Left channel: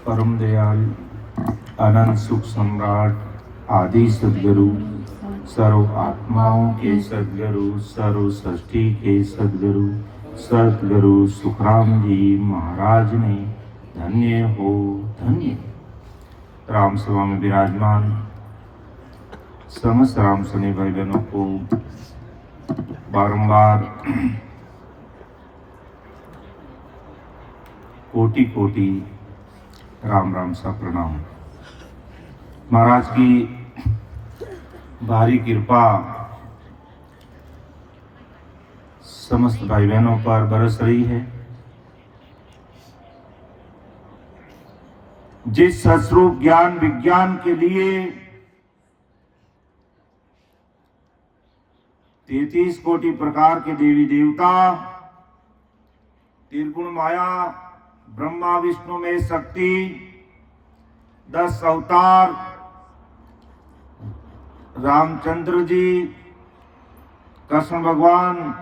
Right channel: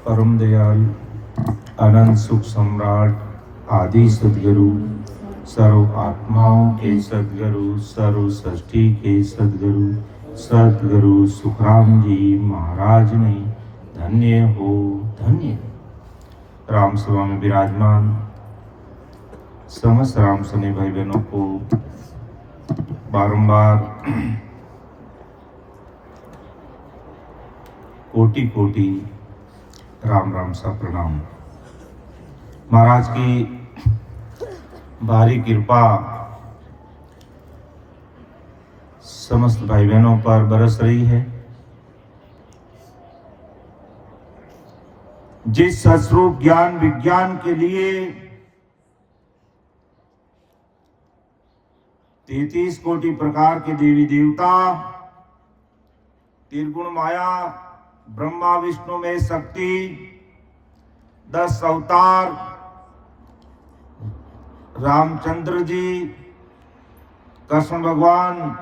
परम दयाल अनंत सुख सम्राट आदि सदगुरु सर्व आत्माओं के सदगुरु सर्व सृष्टि के सदगुरु सदगुरु सुखराम जी महाराज ने धन्य हो धन्य। राम सभा में विराजमान समस्त राम सने भाई बहनों को बारंबार कोटि कोटि राम राम सा प्रणाम। महाराज की भारी कृपा समस्त भाई बहनों पर बरस रही है। जिस सस्वरूप ज्ञान विज्ञान के लिए 33 कोटि प्रकार के देवी देवता, त्रिगुण माया, ब्रह्मा विष्णु में शक्ति, 10 अवतार, रामचंद्र जी, कृष्ण भगवान,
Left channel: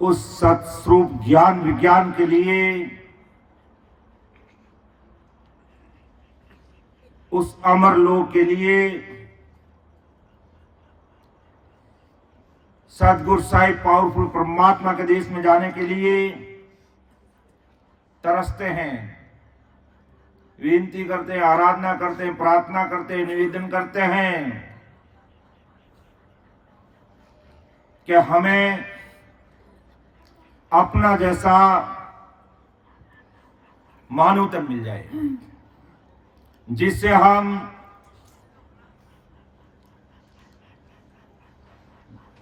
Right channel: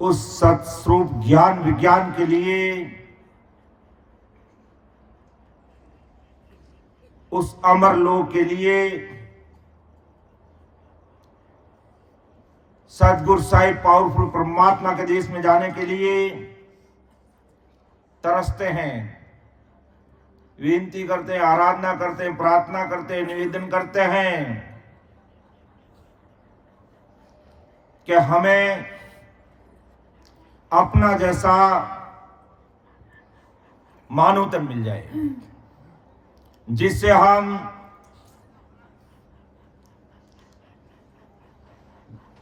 उस सत्स्वरूप ज्ञान विज्ञान के लिए, उस अमर लोक के लिए सतगुरु साहिब पावरफुल परमात्मा के देश में जाने के लिए तरसते हैं, विनती करते हैं, आराधना करते हैं, प्रार्थना करते हैं, निवेदन करते हैं कि हमें अपना जैसा मानवतन मिल जाए, जिससे हम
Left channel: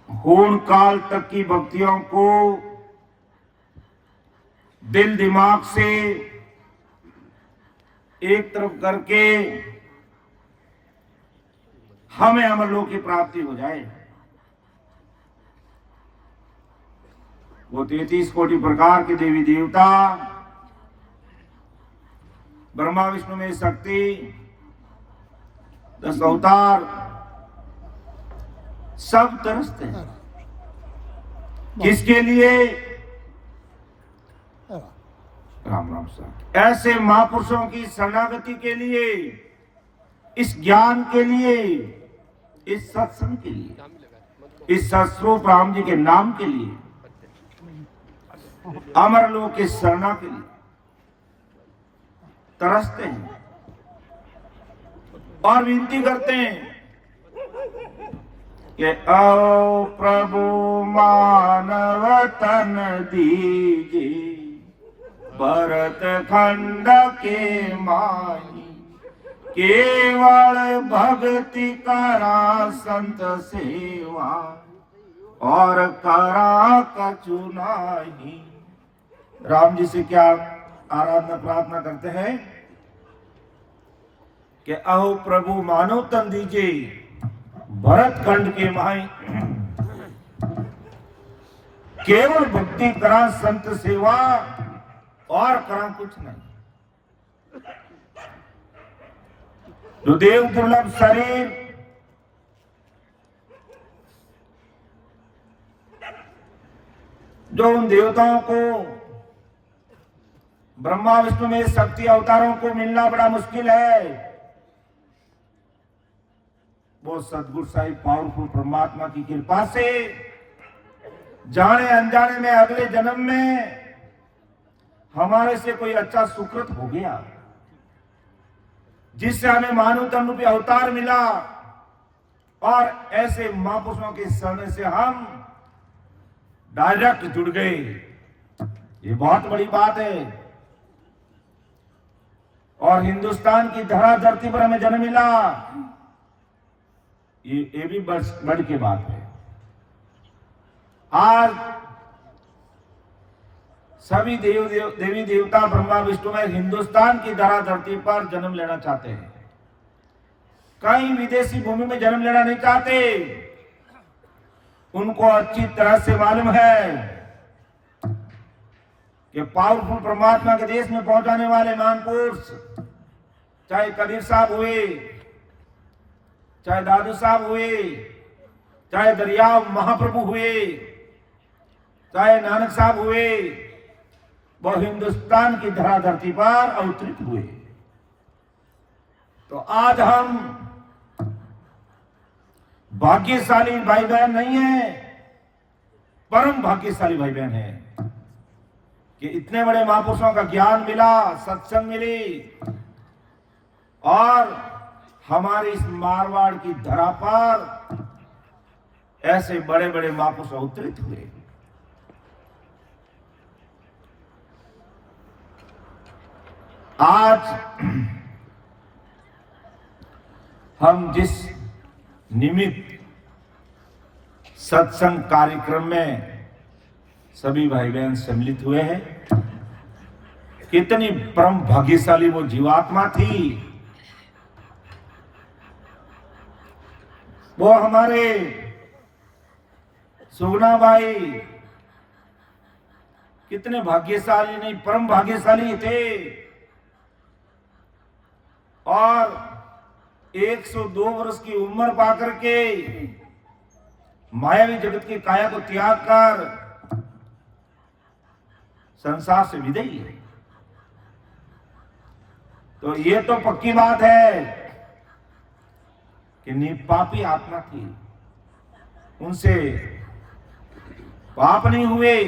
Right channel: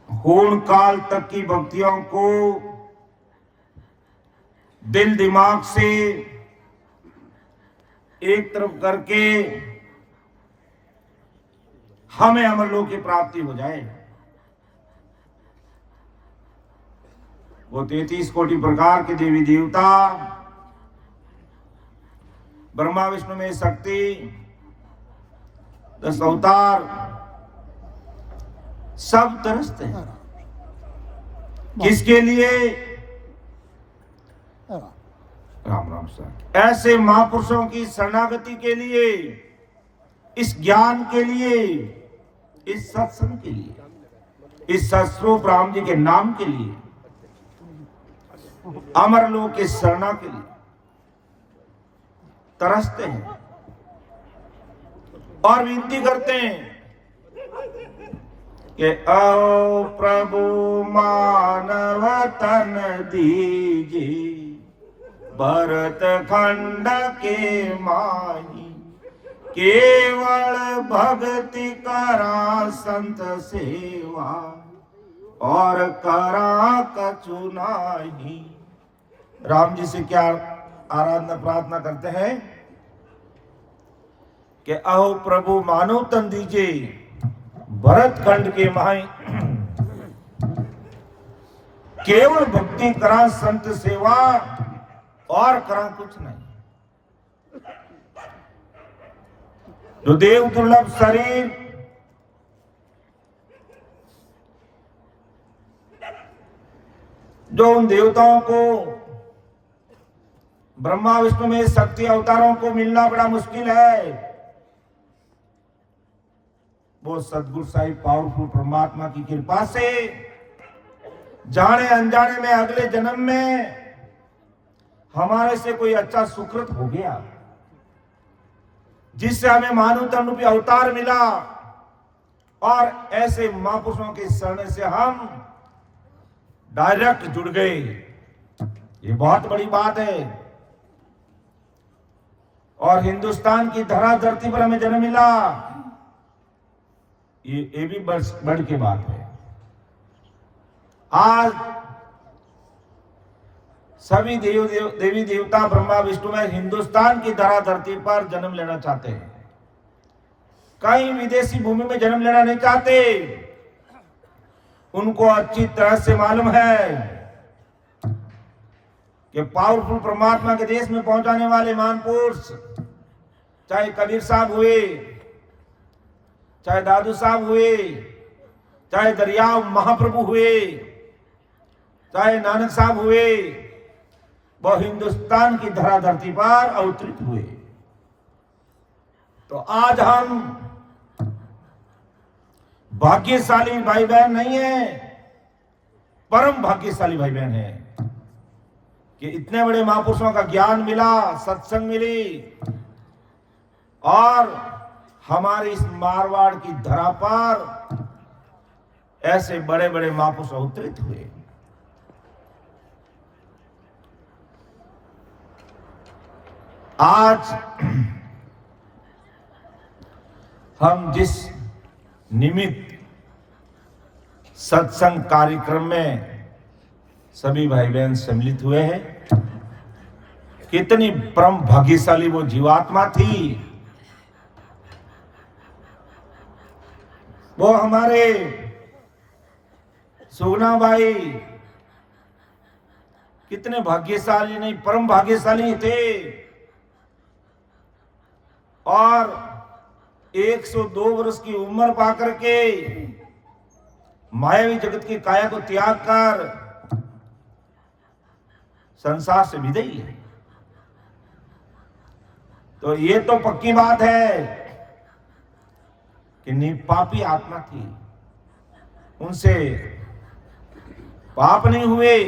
होन काल तक की भक्तियों को दिल दिमाग से एक तरफ करके हमें अमरलोक की प्राप्ति हो जाए। वो 33 कोटि प्रकार के देवी देवता, ब्रह्मा विष्णु में शक्ति, 10 अवतार, सब तरसते हैं। किसके लिए? राम राम सर। ऐसे महापुरुषों की शरणागति के लिए, इस ज्ञान के लिए, इस सत्संग के लिए, इस सत्स्वरूप राम जी के नाम के लिए, अमर लोक के शरणा के लिए तरसते हैं और विनती करते हैं कि आओ प्रभु मानव तन दीजिए, भरत खंड के माई, केवल भक्ति करा संत सेवा, और करा कछु नाही। राम जी से क्या आराधना प्रार्थना करते हैं कि आओ प्रभु मानव तन दीजिए, भरत खंड के माई, केवल भक्ति करा संत सेवा, और करा कुछ नहीं। तो देव दुर्लभ शरीर, जो उन देवताओं को, ब्रह्मा विष्णु में शक्ति अवतारों को मिलना बड़ा मुश्किल है, वो सदगुरु साहिब पावरफुल परमात्मा की कृपा से जाने अनजाने में अगले जन्म में हमारे से कोई अच्छा सुकृत हो गया, जिससे हमें मानव तन रूपी अवतार मिला, और ऐसे महापुरुषों के शरण से हम डायरेक्ट जुड़ गए। ये बहुत बड़ी बात है। और हिंदुस्तान की धरा धरती पर हमें जन्म मिला, ये भी बड़ी की बात है। आज सभी देवी देवता ब्रह्मा विष्णु में हिंदुस्तान की धरा धरती पर जन्म लेना चाहते हैं, कहीं विदेशी भूमि में जन्म लेना नहीं चाहते। उनको अच्छी तरह से मालूम है कि पावरफुल परमात्मा के देश में पहुंचाने वाले महापुरुष, चाहे कबीर साहब हुए, चाहे दादू साहब हुए, चाहे दरियाव महाप्रभु हुए, चाहे नानक साहब हुए, वो हिंदुस्तान की धरा धरती पर अवतरित हुए। तो आज हम भाग्यशाली भाई बहन नहीं है, परम भाग्यशाली भाई बहन है कि इतने बड़े महापुरुषों का ज्ञान मिला, सत्संग मिली और हमारी इस मारवाड़ की धरा पर ऐसे बड़े बड़े महापुरुष अवतरित हुए। आज हम जिस निमित्त सत्संग कार्यक्रम में सभी भाई बहन सम्मिलित हुए हैं, कितनी परम भाग्यशाली वो जीवात्मा थी। वो हमारे सुगना भाई कितने भाग्यशाली नहीं, परम भाग्यशाली थे और 102 वर्ष की उम्र पाकर के मायावी जगत की काया को त्याग कर संसार से विदाई है। तो ये तो पक्की बात है कि निपापी आत्मा थी, उनसे पाप नहीं हुए,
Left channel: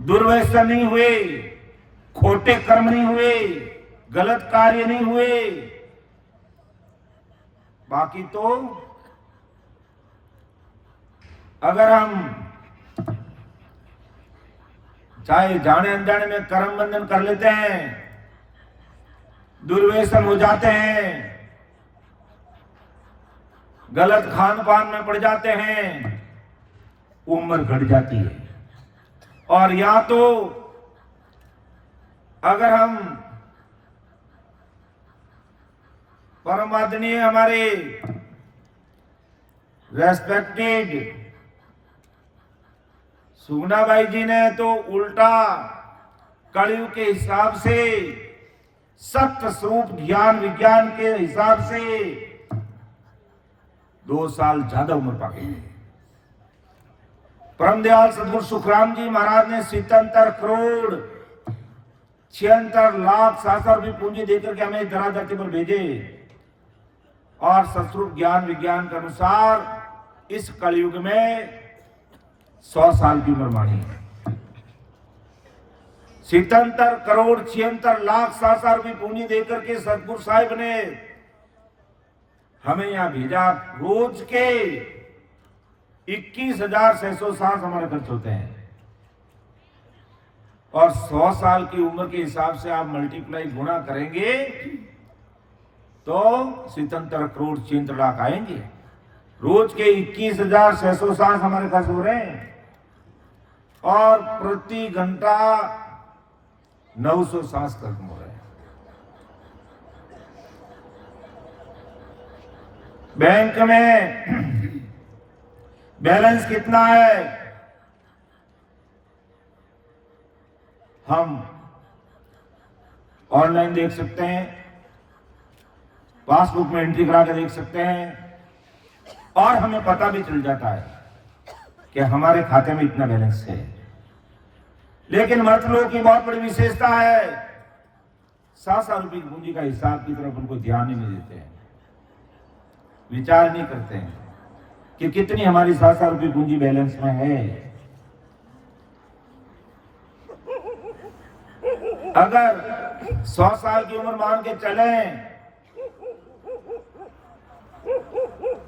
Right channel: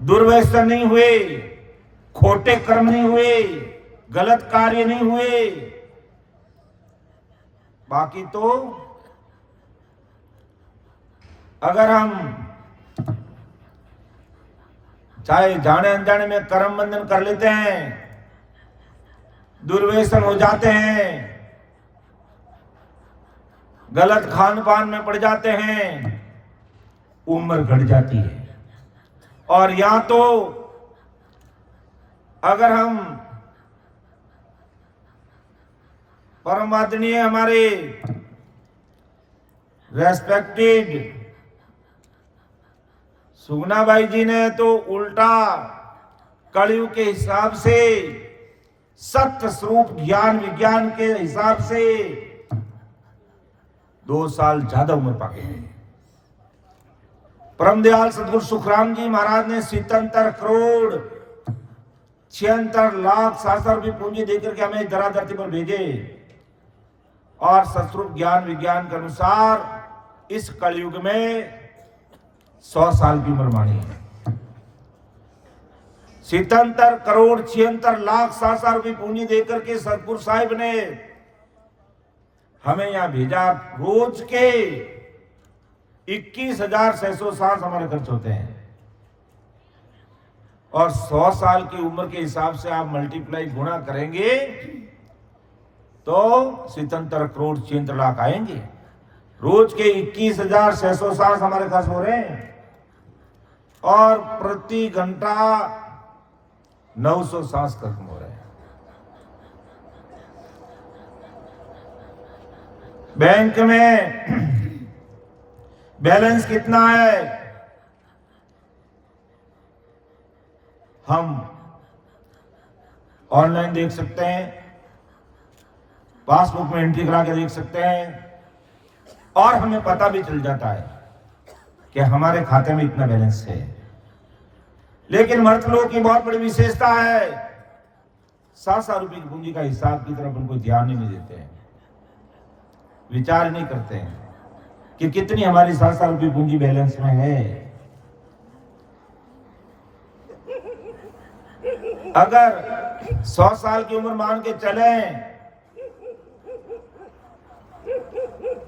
दुर्व्यसन नहीं हुए, खोटे कर्म नहीं हुए, गलत कार्य नहीं हुए। बाकी तो अगर हम चाहे जाने अनजाने में कर्म बंधन कर लेते हैं, दुर्व्यसन हो जाते हैं, गलत खान पान में पड़ जाते हैं, उम्र घट जाती है। और या तो अगर हम परम आदरणीय हमारे रेस्पेक्टेड सुगनाबाई जी ने तो उल्टा कलयुग के हिसाब से, सत्य स्वरूप ज्ञान विज्ञान के हिसाब से 2 साल ज्यादा उम्र पाके। परम दयाल सदगुरु सुखराम जी महाराज ने 77 करोड़ 76 लाख शास्त्र भी पूंजी देकर के हमें धरा धरती पर भेजे और सत्स्वरूप ज्ञान विज्ञान के अनुसार इस कलयुग में 100 साल की उम्र मानी है। 77 करोड़ 76 लाख शास्त्र भी पूंजी देकर के सतगुरु साहिब ने हमें यहां भेजा। रोज के 21,600 सांस हमारे खर्च होते हैं और 100 साल की उम्र के हिसाब से आप मल्टीप्लाई गुणा करेंगे तो 77 करोड़ 76 लाख आएंगे। रोज के 21,600 सांस हमारे खर्च हो रहे हैं और प्रति घंटा 900 सांस खत्म हो रहे हैं। बैंक में बैलेंस कितना है हम ऑनलाइन देख सकते हैं, पासबुक में एंट्री करा के देख सकते हैं और हमें पता भी चल जाता है कि हमारे खाते में इतना बैलेंस है। लेकिन मर्द लोगों की बहुत बड़ी विशेषता है, 700 रुपए की पूंजी का हिसाब की तरफ उनको ध्यान ही नहीं देते हैं, विचार नहीं करते हैं कि कितनी हमारी 700 रुपए पूंजी बैलेंस में है। अगर 100 साल की उम्र मान के चलें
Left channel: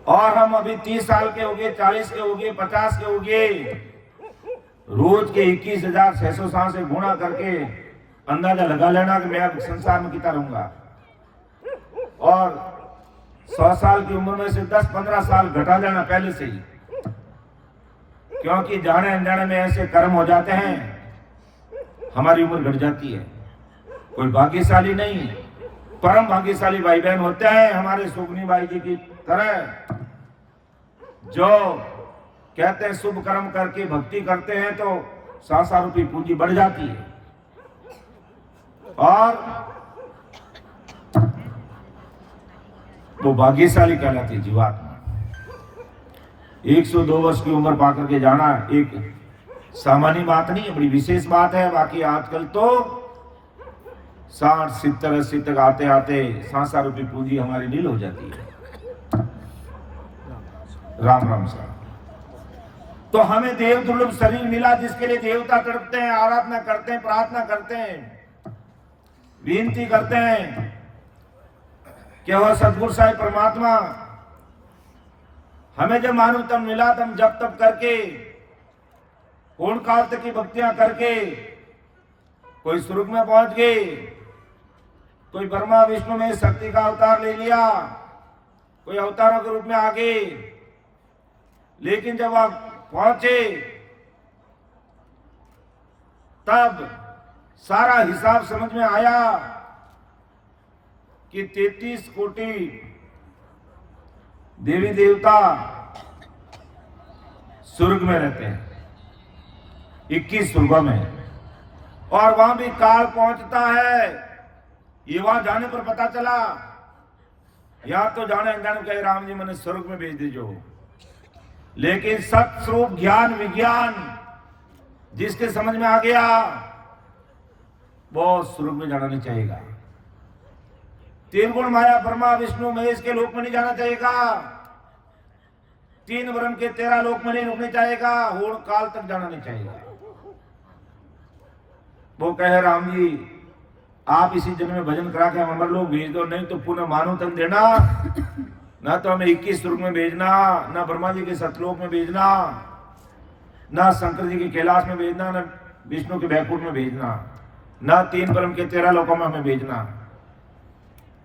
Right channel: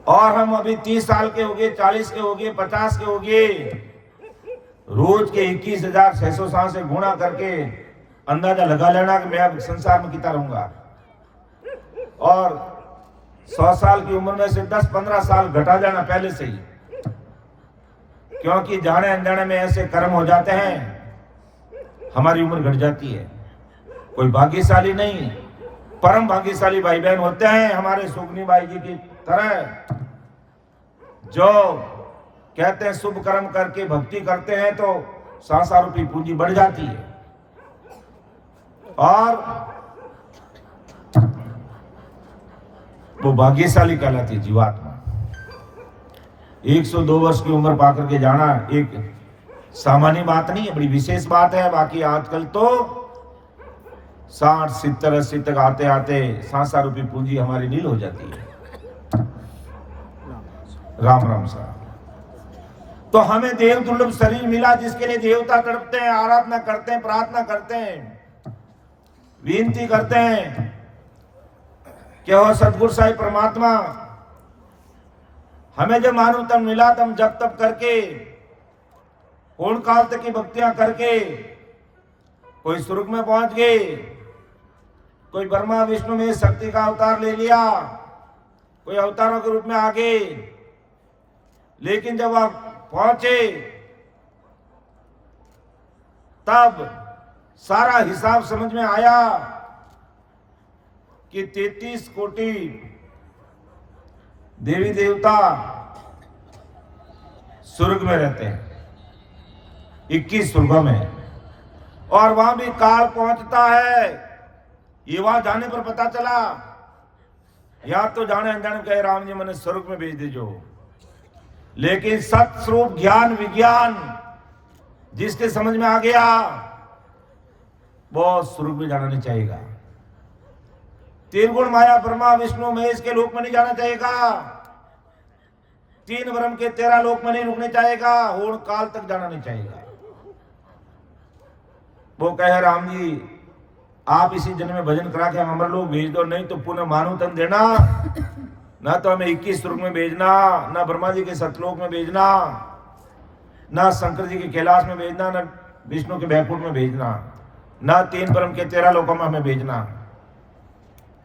और हम अभी 30 साल के हो गए, 40 के हो गए, 50 के हो गए, रोज के 21,600 सांस से गुणा करके अंदाजा लगा लेना कि मैं अब संसार में कितना रहूंगा। और 100 साल की उम्र में से 10-15 साल घटा देना पहले से ही, क्योंकि जाने अनजाने में ऐसे कर्म हो जाते हैं हमारी उम्र घट जाती है। कोई भाग्यशाली नहीं, परम भाग्यशाली भाई बहन होते हैं हमारे सुगनी बाई जी की तरह, जो कहते हैं शुभ कर्म करके भक्ति करते हैं तो 700 रुपये पूंजी बढ़ जाती है। और वो भाग्यशाली कहलाती है जीवात्मा। 102 वर्ष की उम्र पाकर के जाना एक सामान्य बात नहीं है, बड़ी विशेष बात है। बाकी आजकल तो 60, 70, 80 तक आते आते 7 रुपये पूंजी हमारी नील हो जाती है। राम राम सर। तो हमें देव दुर्लभ शरीर मिला जिसके लिए देवता तड़पते हैं, आराधना करते हैं, प्रार्थना करते हैं, विनती करते हैं कि और सदगुरु साहिब परमात्मा हमें जब मालूम तब मिला, तब जब तब करके पूर्ण काल तक की भक्तियां करके कोई स्वर्ग में पहुंच गए, कोई ब्रह्मा विष्णु में शक्ति का अवतार ले लिया, कोई अवतारों के रूप में आ गए। लेकिन जब आप पहुंचे तब सारा हिसाब समझ में आया कि 33 कोटि देवी देवता स्वर्ग में रहते हैं, 21 स्वर्गों में, और वहां भी काल पहुंचता है। ये वहां जाने पर पता चला, या तो जाने अनजाने कहे राम जी मैंने स्वर्ग में भेज दीजो, लेकिन सत्स्वरूप ज्ञान विज्ञान जिसके समझ में आ गया वो स्वर्ग में जाना नहीं चाहेगा। तीन गुण माया ब्रह्मा विष्णु महेश के लोक में नहीं जाना चाहेगा, 3 ब्रह्म के 13 लोक में नहीं रुकने चाहेगा, होड़ काल तक जाना नहीं चाहेगा। वो कहे राम जी आप इसी जन्म में भजन करा के अमर लोग भेज दो, नहीं तो पुनः मानव तन देना, ना तो हमें 21 स्वर्ग में भेजना, ना ब्रह्मा जी के सतलोक में भेजना, ना शंकर जी के कैलाश में भेजना, ना विष्णु के बैकुंठ में भेजना, ना 3 ब्रह्म के 13 लोकों में हमें भेजना।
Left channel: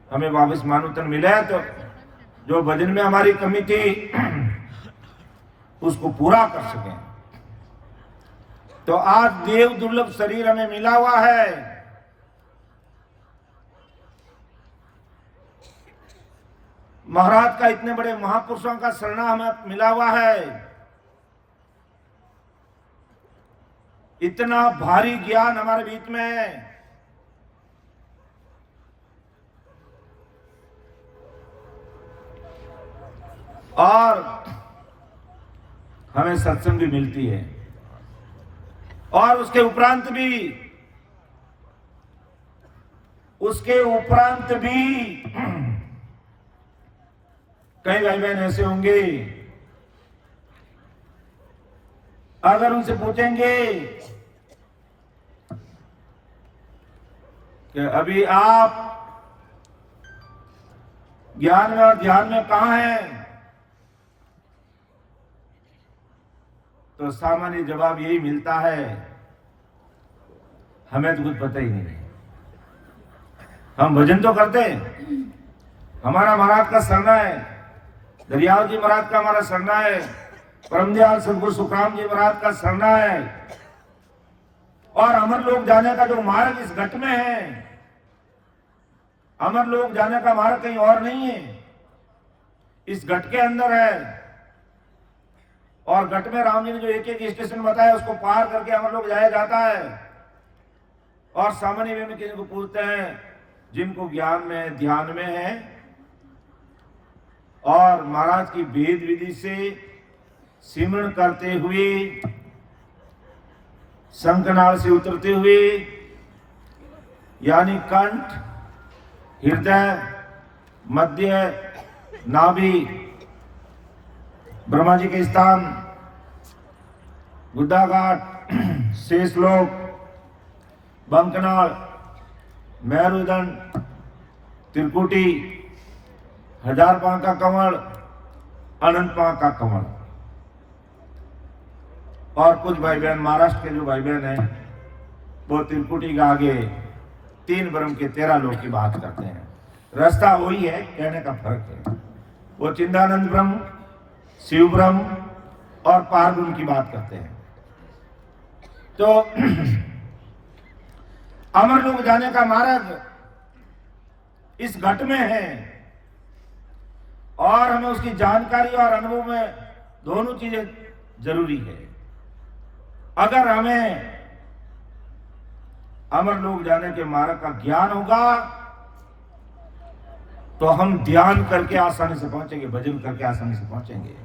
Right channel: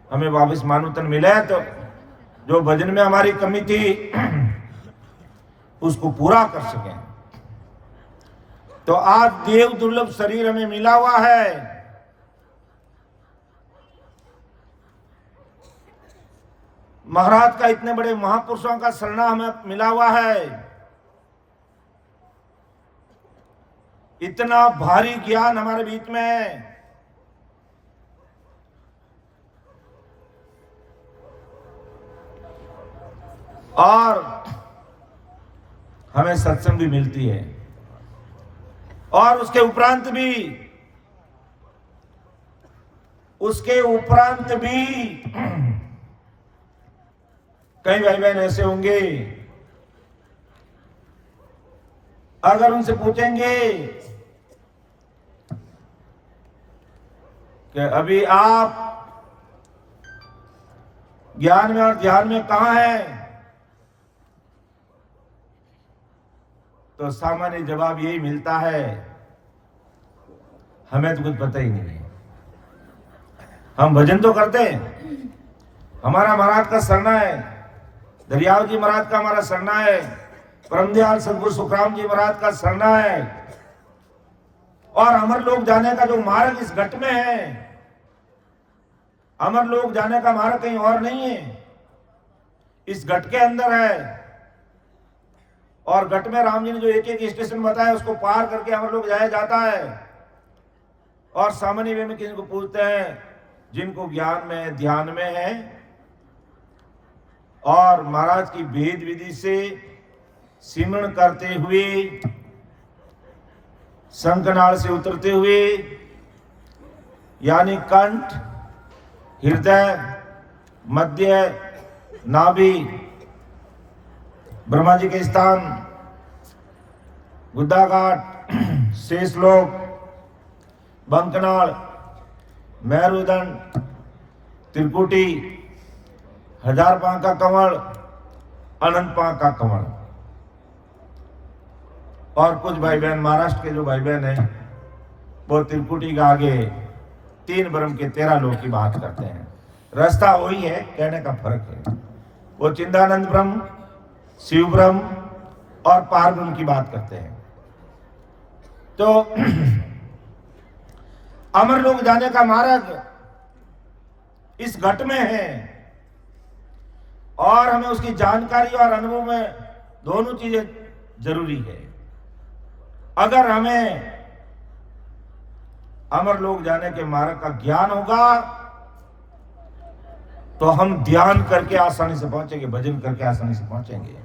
हमें वापस मानव तन मिले तो जो भजन में हमारी कमी थी उसको पूरा कर सकें। तो आज देव दुर्लभ शरीर हमें मिला हुआ है। महाराज का इतने बड़े महापुरुषों का शरणा हमें मिला हुआ है, इतना भारी ज्ञान हमारे बीच में है। और हमें सत्संग भी मिलती है, और उसके उपरांत भी कई भाई बहन ऐसे होंगे, अगर उनसे पूछेंगे कि अभी आप ज्ञान में और ध्यान में कहां हैं, तो सामान्य जवाब यही मिलता है हमें तो कुछ पता ही नहीं है। हम भजन तो करते हैं, हमारा महाराज का शरणा है, दरियाव जी महाराज का हमारा शरणा है, परमदयाल सदगुरु सुखराम जी महाराज का शरणा है, और अमर लोक जाने का जो मार्ग इस घट में है, अमर लोक जाने का मार्ग कहीं और नहीं है, इस घट के अंदर है। और घट में राम जी ने जो एक एक स्टेशन बताया उसको पार करके अमर लोक जाया जाता है। और सामान्य वे में किसी को पूछते हैं जिनको ज्ञान में ध्यान में है और महाराज की भेद विधि से सिमरण करते हुए, शंखनाल से उतरते हुए, यानी कंठ, हृदय, मध्य, नाभि, ब्रह्मा जी के स्थान, बुद्धाघाट, शेषलोक, बंकनाल, मेरुदंड, त्रिकुटी, 1000 पांव का कमल, अनंत पांव का कमल। और कुछ भाई बहन महाराष्ट्र के जो भाई बहन हैं वो त्रिकुटी का आगे 3 ब्रह्म के 13 लोक की बात करते हैं। रास्ता वही है, कहने का फर्क है। वो चिंतानंद ब्रह्म, शिव ब्रह्म और पार ब्रह्म की बात करते हैं। तो अमर लोक जाने का मार्ग इस घट में है, और हमें उसकी जानकारी और अनुभव में दोनों चीजें जरूरी है। अगर हमें अमर लोक जाने के मार्ग का ज्ञान होगा तो हम ध्यान करके आसानी से पहुंचेंगे, भजन करके आसानी से पहुंचेंगे।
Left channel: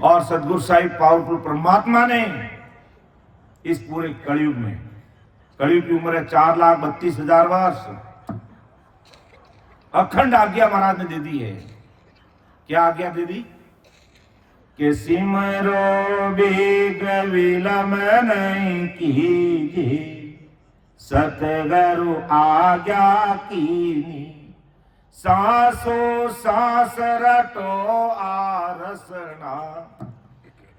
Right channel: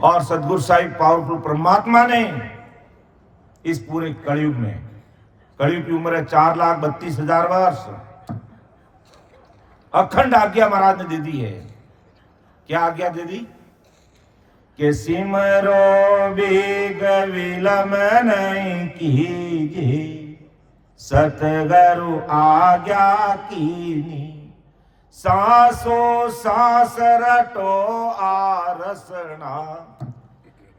और सदगुरु साहिब पावरफुल परमात्मा ने इस पूरे कलयुग में। कलयुग की उम्र है 4,32,000 वर्ष। अखंड आज्ञा महाराज ने दे दी है। क्या आज्ञा दे दी? कि सिमरो बेग विलम नहीं कीजिए, सतगुरु आज्ञा कीनी, सांसो सांस रटो आरसना,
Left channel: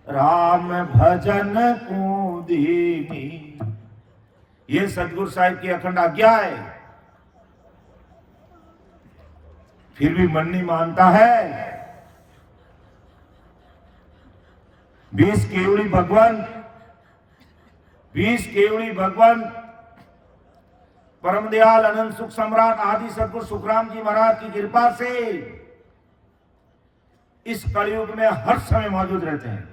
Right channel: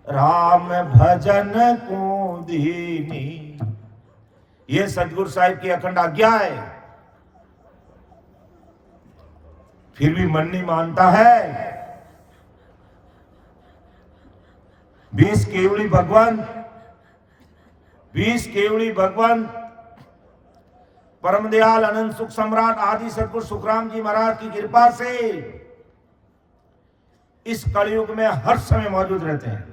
राम भजन कूदीनी। ये सतगुरु साहिब की अखंड आज्ञा है। फिर भी मन नहीं मानता है। 20 केवड़ी भगवान परम दयाल अनंत सुख सम्राट आदि सतगुरु सुखराम जी महाराज की कृपा से इस कलयुग में हर समय मौजूद रहते हैं।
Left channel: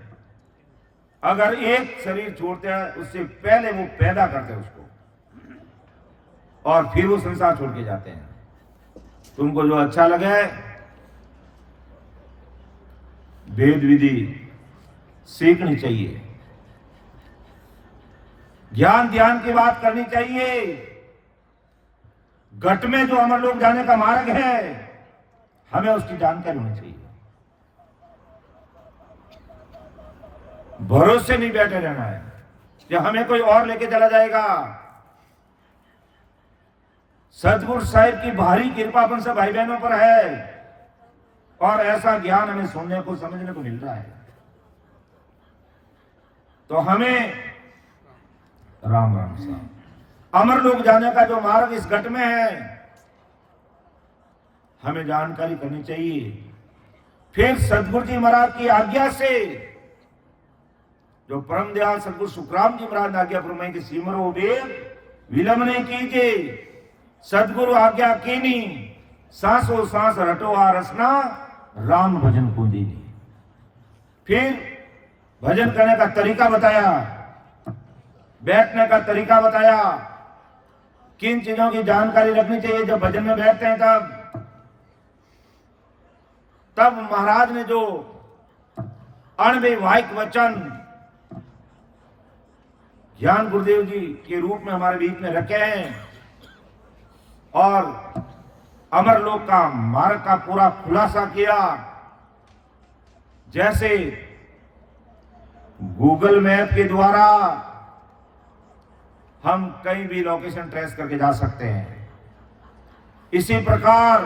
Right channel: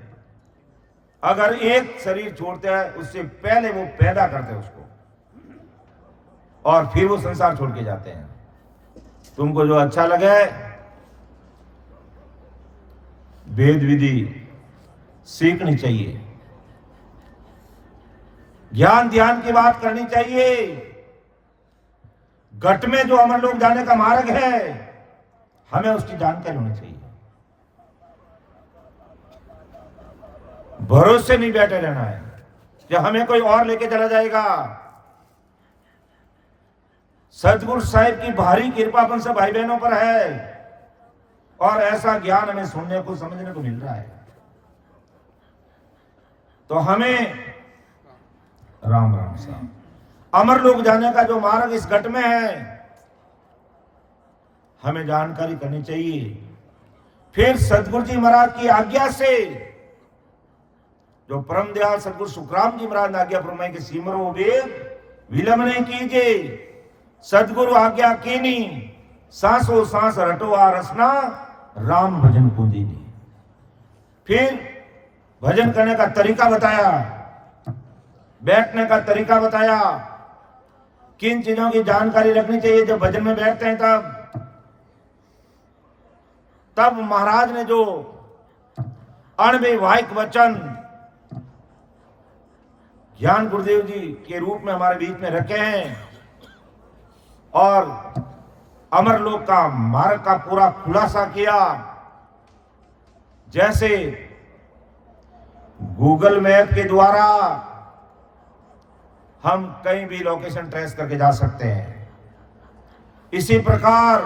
अगर एक शरीर छोड़ते हैं, उससे पहले वो पैदा करते हैं उसको, और फिर वो संसार छोड़ के जाते हैं। तुमको जो अच्छा लगे, वेद विधि सीखनी चाहिए, ज्ञान ध्यान की बात करनी चाहिए। घट में जो अमर लोग जाने का मार्ग है, हमें उसकी जानकारी होनी चाहिए। भरोसे नहीं बैठे रहना है कि हमें कोई और लेके चला जाएगा। सतगुरु साहिब की भारी कृपा अपन सब भाई बहनों पर है, और ऐसा ज्ञान हमें सुनने को समझने को मिल रहा है। तो हमें राम राम सा अमर लोग जाने का जो मार्ग इस घट में है, हमें जानकारी करनी चाहिए। फिर सतगुरु जी महाराज की आज्ञा से, जो परम दयाल सतगुरु सुखराम जी महाराज ने आज्ञा फरमाई कि सिमरो वेद विलंब नहीं कीजिए, सतगुरु आज्ञा कीनी, सांसो सांस रटो आरसना, राम भजन कुंदीनी। फिर भजन करने का तरीका बताया, बैठने का तरीका बताया, किन चीजों की जानकारी रखनी चाहिए जब भजन में बैठते हैं। तब महाराज ने जो अणविवाहिक वचन ज्ञान गुरुदेव जी के रूप में हमारे बीच में रखे हैं, और अमरलोक का मार्ग का पूरा खुलासा किया। जैसे गूगल मैप के द्वारा हम कहीं भी लोकेशन ट्रेस करके जा सकते हैं, इसी प्रकार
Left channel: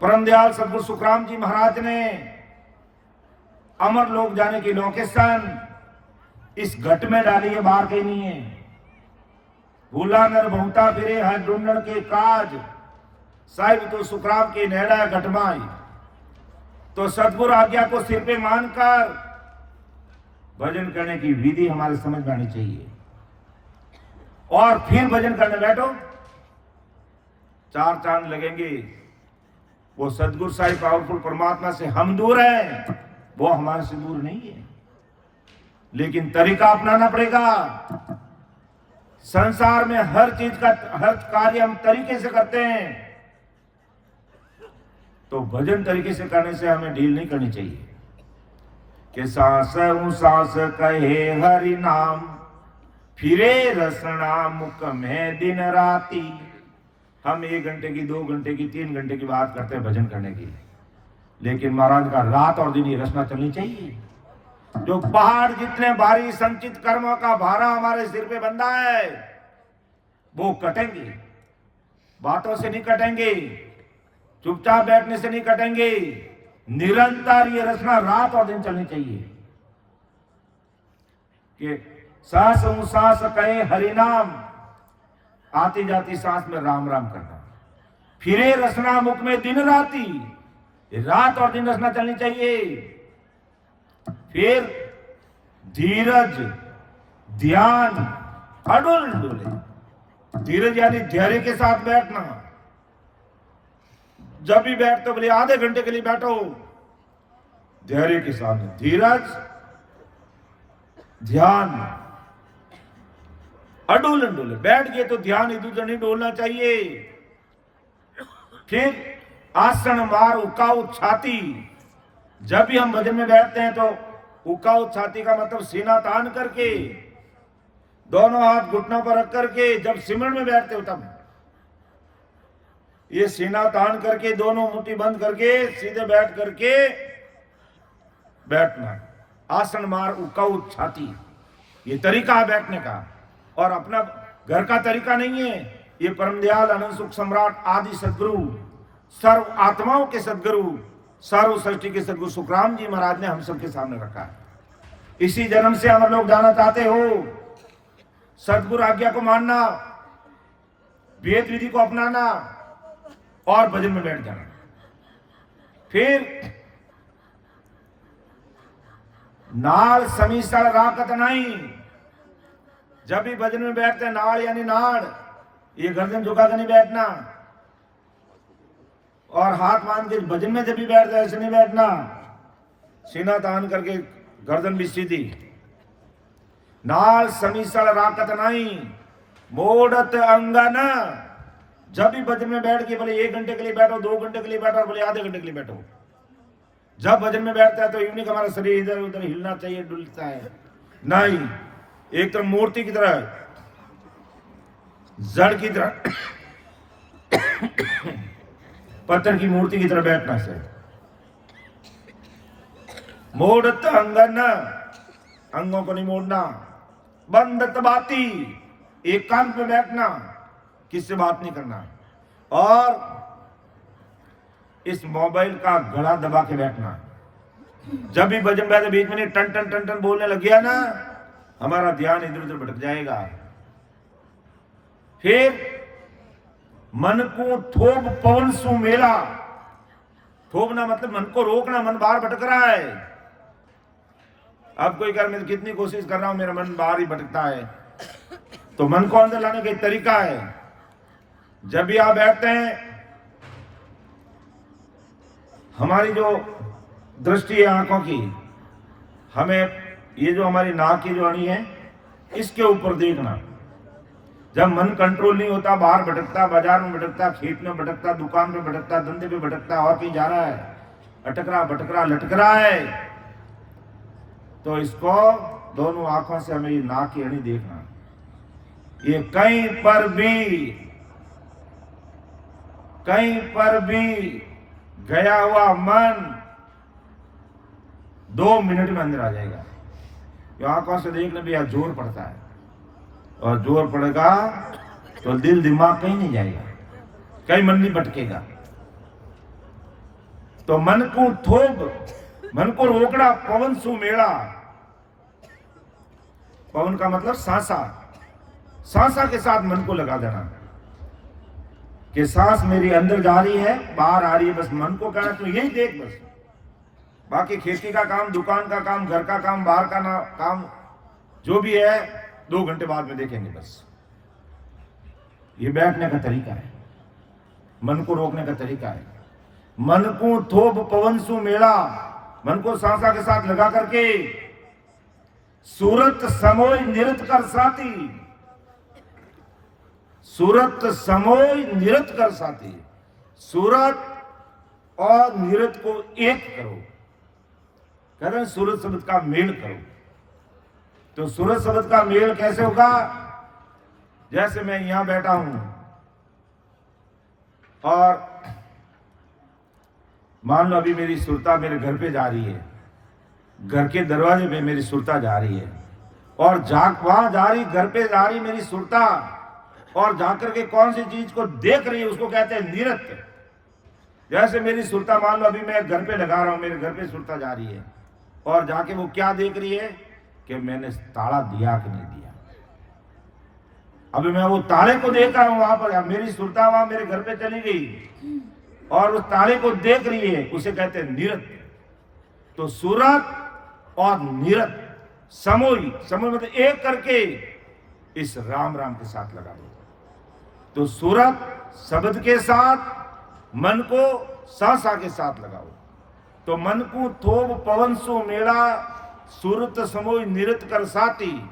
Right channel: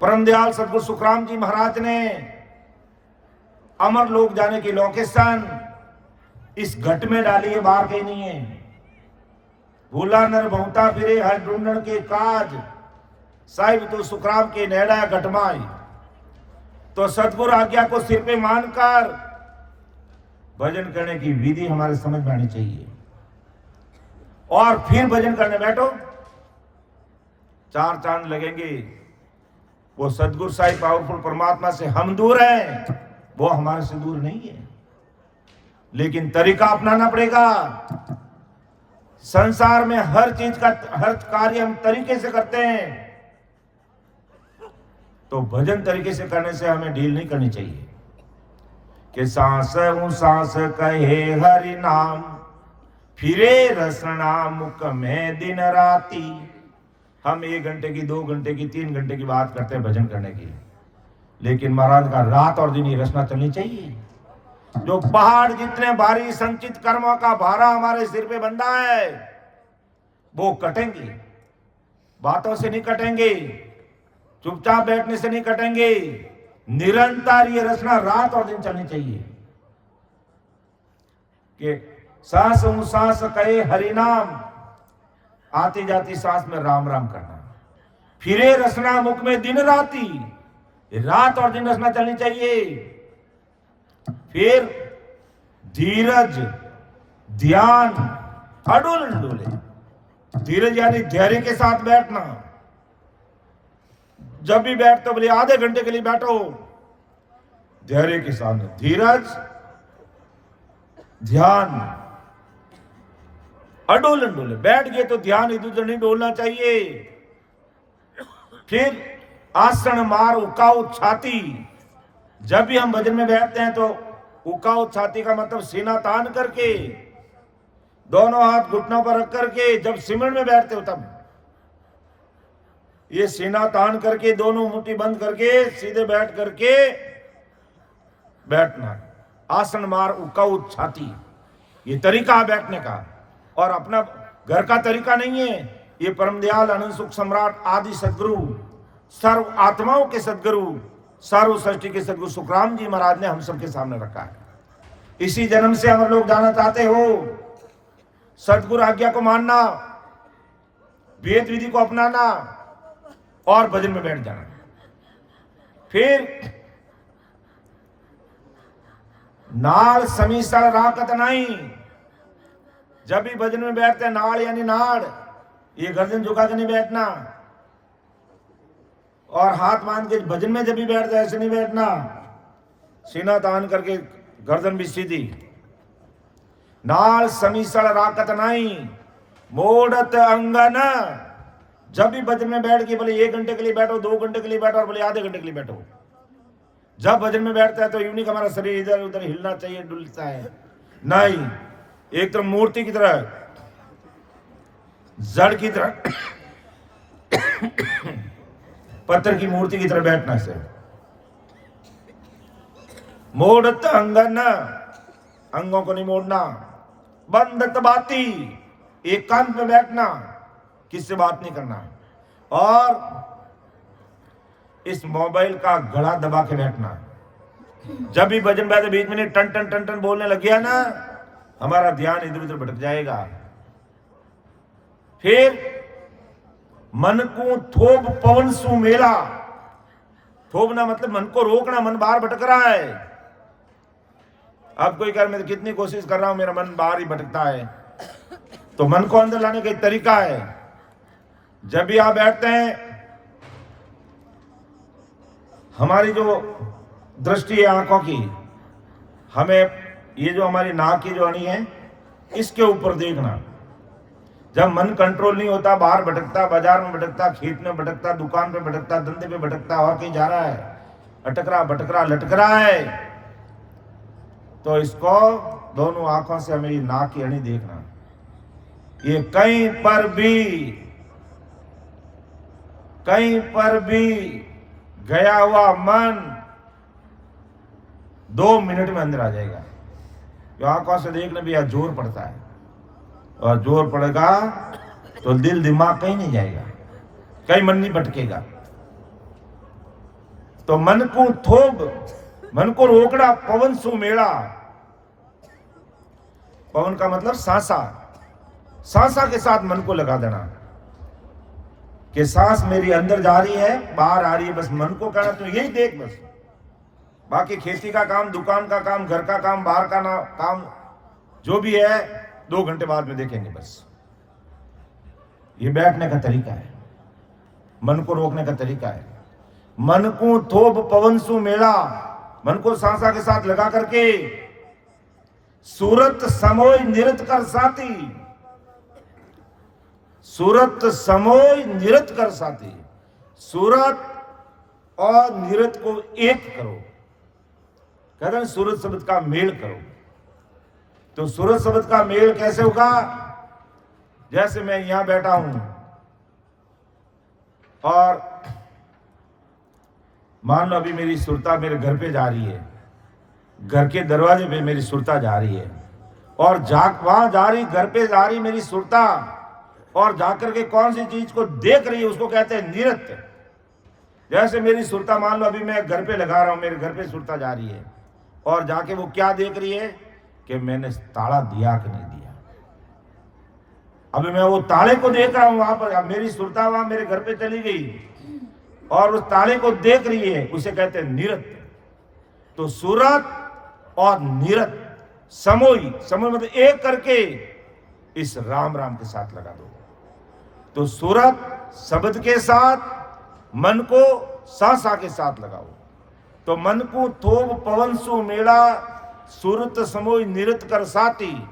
परम दयाल सतगुरु सुखराम जी महाराज ने अमरलोक जाने की लोकेशन इस घट में डाली है, बाहर कहीं नहीं है। भूला नर बहुता फिरे हर ढूंढण के काज, साहिब तो सुखराम के नेड़ा घटमाई। तो सतगुरु आज्ञा को सिर पे मानकर भजन करने की विधि हमारे समझ में आनी चाहिए, और फिर भजन करने बैठो, 4 चांद लगेंगे। वो सतगुरु साहिब पावरफुल परमात्मा से हम दूर हैं, वो हमारे से दूर नहीं है, लेकिन तरीका अपनाना पड़ेगा। संसार में हर चीज का, हर कार्य हम तरीके से करते हैं, तो भजन तरीके से करने से हमें ढील नहीं करनी चाहिए। कि सांस सांस कहे हरि नाम, फिरे रसना मुख में दिन राती। हम 1 घंटे की, 2 घंटे की, 3 घंटे की बात करते हैं भजन करने की, लेकिन महाराज का रात और दिन ही रचना चलनी चाहिए। जो पहाड़ जितने भारी संचित कर्मों का भारा हमारे सिर पे बंधा है, वो कटेंगे, बातों से नहीं कटेंगे, चुपचाप बैठने से नहीं कटेंगे। निरंतर ये रचना रात और दिन चलनी चाहिए। कि सांस सांस कहे हरिनाम, आती जाती सांस में राम राम करना। फिरे रचना मुख में दिन राती, रात और दिन रचना चलनी चाहिए। फिर धीरज ध्यान अडोल डोले। धीरज यानी धैर्य के साथ बैठना। जब भी बैठते बोले आधे घंटे के लिए बैठो, धैर्य के साथ। धीरज ध्यान अडोलन डोले। बैठ गए तो ध्यान इधर उधर नहीं डोलना चाहिए। फिर आसन मार उकाऊ छाती। जब भी हम भजन में बैठते हैं तो उकाऊ छाती का मतलब सीना तान करके दोनों हाथ घुटनों पर रख करके जब सिमरन में बैठते हो तब ये सीना तान करके दोनों मुट्ठी बंद करके सीधे बैठ करके बैठना। आसन मार उकाऊ छाती, ये तरीका है बैठने का। और अपना घर का तरीका नहीं है, ये परम दयाल अनंत सुख सम्राट आदि सदगुरु, सर्व आत्माओं के सदगुरु, सर्व सृष्टि के सदगुरु सुखराम जी महाराज ने हम सबके सामने रखा है। इसी जन्म से हम लोग जाना चाहते हो, सदगुरु आज्ञा को मानना, वेद विधि को अपनाना और भजन में बैठ जाना। फिर नाड़ समीसड़ राकत नहीं, जब भी भजन में बैठते हैं नाड़ यानी नाड़, ये गर्दन झुका कर नहीं बैठना। और हाथ मान के भजन में जब भी बैठते ऐसे नहीं बैठना, सीना तान करके गर्दन भी सीधी। नाल समीसड़ राकत नहीं, मोड़त अंगन, जब भी भजन में बैठ के भले 1 घंटे के लिए बैठो, 2 घंटे के लिए बैठो और भले आधे घंटे के लिए बैठो, जब भजन में बैठता है तो यूं नहीं हमारा शरीर इधर उधर हिलना चाहिए, डुलता है नहीं, एक तरफ मूर्ति की तरह, जड़ की तरह, पत्थर की मूर्ति की तरह बैठना है। मोड़त अंगन, अंगों को नहीं मोड़ना। बंदत बाती, एकांत में बैठना, किससे बात नहीं करना। और इस मोबाइल का गला दबा के बैठना। जब भी भजन बैठे बीच में नहीं टन टन टन टन बोलने लग गया ना, हमारा ध्यान इधर उधर भटक जाएगा। फिर मन को थोप पवन सु मेला, थोपना मतलब मन को रोकना, मन बाहर भटक रहा है। अब कोई कहे मैं तो कितनी कोशिश कर रहा हूं मेरा मन बाहर ही भटकता है, तो मन को अंदर लाने का एक तरीका है। जब भी आप बैठते हैं, हमारी जो दृष्टि है आंखों की, हमें ये जो हमारी नाक की जो अणी है इसके ऊपर देखना। जब मन कंट्रोल नहीं होता, बाहर भटकता, बाजार में भटकता, खेत में भटकता, दुकान पे भटकता, धंधे पे भटकता, और कहीं जा रहा है, अटक रहा, भटक रहा, लटक रहा है, तो इसको दोनों आंखों से हमें ये नाक की अणी देखना। ये कहीं पर भी गया हुआ मन 2 मिनट में अंदर आ जाएगा। तो आंखों से देखने भी यह जोर पड़ता है, और जोर पड़ेगा तो दिल दिमाग कहीं नहीं जाएगा, कहीं मन नहीं भटकेगा। तो मन को थोप, मन को रोकना, पवन सुमेड़ा। पवन का मतलब सांसा, सांसा के साथ मन को लगा देना कि सांस मेरी अंदर जा रही है, बाहर आ रही है, बस मन को कहना तो यही देख बस। बाकी खेती का काम, दुकान का काम, घर का काम, बाहर का काम जो भी है 2 घंटे बाद में देखेंगे बस। ये बैठने का तरीका है, मन को रोकने का तरीका है। मन को थोप पवन सु मेला, मन को सांसा के साथ लगा करके सूरत समोय निरत कर साथी, सूरत समोय निरत कर साथी, सूरत और निरत को एक करो। कहते हैं सूरत शब्द का मेल करो। तो सूरत शब्द का मेल कैसे होगा? जैसे मैं यहां बैठा हूं और मान लो अभी मेरी सुरता मेरे घर पे जा रही है, घर के दरवाजे पे मेरी सुरता जा रही है, और वहां जा रही, घर पे जा रही मेरी सुरता, और जाकर के कौन सी चीज को देख रही है उसको कहते हैं निरत। जैसे मेरी सुरता, मान लो अभी मैं घर पे लगा रहा हूं, मेरे घर पे सुरता जा रही है, और जाके वो क्या देख रही है कि मैंने ताला दिया कि नहीं दिया। अभी मैं वो ताले को देख रहा हूं, वहां पर मेरी सुरता वहां मेरे घर पे चली गई और उस ताले को देख रही है, उसे कहते हैं निरत। तो सूरत और निरत समोई, समोई मतलब एक करके इस राम राम के साथ लगा दो। तो सूरत शब्द के साथ मन को सांसा के साथ लगाओ। तो मन को थोप पवन सु मेला, सूरत समोई निरत कर साथी,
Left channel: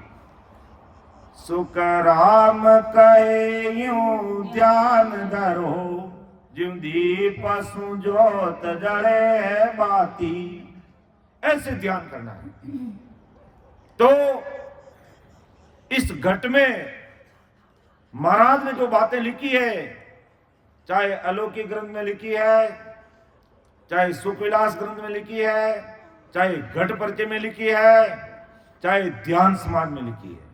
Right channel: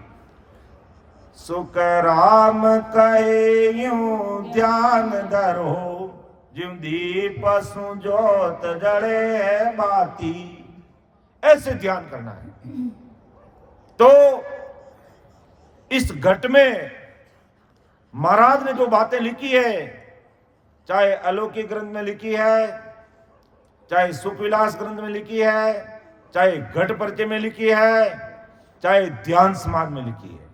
सुख राम कहे यूं ध्यान धरो, ज्यों दीप सु जोत जड़े बाती। ऐसे ध्यान करना है। तो इस घट में महाराज ने जो बातें लिखी है, चाहे अलौकिक ग्रंथ में लिखी है, चाहे सुखविलास ग्रंथ में लिखी है, चाहे घट परिचय में लिखी है, चाहे ध्यान समाज में लिखी है,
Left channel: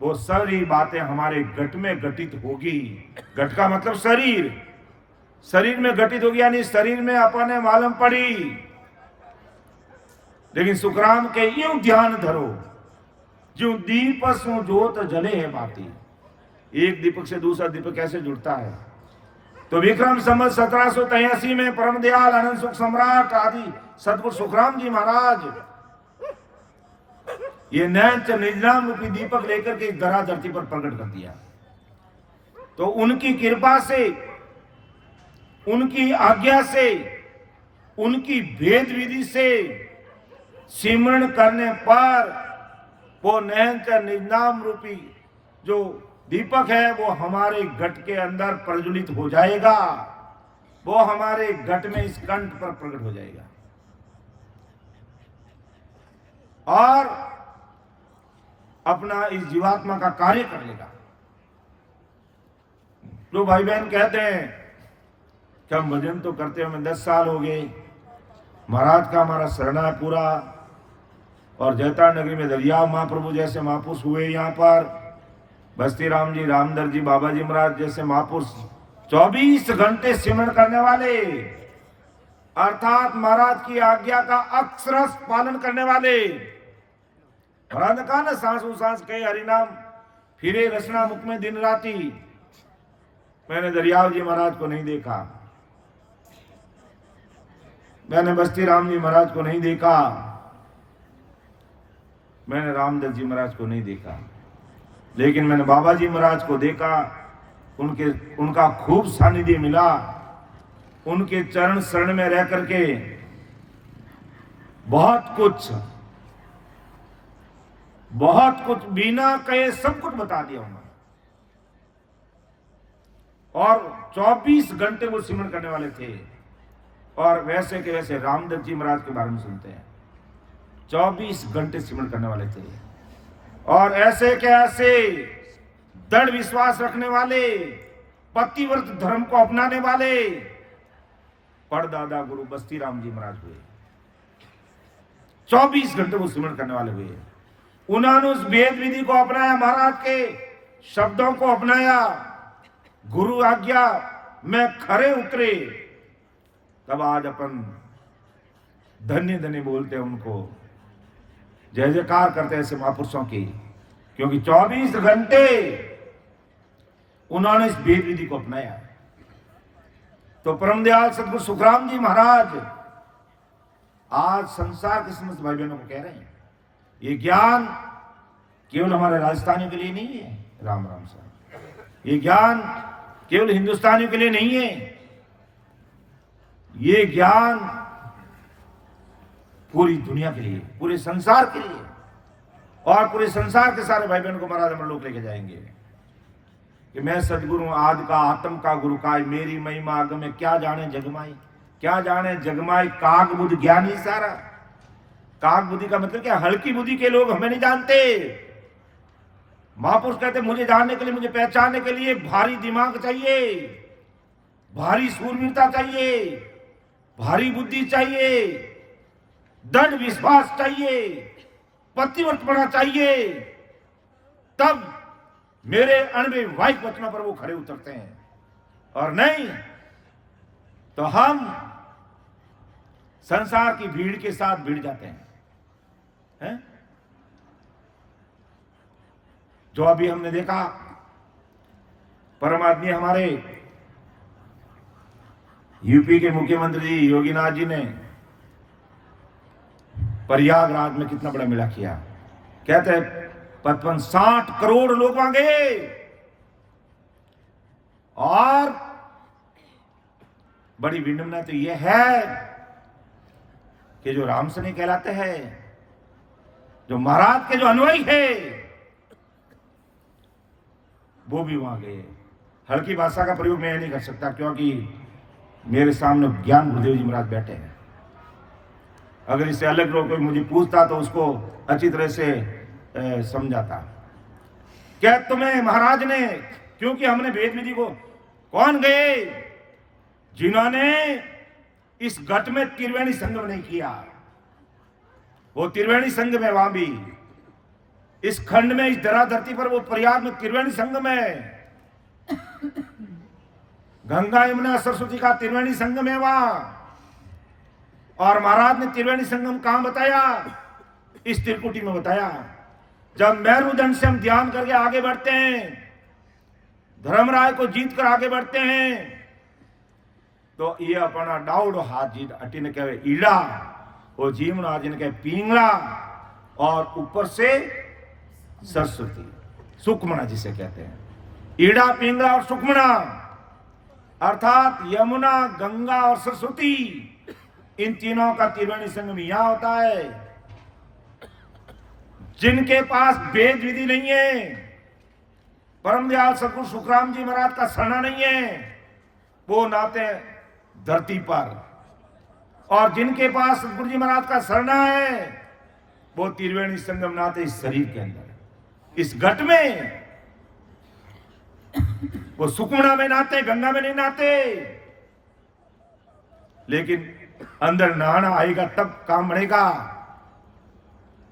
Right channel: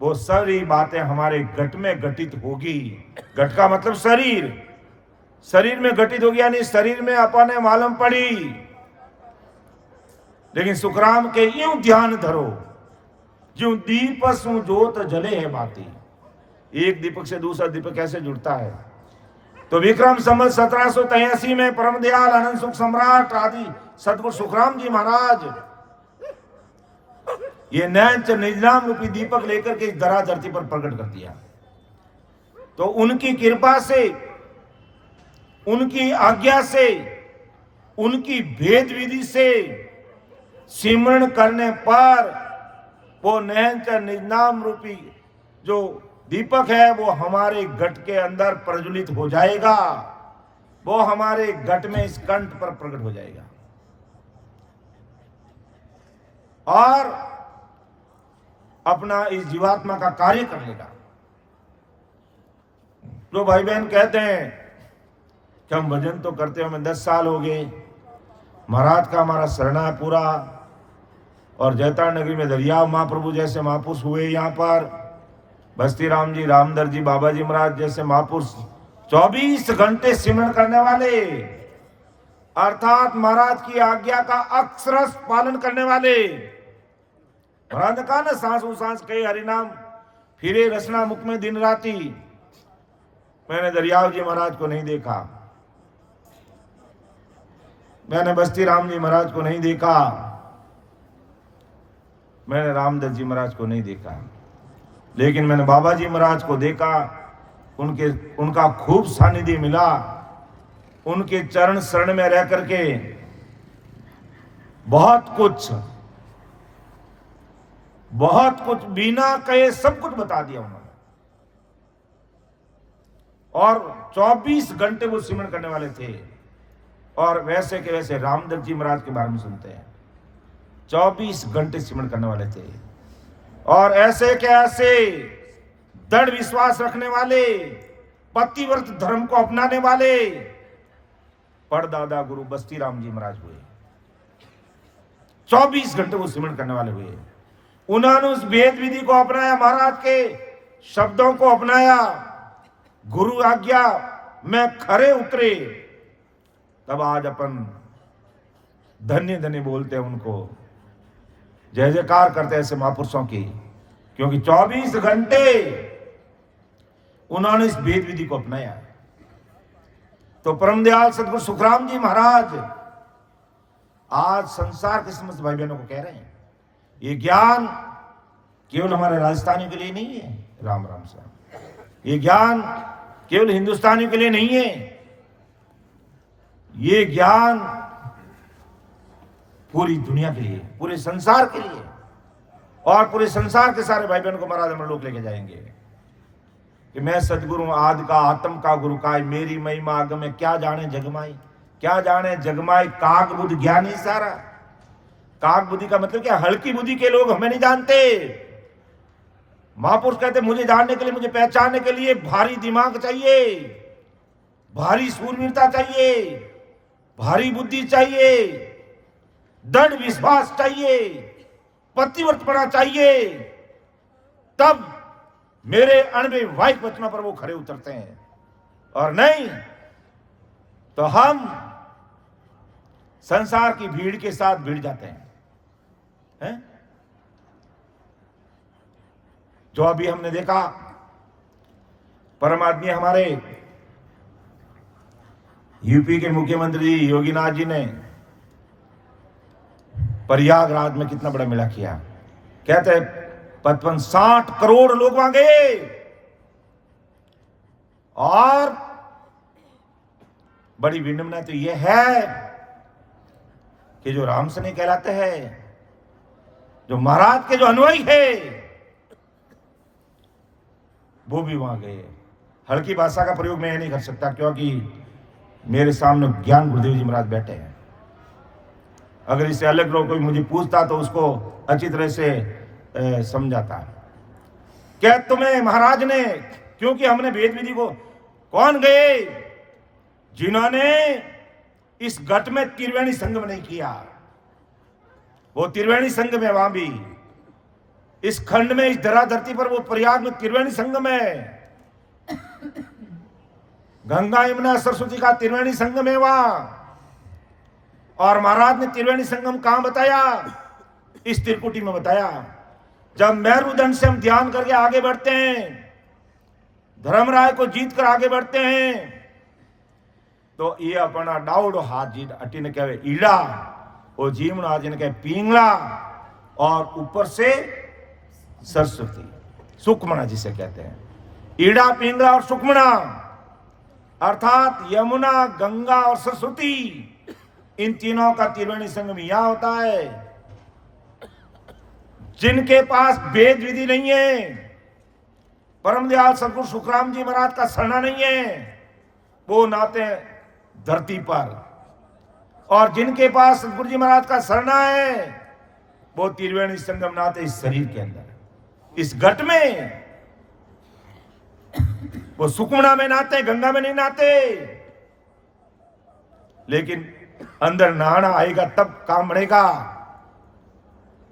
वो सारी बातें हमारे घट में घटित होगी। घट का मतलब शरीर, शरीर में घटित होगी, यानी शरीर में अपने मालूम पड़ी। लेकिन सुखराम के यूं ध्यान धरो, जो दीप सु जोत जले है बाती। एक दीपक से दूसरा दीपक कैसे जुड़ता है? तो विक्रम संवत 1783 में परम दयाल आनंद सुख सम्राट आदि सदगुरु सुखराम जी महाराज ये नैंच निजनाम रूपी दीपक लेकर के इस धरा धरती पर प्रकट कर दिया। तो उनकी कृपा से, उनकी आज्ञा से, उनकी भेद विधि से सिमरण करने पर वो नैंच निजनाम रूपी जो दीपक है वो हमारे घट के अंदर प्रज्वलित हो जाएगा, वो हमारे घट में इस कंठ पर प्रकट हो जाएगा और अपना इस जीवात्मा का कार्य कर लेगा। तो भाई बहन कहते हैं कि हम भजन तो करते हैं, हमें 10 साल हो गए, महाराज का हमारा शरणा है पूरा, और जैता नगरी में दरियाव महाप्रभु जैसे महापुरुष हुए, यहाँ पर बस्ती राम जी, रामदर जी, बाबा जी महाराज जैसे महापुरुष 24 घंटे सिमरण करने वाले, अर्थात महाराज की आज्ञा का अक्षरश पालन करने वाले। महाराज ने कहा ना, सांसों सांस कहे हरिनाम, फिरे रसना मुख में दिन राती। मैंने दरियाव जी महाराज को नहीं देखा, मैंने बस्ती राम जी महाराज को नहीं देखा, मैंने रामदर जी महाराज को नहीं देखा, लेकिन मैंने बाबा जी महाराज को देखा। उनका खूब सानिध्य मिला, उनके चरण शरण में रह करके बहुत कुछ बिना कहे सब कुछ बता दिया उन्होंने। और 24 घंटे वो सिमरण करने वाले थे। और वैसे के वैसे रामदर जी महाराज के बारे में सुनते हैं, 24 घंटे सिमरण करने वाले थे। और ऐसे के ऐसे दृढ़ विश्वास रखने वाले, पतिव्रत धर्म को अपनाने वाले परदादा गुरु बस्ती राम जी महाराज हुए। 24 घंटे वो सिमरण करने वाले हुए। उन्होंने उस वेद विधि को अपनाया, महाराज के शब्दों को अपनाया, गुरु आज्ञा में खरे उतरे। तब आज अपन धन्य धन्य बोलते हैं उनको, जय जयकार करते हैं ऐसे महापुरुषों की, क्योंकि 24 घंटे उन्होंने इस वेद विधि को अपनाया है। तो परम दयाल सदगुरु सुखराम जी महाराज आज संसार के समस्त भाई बहनों को कह रहे हैं, ये ज्ञान केवल हमारे राजस्थानियों के लिए नहीं है, राम राम साहब, ये ज्ञान केवल हिंदुस्तानियों के लिए नहीं है, ये ज्ञान पूरी दुनिया के लिए, पूरे संसार के लिए, और पूरे संसार के सारे भाई बहनों को महाराज हम लोग लेके जाएंगे कि मैं सदगुरु आदि का आत्म का गुरु का, मेरी महिमा आगम में क्या जाने जगमाई, क्या जाने जगमाई काग बुद्धि ज्ञानी सारा। काग बुद्धि का मतलब क्या? हल्की बुद्धि के लोग हमें नहीं जानते। महापुरुष कहते मुझे जानने के लिए, मुझे पहचानने के लिए भारी दिमाग चाहिए, भारी सूरवीरता चाहिए, भारी बुद्धि चाहिए, दृढ़ विश्वास चाहिए, पतिव्रतपना चाहिए, तब मेरे अणवे वाहिक वचनों पर वो खड़े उतरते हैं। और नहीं तो हम संसार की भीड़ के साथ भिड़ जाते हैं। जो अभी हमने देखा, परम आदमी हमारे यूपी के मुख्यमंत्री जी योगीनाथ जी ने प्रयागराज में कितना बड़ा मेला किया। कहते हैं 55-60 करोड़ लोग वहां गए, और बड़ी विडंबना तो यह है कि जो राम से नहीं कहलाते हैं, जो महाराज के जो अनुयायी है, वो भी वहां गए। हल्की भाषा का प्रयोग मैं नहीं कर सकता, क्योंकि मेरे सामने ज्ञान गुरुदेव जी महाराज बैठे हैं। अगर इससे अलग लोग कोई मुझे पूछता तो उसको अच्छी तरह से समझाता। क्या तुम्हें महाराज ने, क्योंकि हमने वेद विधि को, कौन गए जिन्होंने इस घट में त्रिवेणी संगम नहीं किया? वो त्रिवेणी संगम है वहां भी, इस खंड में, इस धरा धरती पर, वो प्रयाग में त्रिवेणी संगम है। गंगा यमुना सरस्वती का त्रिवेणी संगम है वहां। और महाराज ने त्रिवेणी संगम कहां बताया? इस त्रिकुटी में बताया। जब मेरुदंड से हम ध्यान करके आगे बढ़ते हैं, धर्मराय को जीत कर आगे बढ़ते हैं, तो ये अपना डाउड हाथ जीत अटी ने कहे ईड़ा, वो जीवन आज ने कहे पिंगला, और ऊपर से सरस्वती, सुकमणा जिसे कहते हैं। ईड़ा, पिंगला और सुकमणा, अर्थात यमुना, गंगा और सरस्वती, इन तीनों का त्रिवेणी संगम यहां होता है। जिनके पास वेद विधि नहीं है, परम दयाल सदगुरु सुखराम जी महाराज का सरना नहीं है, वो नाते धरती पर, और जिनके पास सदगुरु जी महाराज का सरना है, वो त्रिवेणी संगम नाते इस शरीर के अंदर, इस घट में। वो सुकमणा में नाते, गंगा में नहीं नाते। लेकिन अंदर नहाना आएगा तब काम बढ़ेगा,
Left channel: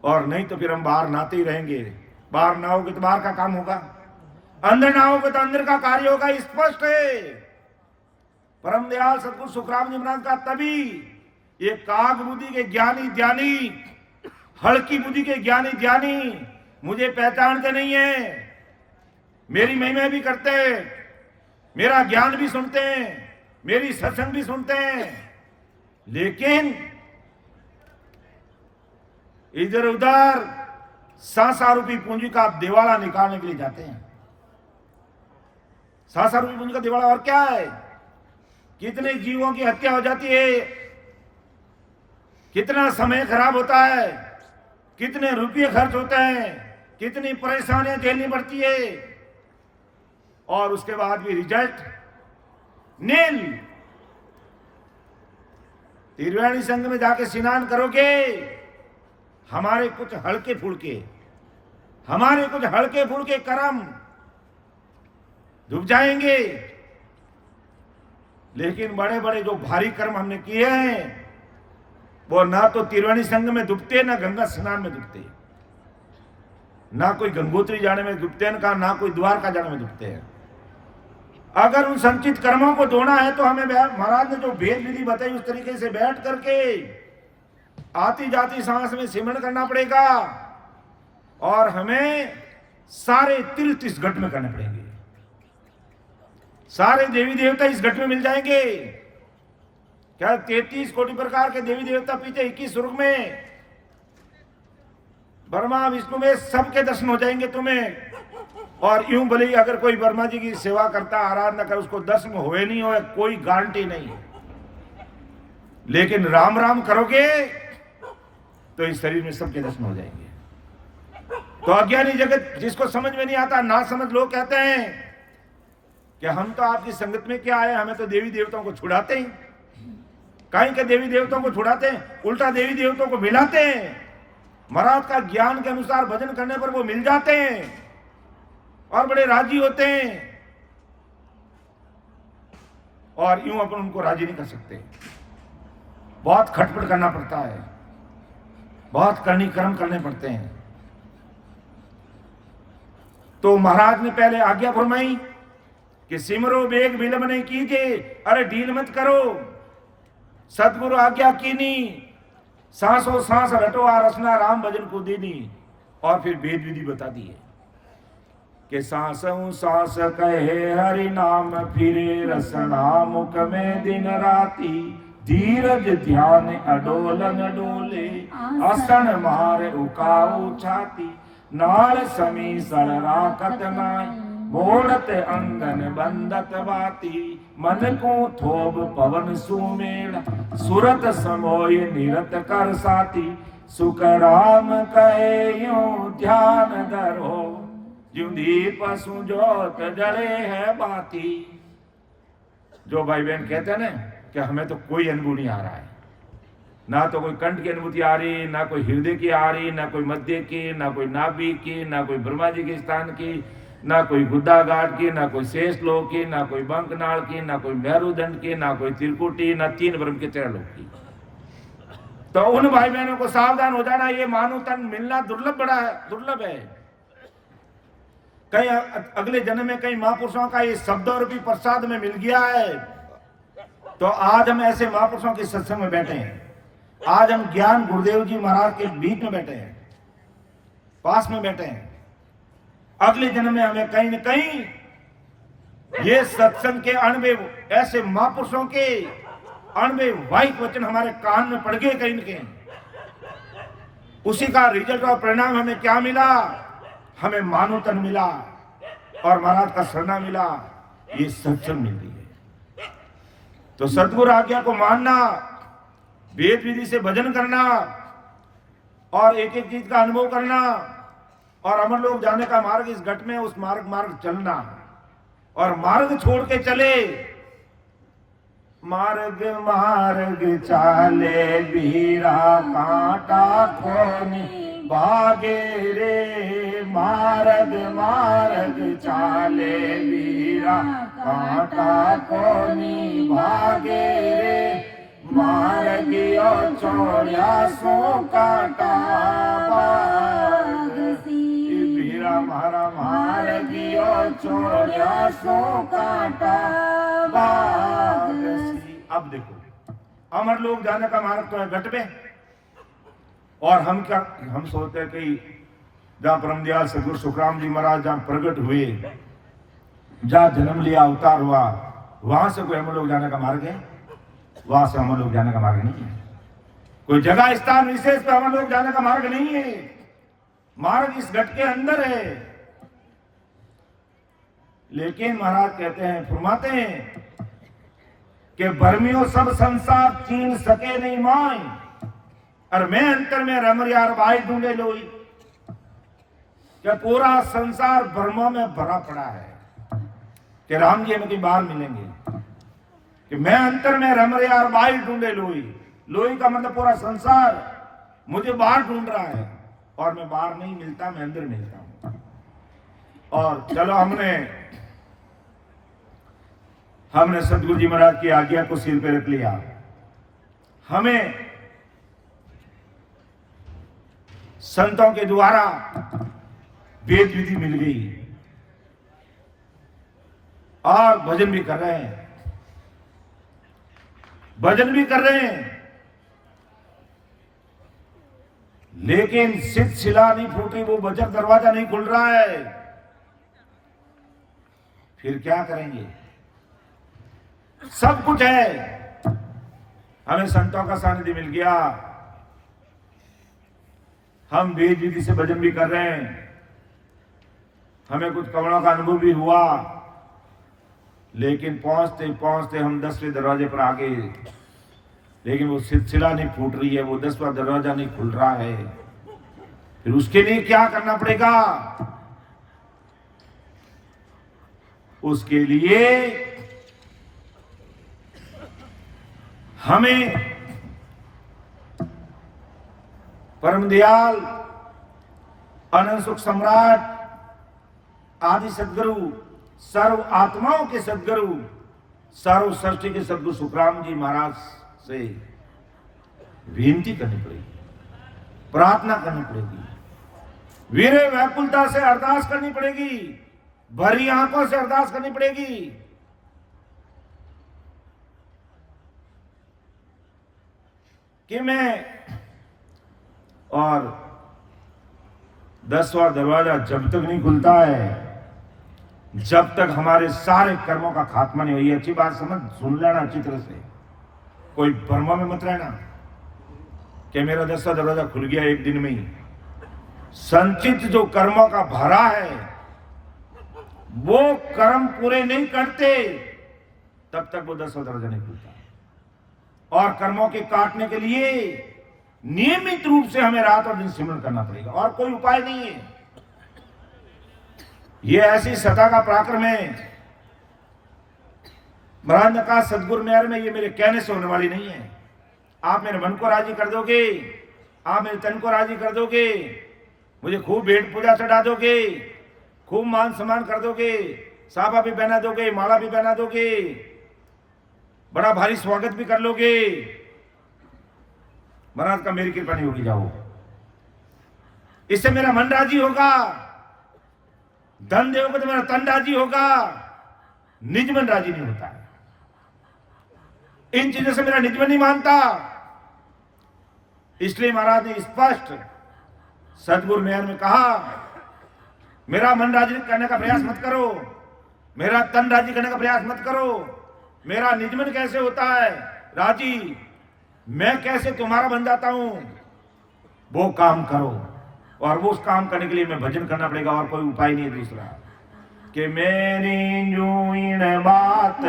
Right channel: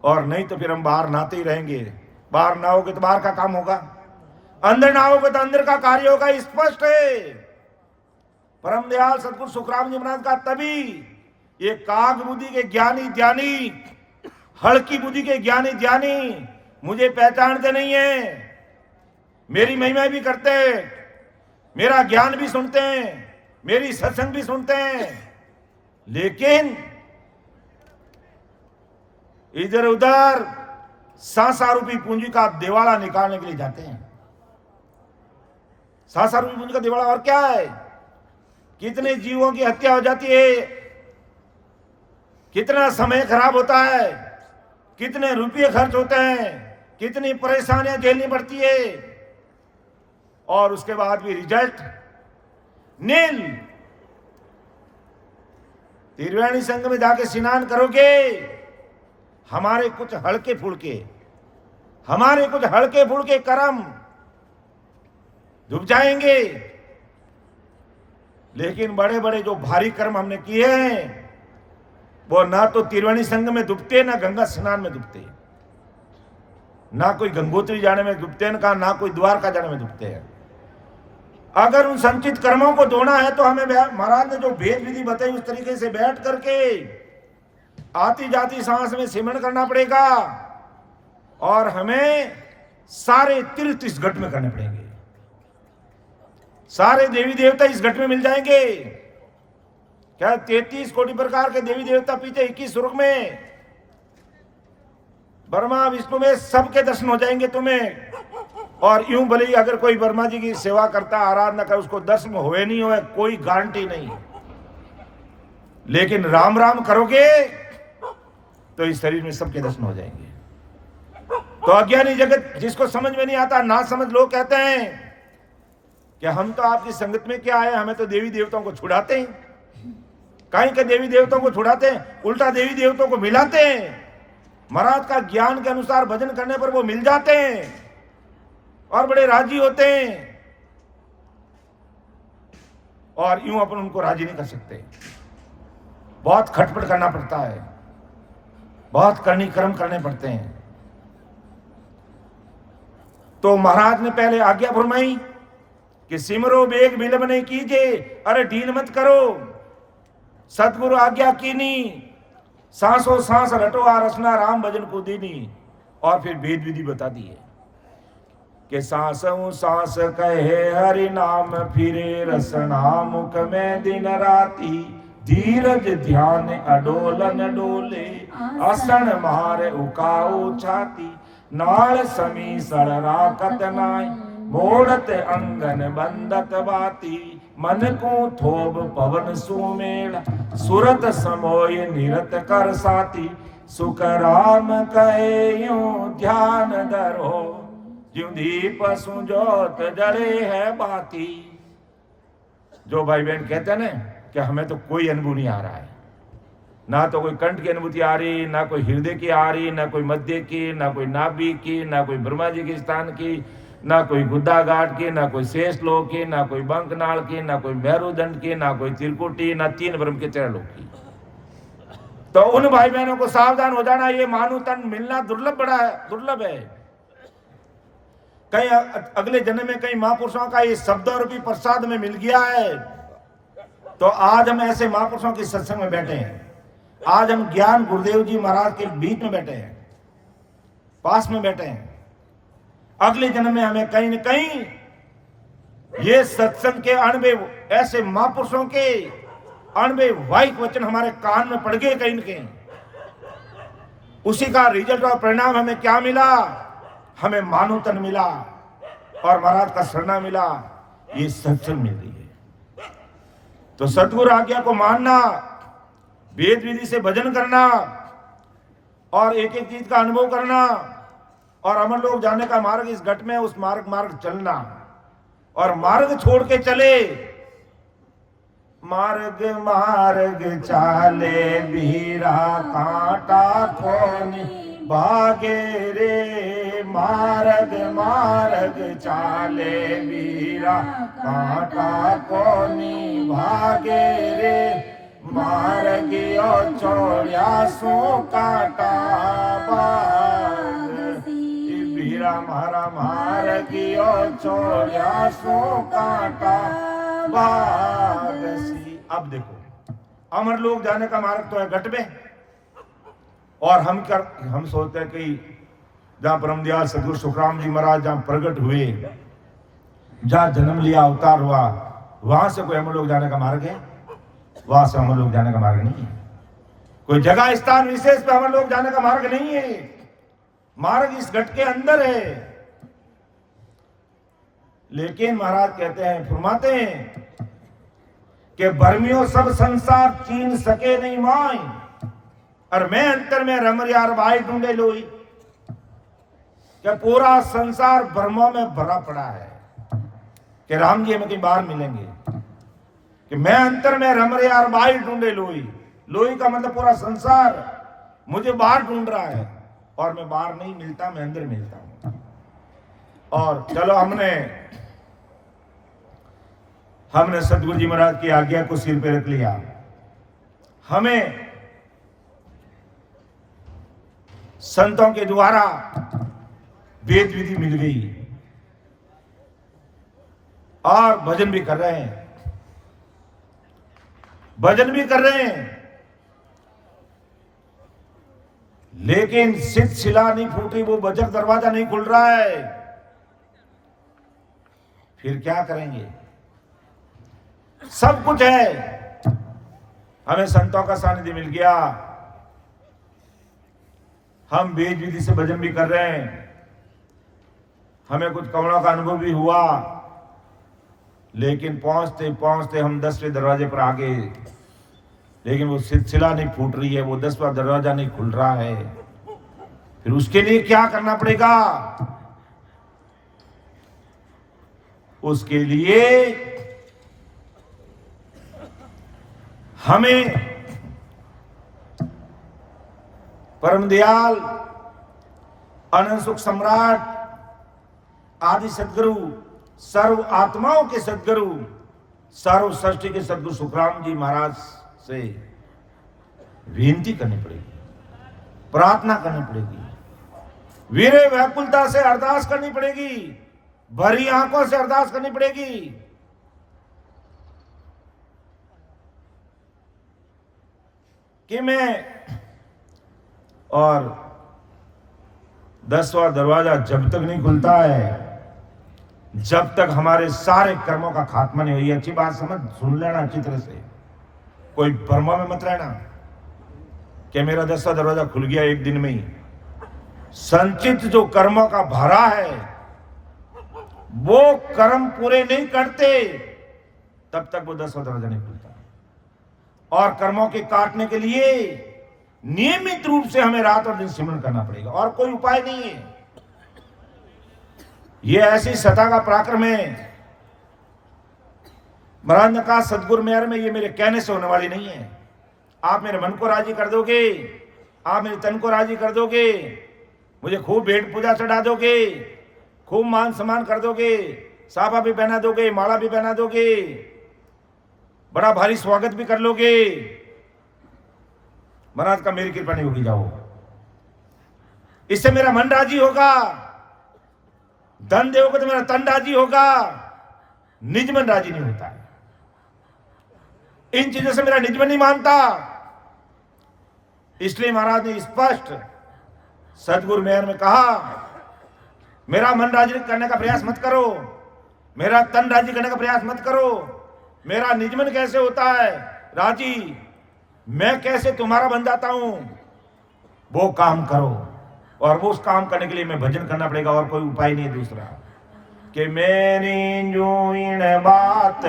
और नहीं तो फिर हम बाहर नहाते ही रहेंगे। बाहर नहाओगे तो बाहर का काम होगा, अंदर नहाओगे तो अंदर का कार्य होगा। स्पष्ट है। परम दयाल सदगुरु सुखराम जी महाराज का तभी ये काग बुद्धि के ज्ञानी ज्ञानी, हल्की बुद्धि के ज्ञानी ज्ञानी मुझे पहचानते नहीं है, मेरी महिमा भी करते हैं, मेरा ज्ञान भी सुनते हैं, मेरी सत्संग भी सुनते हैं, लेकिन इधर उधर सासा रूपी पूंजी का दिवाला निकालने के लिए जाते हैं। सासा रूपी पूंजी का दिवाला और क्या है? कितने जीवों की हत्या हो जाती है, कितना समय खराब होता है, कितने रुपये खर्च होते हैं, कितनी परेशानियां झेलनी पड़ती है, और उसके बाद भी रिजल्ट नील। त्रिवेणी संगम में जाके स्नान करोगे, हमारे कुछ हल्के फुल्के कर्म डूब जाएंगे, लेकिन बड़े बड़े जो भारी कर्म हमने किए हैं, वो ना तो त्रिवेणी संगम में डूबते, ना गंगा स्नान में डूबते, ना कोई गंगोत्री जाने में डूबते हैं, ना कोई द्वारका जाने में डूबते हैं। अगर उन संचित कर्मों को धोना है तो हमें महाराज ने जो भेद विधि बताई उस तरीके से बैठ करके आती जाती सांस में सिमरण करना पड़ेगा, और हमें सारे तीर्थ इस घट में करने पड़ेंगे। सारे देवी देवता इस घट में मिल जाएंगे। क्या 33 कोटि प्रकार के देवी देवता पीछे 21 स्वर्ग में, ब्रह्मा विष्णु में सबके दर्शन हो जाएंगे तुम्हें। और यूं भले ही अगर कोई वर्मा जी की सेवा करता, आराधना कर, उसको दर्शन हुए नहीं हुए, कोई गारंटी नहीं, लेकिन राम राम करोगे तो इस शरीर में सबके दर्शन हो जाएंगे। तो अज्ञानी जगत जिसको समझ में नहीं आता, ना समझ लोग कहते हैं कि हम तो आपकी संगत में क्या आए, हमें तो देवी देवताओं को छुड़ाते हैं। कहीं के देवी देवताओं को छुड़ाते हैं, उल्टा देवी देवताओं को मिलाते हैं। महाराज का ज्ञान के अनुसार भजन करने पर वो मिल जाते हैं और बड़े राजी होते हैं, और यूं अपन उनको राजी नहीं कर सकते। बहुत खटपट करना पड़ता है, बहुत करनी कर्म करने पड़ते हैं। तो महाराज ने पहले आज्ञा फरमाई कि सिमरो बेग विलंब नहीं कीजिए, अरे ढील मत करो। सतगुरु आज्ञा कीनी, सांसों सांस रटो आ रसना राम भजन को दीनी। और फिर भेद विधि बता दी है कि सांसों सांस कहे हरि नाम, फिरे रसना मुख में दिन राती। धीरज ध्यान अडोलन डोले, आसन मार उकाऊ छाती। नाल समी सर राकत नाय, मोड़त अंगन बंदत बाती। मन को थोब पवन सुमेड़, सुरत समोय निरत कर साती। सुख राम कहे यूं ध्यान धरो, ज्यों दीप सुजोत जले है बाती। जो भाई बहन कहते हैं ना कि हमें तो कोई अनुभव नहीं आ रहा है, ना तो कोई कंठ की अनुभूति आ रही, ना कोई हृदय की आ रही, ना कोई मध्य की, ना कोई नाभि की, ना कोई ब्रह्मा जी के स्थान की, ना कोई गुद्दा घाट की, ना कोई शेष लोक की, ना कोई बंकनाल की, ना कोई मेरुदंड की, ना कोई त्रिकुटी, ना तीन ब्रह्म के 13 लोक की। तो उन भाई बहनों को सावधान हो जाना, ये मानव तन मिलना दुर्लभ है। कहीं अगले जन्म में कहीं महापुरुषों का ये शब्द रूपी प्रसाद में मिल गया है, तो आज हम ऐसे महापुरुषों के सत्संग में बैठे हैं। आज हम ज्ञान गुरुदेव जी महाराज के बीच में बैठे हैं, पास में बैठे हैं। अगले जन्म में हमें कहीं न कहीं ये सत्संग के अणवे, ऐसे महापुरुषों के अणवे वाहिक वचन हमारे कान में पड़ गए कहीं न कहीं। उसी का रिजल्ट और परिणाम हमें क्या मिला? हमें मानव तन मिला और महाराज का शरणा मिला, ये सत्संग मिल रही है। तो सतगुरु आज्ञा को मानना, वेद विधि से भजन करना और एक एक चीज का अनुभव करना और अमर लोक जाने का मार्ग इस घट में, उस मार्ग चलना और मार्ग छोड़ के चले। मार्ग चाले बीरा कांटा कोनी भागे रे, मार्ग चाले बीरा कांटा कोनी भागे रे, मार्गियो छोड़िया सो काटा बाग, बीरा मारा मार्गियो छोड़िया सो काटा बाग। अब देखो, अमर लोग जाने का मार्ग तो है घट में, और हम सोचते हैं कि जहां परमदयाल सदगुरु सुखराम जी महाराज जहां प्रकट हुए, जहां जन्म लिया, अवतार हुआ, वहां से कोई अमर लोग जाने का मार्ग है? वहां से अमर लोग जाने का मार्ग नहीं है। कोई जगह स्थान विशेष पे अमर लोग जाने का मार्ग नहीं है। मार्ग इस घट के अंदर है। लेकिन महाराज कहते हैं, फरमाते हैं कि भरमियों सब संसार चीन सके नहीं माई, और मैं अंतर में रमर यार भाई ढूंढे लोई। कि पूरा संसार भ्रमों में भरा पड़ा है कि राम जी हमें कहीं बाहर मिलेंगे, कि मैं अंतर में रमर यार भाई ढूंढे लोई। लोई का मतलब पूरा संसार मुझे बाहर ढूंढ रहा है, और मैं बाहर नहीं मिलता, मैं अंदर मिलता हूं। और चलो, हमने सतगुरु जी महाराज की आज्ञा को सिर पे रख लिया। हमें संतों के द्वारा वेद विधि मिल गई और भजन भी कर रहे हैं, लेकिन शिला नहीं फूट रही, वो बजर दरवाजा नहीं खुल रहा है। फिर क्या करेंगे? सब कुछ है, हमें संतों का सानिध्य मिल गया, हम वेद विधि से भजन भी कर रहे हैं, हमें कुछ कवड़ों का अनुभव भी हुआ, लेकिन पहुंचते पहुंचते हम 10वें दरवाजे पर आ गए, लेकिन वो सिलसिला नहीं फूट रही है, वो 10वां दरवाजा नहीं खुल रहा है। फिर उसके लिए क्या करना पड़ेगा? उसके लिए हमें परम दयाल अनंत सुख सम्राट आदि सदगुरु, सर्व आत्माओं के सदगुरु, सर्व सृष्टि के सदगुरु सुखराम जी महाराज से विनती करनी पड़ेगी, प्रार्थना करनी पड़ेगी, वीरे व्याकुलता से अरदास करनी पड़ेगी, भरी आंखों से अरदास करनी पड़ेगी कि मैं, और 10वां दरवाजा जब तक नहीं खुलता है, जब तक हमारे सारे कर्मों का खात्मा नहीं हुई। अच्छी बात सुन लेना अच्छी तरह से, कोई भ्रमों में मत रहना कि मेरा 10वां दरवाजा खुल गया एक दिन में ही। संचित जो कर्मों का भरा है, वो कर्म पूरे नहीं करते तब तक वो 10वां दरवाजा नहीं खुलता। और कर्मों के काटने के लिए नियमित रूप से हमें रात और दिन सिमरन करना पड़ेगा, और कोई उपाय नहीं है। ये ऐसी सता का पराक्रम है। महाराज ने कहा, सदगुरु मेहर में ये मेरे कहने से होने वाली नहीं है। आप मेरे मन को राजी कर दोगे, आप मेरे तन को राजी कर दोगे, मुझे खूब भेंट पूजा चढ़ा दोगे, खूब मान सम्मान कर दोगे, साफा भी पहना दोगे, माला भी पहना दोगे, बड़ा भारी स्वागत भी कर लोगे, महाराज का मेरी कृपा नहीं होगी, जाओ। इससे मेरा मन राजी होगा, धन दोगे तो मेरा तन राजी होगा, निज मन राजी नहीं होता है। इन चीजों से मेरा निज मन नहीं मानता। इसलिए महाराज ने स्पष्ट सदगुरु मेहर में कहा, मेरा मन राजी करने का प्रयास मत करो, मेरा तन राजी करने का प्रयास मत करो। मेरा निज मन कैसे होता है राजी, मैं कैसे तुम्हारा बन जाता हूं, वो काम करो। और वो उस काम करने के लिए मैं भजन करना पड़ेगा, और कोई उपाय नहीं है दूसरा। कि मेरी जो इन बात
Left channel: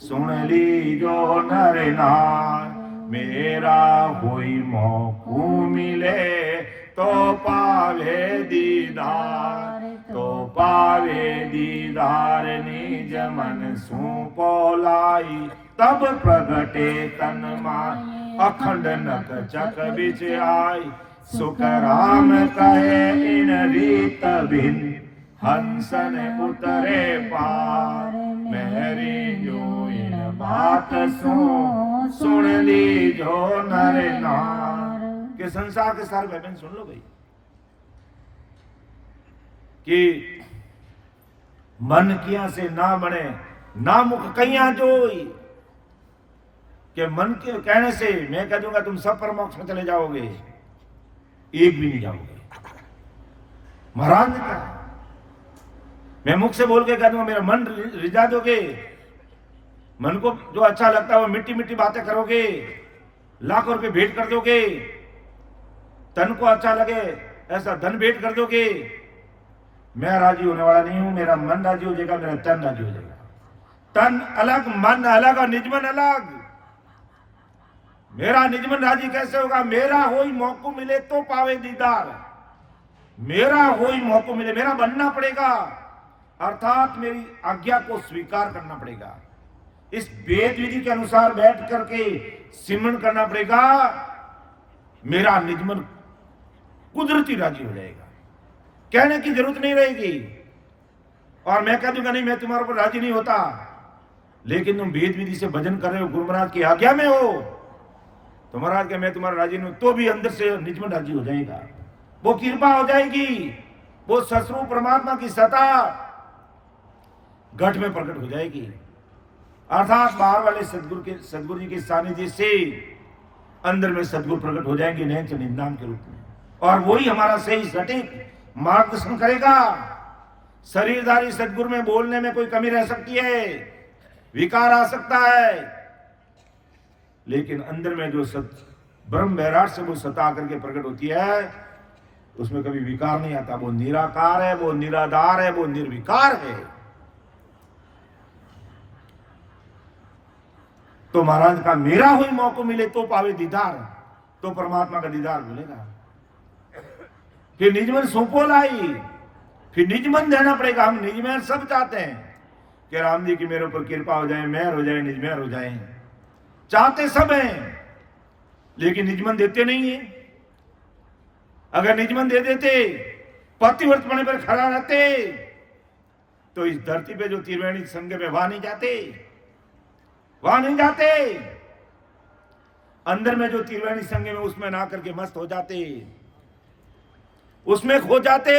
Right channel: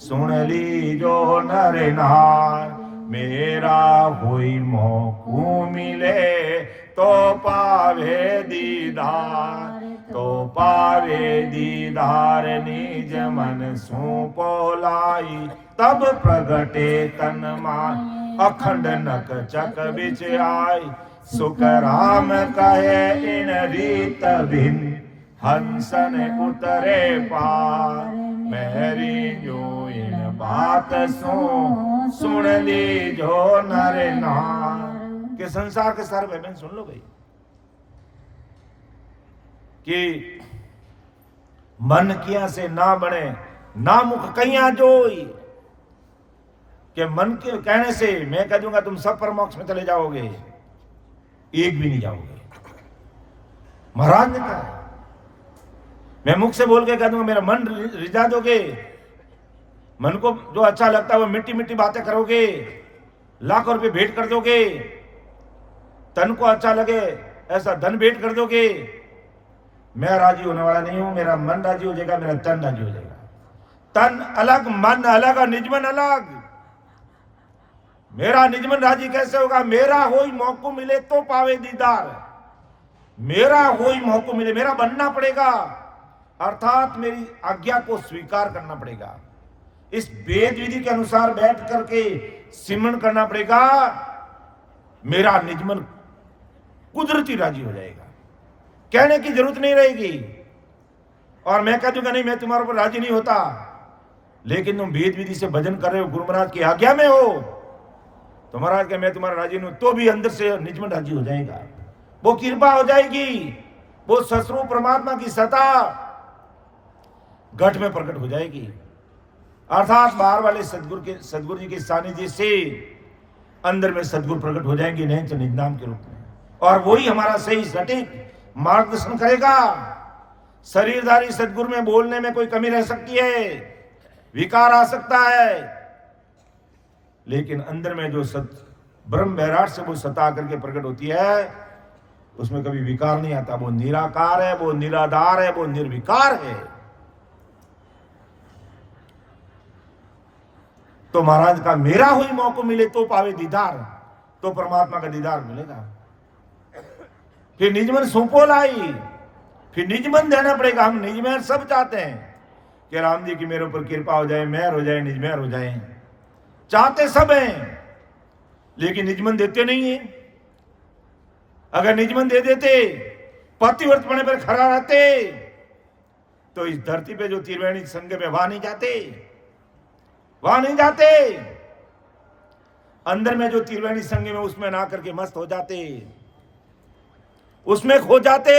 सुन ली जो नर नार, मेरा हुई मौकू मिले तो पावे दीदार, तो पावे दीदार निज मन सु पोलाई, तब प्रगटे तन मान अखंड नक चक बिच आई। सुख राम कहे इन रीत भिन्न, हंसन उतरे पार, मेरी जो इन बात सुन ली जो नर नार। के संसार के सारे भाई बहन सुन लो भाई, कि मन किया से ना बने, ना मुख कहिया जोई। कि मन के कहने से मैं कह दूंगा तुम सब परमोक्ष में चले जाओगे, एक भी नहीं जाओगे। महाराज ने कहा, मैं मुख से बोल के कह दूंगा मेरा मन रिझा दोगे, मन को जो अच्छा लगता है वो मिट्टी मिट्टी बातें करोगे, लाखों रुपए भेंट कर दोगे, तन को अच्छा लगे ऐसा धन भेंट कर दोगे। मैं राजी होने वाला नहीं हूं, मेरा मन राजी हो जाएगा, मेरा तन राजी हो जाएगा। तन अलग, मन अलग और निजमन अलग। मेरा निजमन राजी कैसे होगा? मेरा होई मौको मिले तो पावे दीदार, मेरा होई मौको मिले, मेरा बनना पड़ेगा, अर्थात मेरी आज्ञा को स्वीकार करना पड़ेगा। इस वेद विधि के अनुसार बैठ करके सिमरन करना पड़ेगा, मेरा निजमन कुदरती राजी हो जाएगा, कहने की जरूरत नहीं रहेगी। और मैं कह दूंगा नहीं मैं तुम्हारे ऊपर राजी नहीं होता, लेकिन तुम वेद विधि से भजन कर रहे हो, गुरु महाराज की आज्ञा में हो, तो महाराज का मैं तुम्हारा राजी नहीं हूं, तो भी अंदर से निजमन राजी हो जाएगा, वो कृपा हो जाएगी, वो सस्वरूप परमात्मा की सत्ता घट में प्रकट हो जाएगी। अर्थात बाहर वाले सदगुरु जी के सानिध्य से अंदर में सदगुरु प्रकट हो जाएंगे, नहीं तो निज नाम के रूप में। और वही हमारा सही सटीक मार्गदर्शन करेगा। शरीरधारी सदगुरु में बोलने में कोई कमी रह सकती है, विकार आ सकता है, लेकिन अंदर में जो ब्रह्म बैराट से वो सता करके प्रकट होती है, उसमें कभी विकार नहीं आता। वो निराकार है, वो निराधार है, वो निर्विकार है। तो महाराज का मेरा हुई मौको मिले तो पावे दीदार, तो परमात्मा का दीदार मिलेगा। फिर निजमन सुपोल आई, फिर निजमन देना पड़ेगा। हम निजमन सब चाहते हैं कि राम जी की मेरे ऊपर कृपा हो जाए, मेहर हो जाए, निजमेहर हो जाए, चाहते सब हैं, लेकिन निजमन देते नहीं है। अगर निजमन दे देते, पतिव्रत पड़ने पर खड़ा रहते, तो इस धरती पे जो त्रिवेणी संग पे वहां नहीं जाते, वहां नहीं जाते। अंदर में जो त्रिवेणी संग में उसमें ना करके मस्त हो जाते, उसमें खो जाते,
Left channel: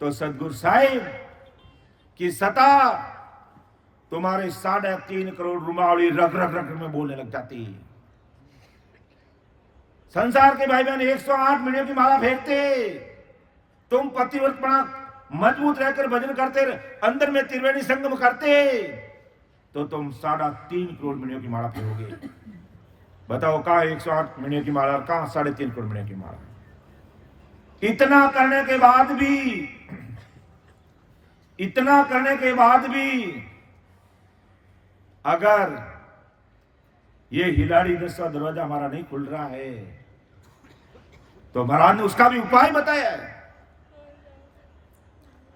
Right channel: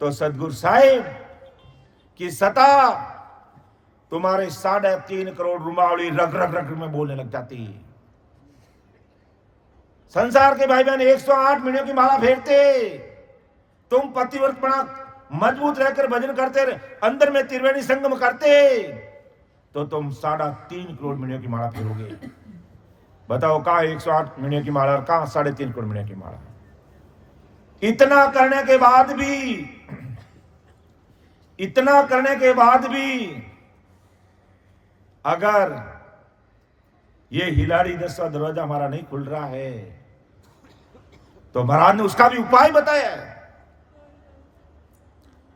तो सदगुरु साहिब की सता तुम्हारे 3.5 करोड़ रुमावली रग रग रग में बोलने लग जाती। संसार के भाई बहन 108 महीनों की माला फेरते, तुम पतिव्रत पड़ा मजबूत रहकर भजन करते, अंदर में त्रिवेणी संगम करते, तो तुम 3.5 करोड़ महीनों की माला फेरोगे। बताओ कहां 108 महीनों की माला और कहां 3.5 करोड़ महीनों की माला। इतना करने के बाद भी अगर ये हिलाड़ी 10वां दरवाजा हमारा नहीं खुल रहा है, तो महाराज ने उसका भी उपाय बताया है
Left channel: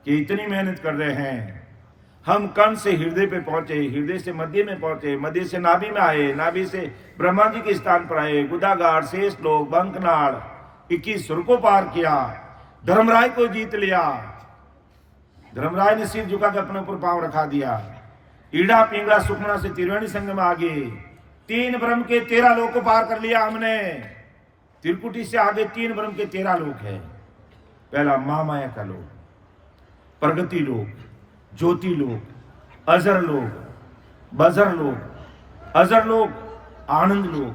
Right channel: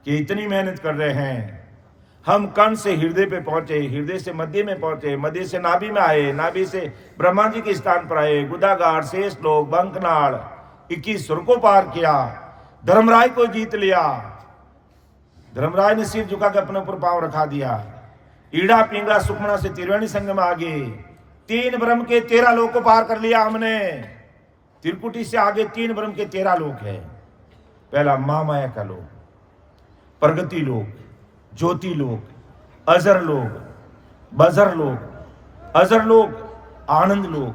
कि इतनी मेहनत कर रहे हैं, हम कण से हृदय पे पहुंचे, हृदय से मध्य में पहुंचे, मध्य से नाभि में आए, नाभि से ब्रह्मा जी के स्थान पर आए, गुदागार, शेष लोक, बंकनाड़, 21 सुर को पार किया, धर्मराय को जीत लिया। धर्मराय ने सिर झुका के अपने ऊपर पांव रखा दिया। ईड़ा पिंगला सुखमना से त्रिवेणी संगम आ गए। 3 ब्रह्म के 13 लोक को पार कर लिया हमने। त्रिकुटी से आगे 3 ब्रह्म के 13 लोक है। पहला महामाया का लोक, प्रगति लोक, ज्योति लोक, अजर लोक, बजर लोक, अजर लोक, आनंद लोक,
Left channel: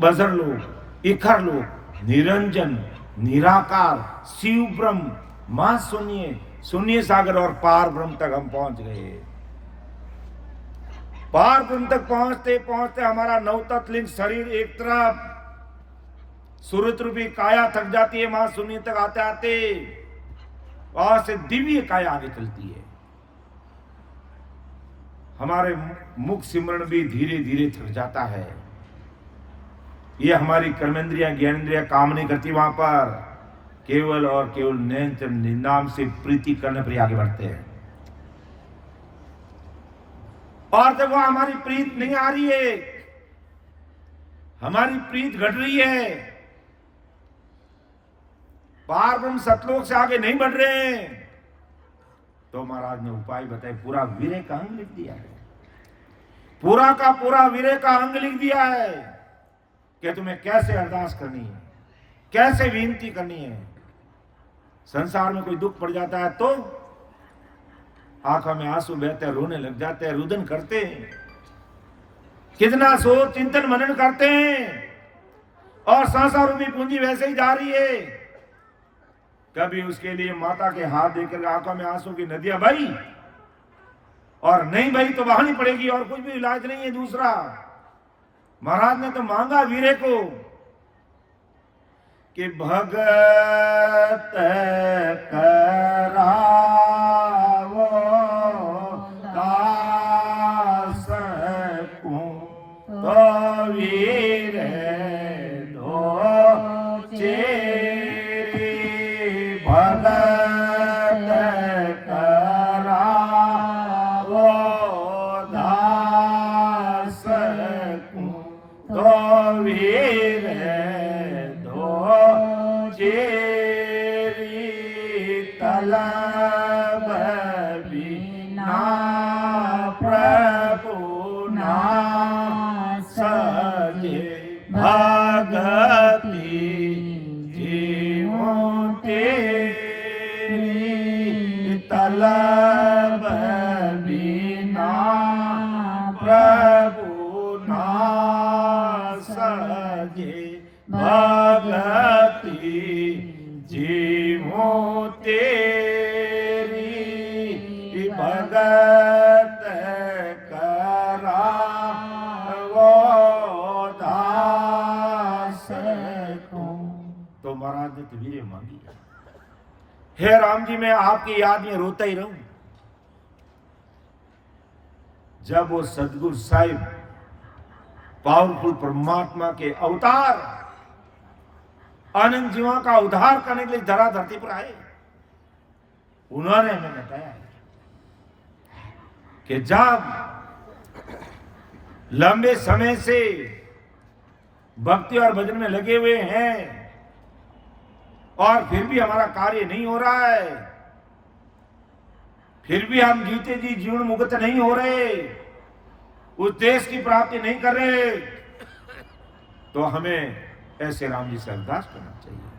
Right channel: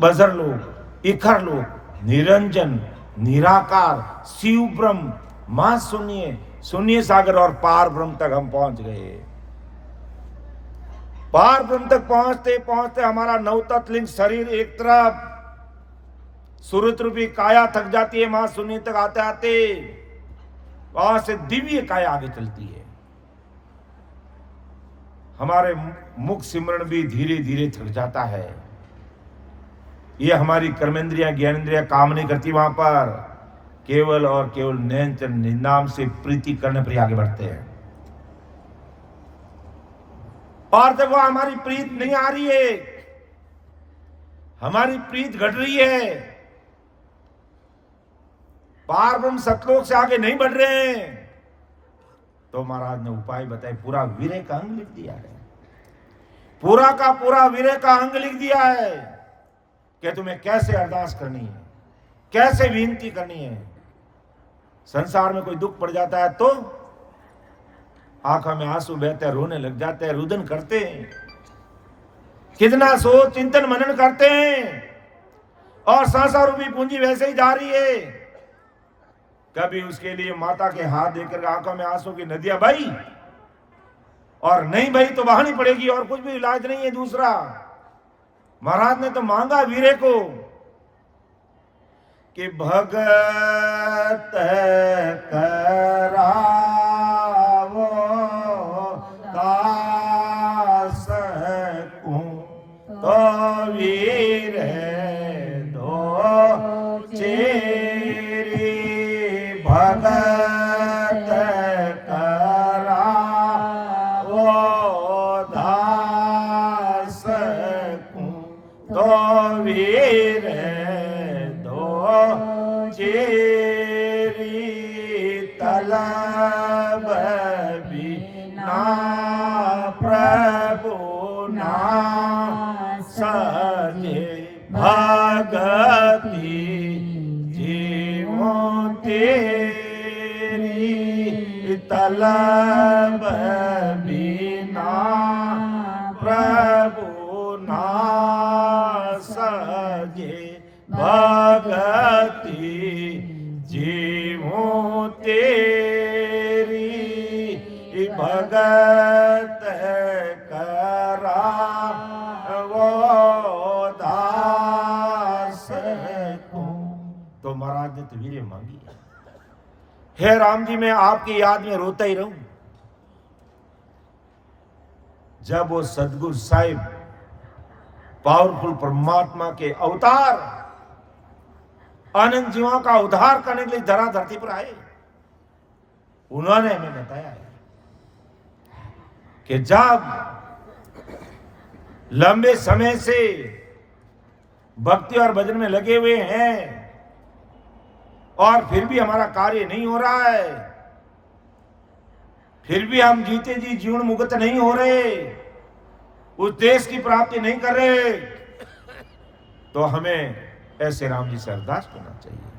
बजर लोक, इखर लोक, निरंजन, निराकार, शिव ब्रह्म, मां शून्य, शून्य सागर और पार ब्रह्म तक हम पहुंच गए। पार ब्रह्म तक पहुंचते पहुंचते हमारा नवतत्लिंग शरीर एक तरफ, सूरत रूपी काया थक जाती है। मां शून्य तक आते आते वहां से दिव्य काया आगे चलती है। हमारे मुख सिमरण भी धीरे धीरे थक जाता है। ये हमारी कर्मेंद्रिया ज्ञानेंद्रिया काम नहीं करती। वहां पर केवल और केवल नैन चंद नाम से प्रीति करने पर आगे बढ़ते हैं। और जब वह हमारी प्रीत नहीं आ रही है, हमारी प्रीत घट रही है, पार ब्रह्म सतलोक से आगे नहीं बढ़ रहे हैं, तो महाराज ने उपाय बताए। पूरा वीर्य का अंग लिख दिया है। पूरा का पूरा वीर्य का अंग लिख दिया है कि तुम्हें कैसे अरदास करनी है, कैसे विनती करनी है। संसार में कोई दुख पड़ जाता है तो आंखों में आंसू बहते हैं, रोने लग जाते हैं, रुदन करते हैं, कितना सोच चिंतन मनन करते हैं, और संसार रूपी पूंजी वैसे ही जा रही है। कभी उसके लिए माता के हाथ देकर आंखों में आंसू की नदियां बही, और नहीं बही तो बहानी पड़ेगी, और कुछ भी इलाज नहीं है दूसरा। महाराज ने तो मांगा वीरे को कि भगत करावो दास को तो वीर दो चेरी। भगत करावो दास को तो वीर चेरी। तलब बिना प्रभु ना सजे। भगति जीवों तेरी। तलब बिना प्रभु ना सजे। भगति जीवों तेरी। भगत करावो दास को। तो महाराज ने वीर्य मांगी। हे राम जी, मैं आपकी याद में रोता ही रहूं। जब वो सदगुरु साहिब पावरफुल परमात्मा के अवतार अनंत जीवों का उद्धार करने के लिए धरा धरती पर आए, उन्होंने हमें बताया है कि जब लंबे समय से भक्ति और भजन में लगे हुए हैं और फिर भी हमारा कार्य नहीं हो रहा है, फिर भी हम जीते जी जीवन मुक्त नहीं हो रहे, उस देश की प्राप्ति नहीं कर रहे, तो हमें ऐसे राम जी से अरदास करना चाहिए।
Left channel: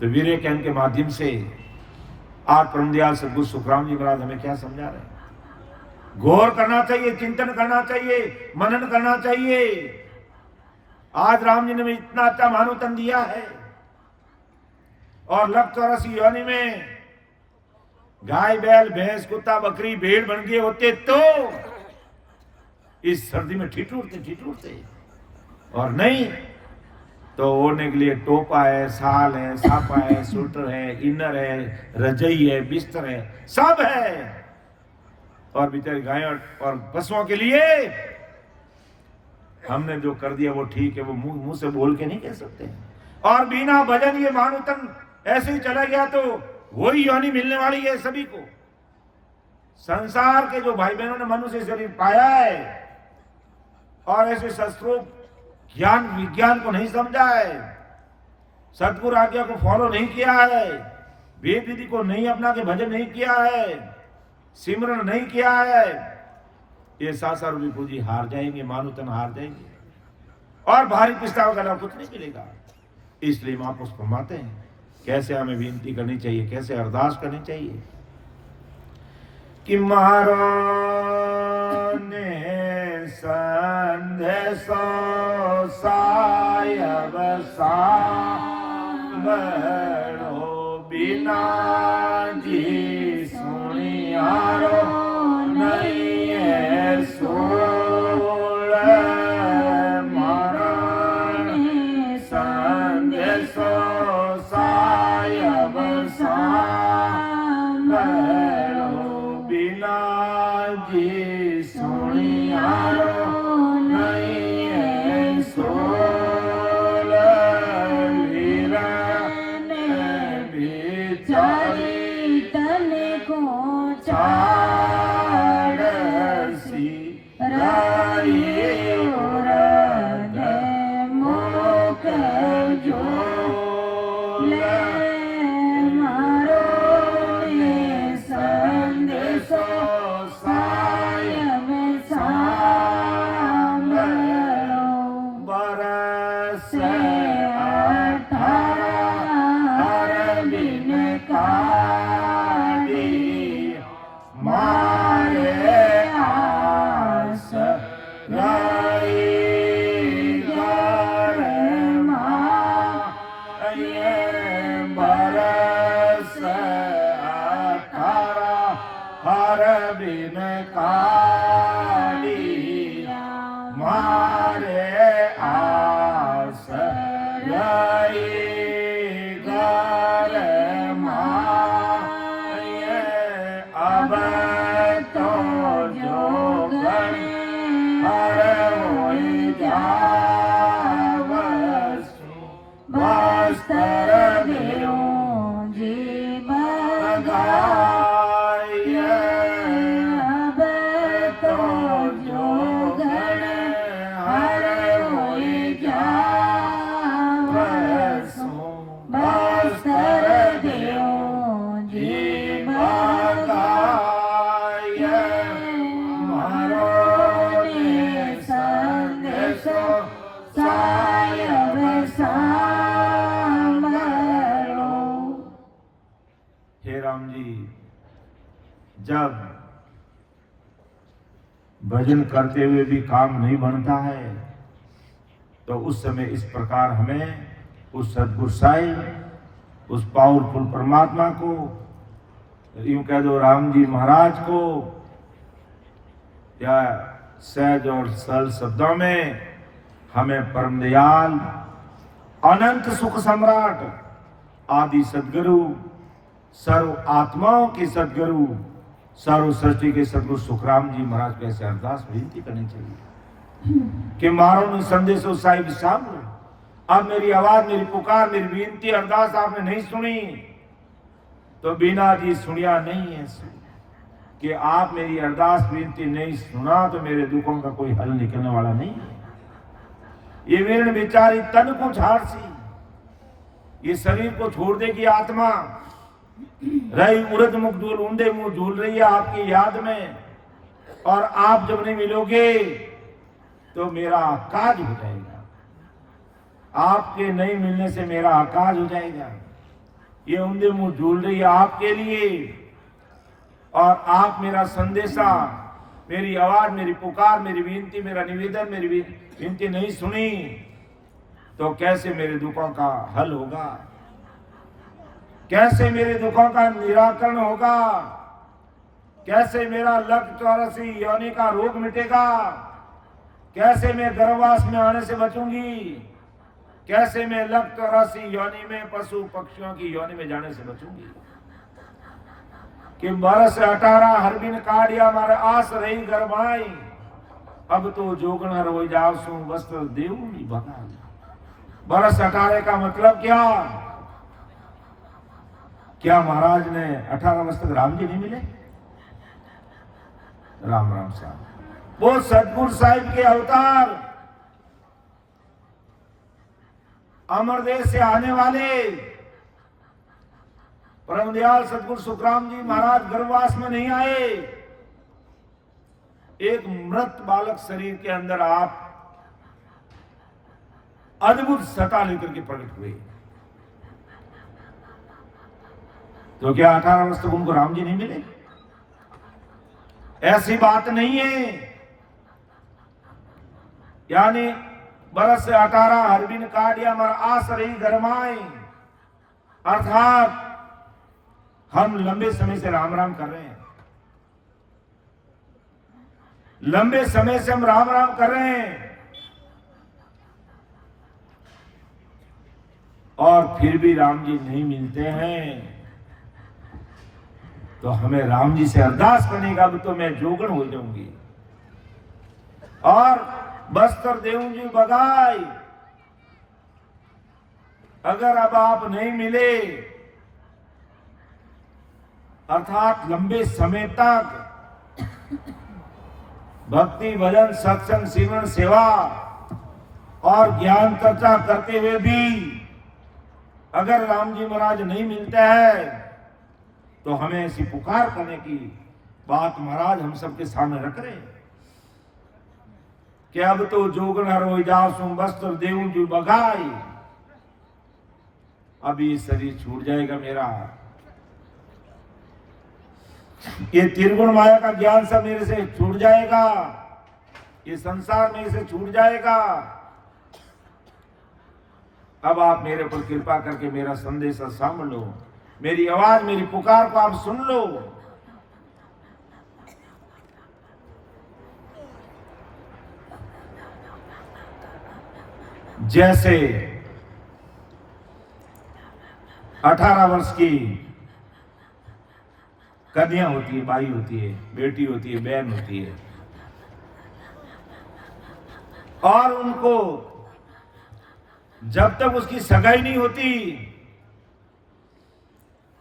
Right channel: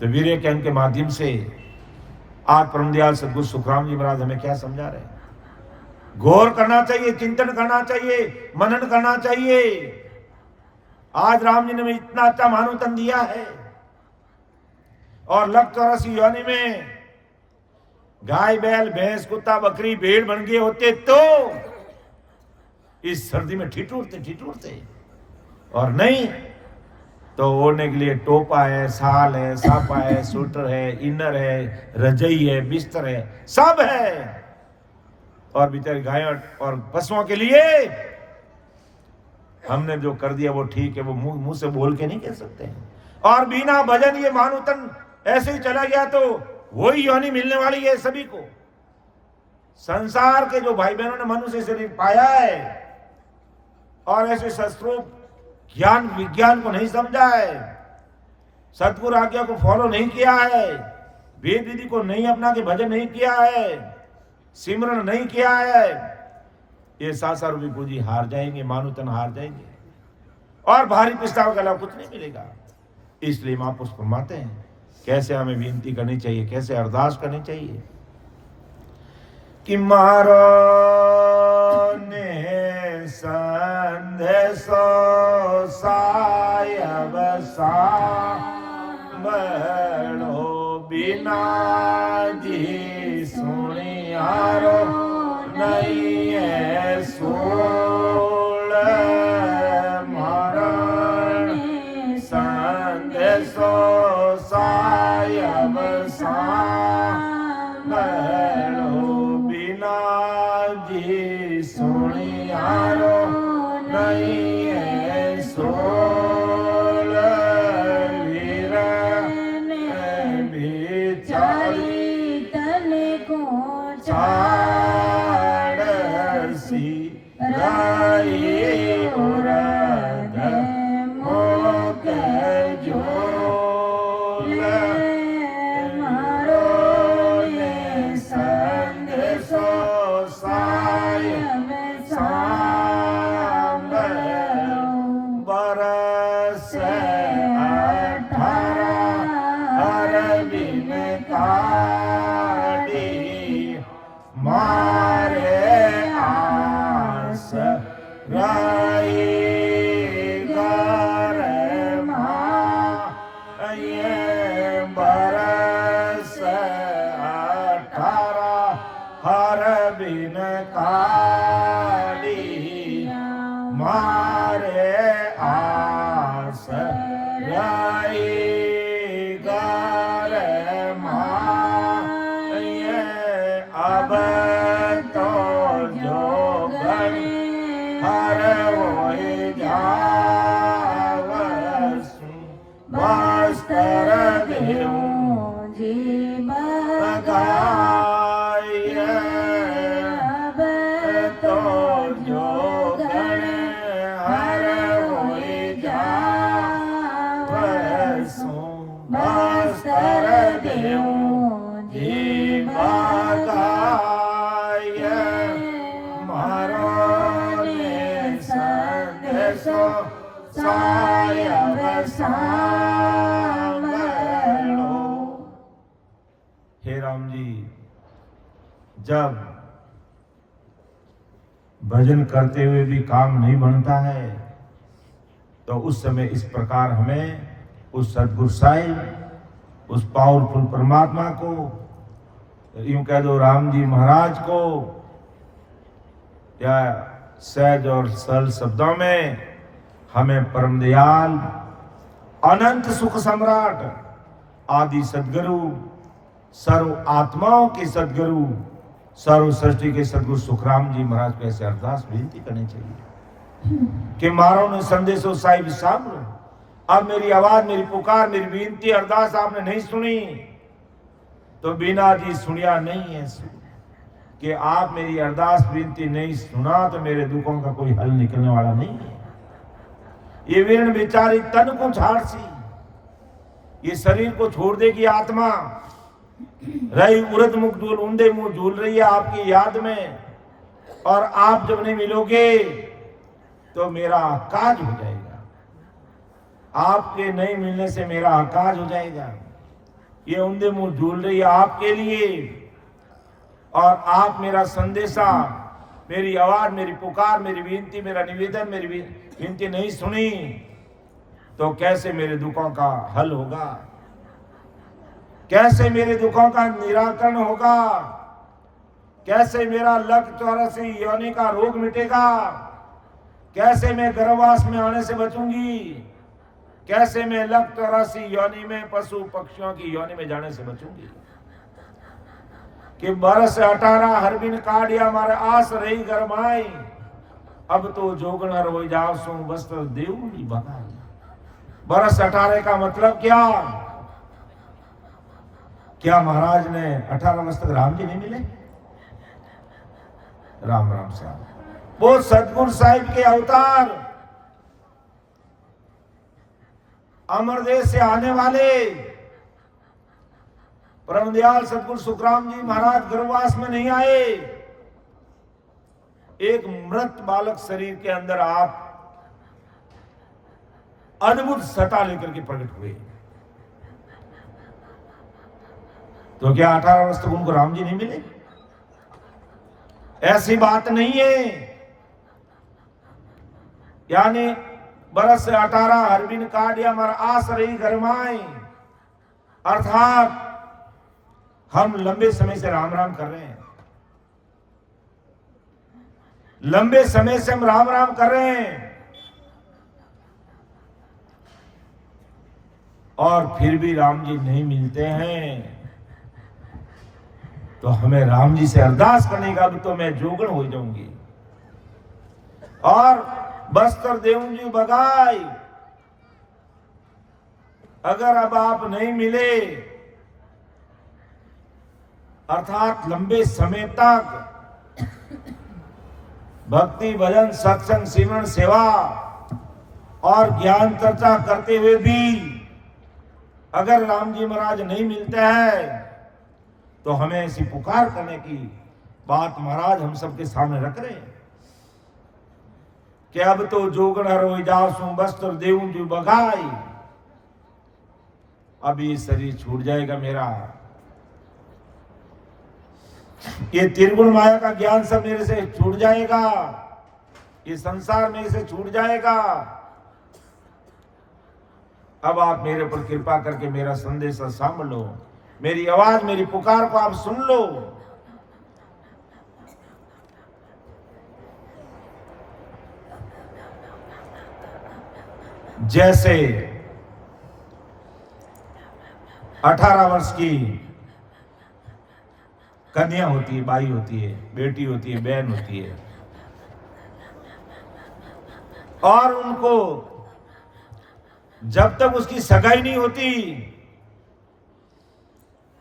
तो वीर्य के अंग के माध्यम से आज परमदयाल सदगुरु सुखराम जी महाराज हमें क्या समझा रहे हैं? गौर करना चाहिए, चिंतन करना चाहिए, मनन करना चाहिए। आज राम जी ने हमें इतना अच्छा मानवतन दिया है, और लख 84 योनि में गाय बैल भैंस कुत्ता बकरी भेड़ बन गए होते तो इस सर्दी में ठिठुरते, और नहीं तो ओढ़ने के लिए टोपा है, साल है, सापा है, स्वेटर है, इनर है, रजई है, बिस्तर है, सब है। और बेचारी गाय और पशुओं के लिए हमने जो कर दिया वो ठीक है, वो मुंह से बोल के नहीं कह सकते। और बिना भजन ये मानवतन ऐसे ही चला गया तो वही योनि मिलने वाली है सभी को। संसार के जो भाई बहनों ने मनुष्य शरीर पाया है और ऐसे शस्त्रों ज्ञान विज्ञान को नहीं समझा है, सतगुरु आज्ञा को फॉलो नहीं किया है, वेद विधि को नहीं अपना के भजन नहीं किया है, सिमरन नहीं किया है, ये संसार रूपी पूंजी हार जाएंगे, मानुतन हार जाएंगे और भारी प्रस्ताव का लाभ कुछ नहीं मिलेगा। इसलिए महापुरुष फरमाते हैं कैसे हमें विनती करनी चाहिए, कैसे अरदास करनी चाहिए कि मारो ने संदेशो सायब सांभळो बिना जी सुनियारो नहीं है सोल मरण संदेशो सायब सांभळो बिना जी सुनियारो नहीं है सोल वीरा बिचारी तने को चाड़सी राई उरद मोक जोला संदेशो सायब सांभळो बरस 18 हर दिन काटी मारे आस रही घर माँ ये बरस 18 हर बिन काली मारे आस रही घर माँ ये अब तो जोगन हर होई जावसु वस्त्र देऊं गाये अब तो जोगन हर होई जावसु वस्त्र देऊं गाये मारो ने संदेशो सायब सांभळो। हे राम जी, जब भजन करते हुए भी काम नहीं बनता है तो उस समय इस प्रकार हमें उस सद्गुरु साईं, उस पावरफुल परमात्मा को, यूं कह दो राम जी महाराज को, या सहज और सरल शब्दों में हमें परम दयाल अनंत सुख सम्राट आदि सदगुरु, सर्व आत्माओं के सदगुरु, सर्व सृष्टि के सदगुरु सुखराम जी महाराज को ऐसे अरदास विनती करनी चाहिए कि मारो ने संदेशो साहिब सांभळो। अब मेरी आवाज, मेरी पुकार, मेरी विनती अरदास आपने नहीं सुनी तो बिना जी सुनिया नहीं है कि आप मेरी अरदास विनती नहीं सुना तो मेरे दुखों का कोई हल निकलने वाला नहीं है। ये वीरण बिचारी तन को झाड़सी, ये शरीर को छोड़ देगी आत्मा, रही उड़द मुख झूल, ऊंधे मुंह झूल रही है आपकी याद में, और आप जब नहीं मिलोगे तो मेरा आकाज हो जाएगा। आपके नहीं मिलने से मेरा आकाज हो जाएगा। ये ऊंधे मुंह झूल रही है आपके लिए, और आप मेरा संदेशा, मेरी आवाज, मेरी पुकार, मेरी विनती, मेरा निवेदन, मेरी विनती नहीं सुनी तो कैसे मेरे दुखों का हल होगा, कैसे मेरे दुखों का निराकरण होगा, कैसे मेरा लक 84 योनि का रोग मिटेगा, कैसे मैं गर्भवास में आने से बचूंगी, कैसे मैं लक 84 योनि में पशु पक्षियों की योनि में जाने से बचूंगी। कि बरस 18 हर बिन काढ़िया मारे आस रही गरमाई, अब तो जोगण रोई जाओ सो वस्त्र देवनी बधाई। बरस 18 का मतलब क्या? क्या महाराज ने 18 वर्ष तक राम जी नहीं मिले? राम राम साहब, वो सतगुरु साहिब के अवतार, अमर देश से आने वाले परम दयाल सदगुरु सुखराम जी महाराज गर्भवास में नहीं आए। एक मृत बालक शरीर के अंदर आप अद्भुत सत्ता लेकर के प्रकट हुए। तो क्या 18 वर्ष तक उनको राम जी नहीं मिले? ऐसी बात नहीं है। यानी बरस 18 हरबिन काटिया मर आस रही गरमाए, अर्थात हम लंबे समय से राम राम कर रहे हैं, लंबे समय से हम राम राम कर रहे हैं, और फिर भी राम जी नहीं मिलते हैं। तो हमें राम जी से अरदास करने का, तो मैं जोगन हो जाऊंगी और बस्तर देऊंगी बगाई। अगर अब आप नहीं मिले, अर्थात लंबे समय तक भक्ति भजन सत्संग सिमरन सेवा और ज्ञान चर्चा करते हुए भी अगर राम जी महाराज नहीं मिलते हैं, तो हमें ऐसी पुकार करने की बात महाराज हम सबके सामने रख रहे हैं कि अब तो जोगन हरो जासू बस्तर देऊं बगाई। अब ये शरीर छूट जाएगा मेरा, ये त्रिगुण माया का ज्ञान सब मेरे से छूट जाएगा, ये संसार मेरे से छूट जाएगा। अब आप मेरे ऊपर कृपा करके मेरा संदेश सामभ लो, मेरी आवाज मेरी पुकार को आप सुन लो। जैसे 18 वर्ष की कन्या होती है, बाई होती है, बेटी होती है, बहन होती है, और उनको जब तक उसकी सगाई नहीं होती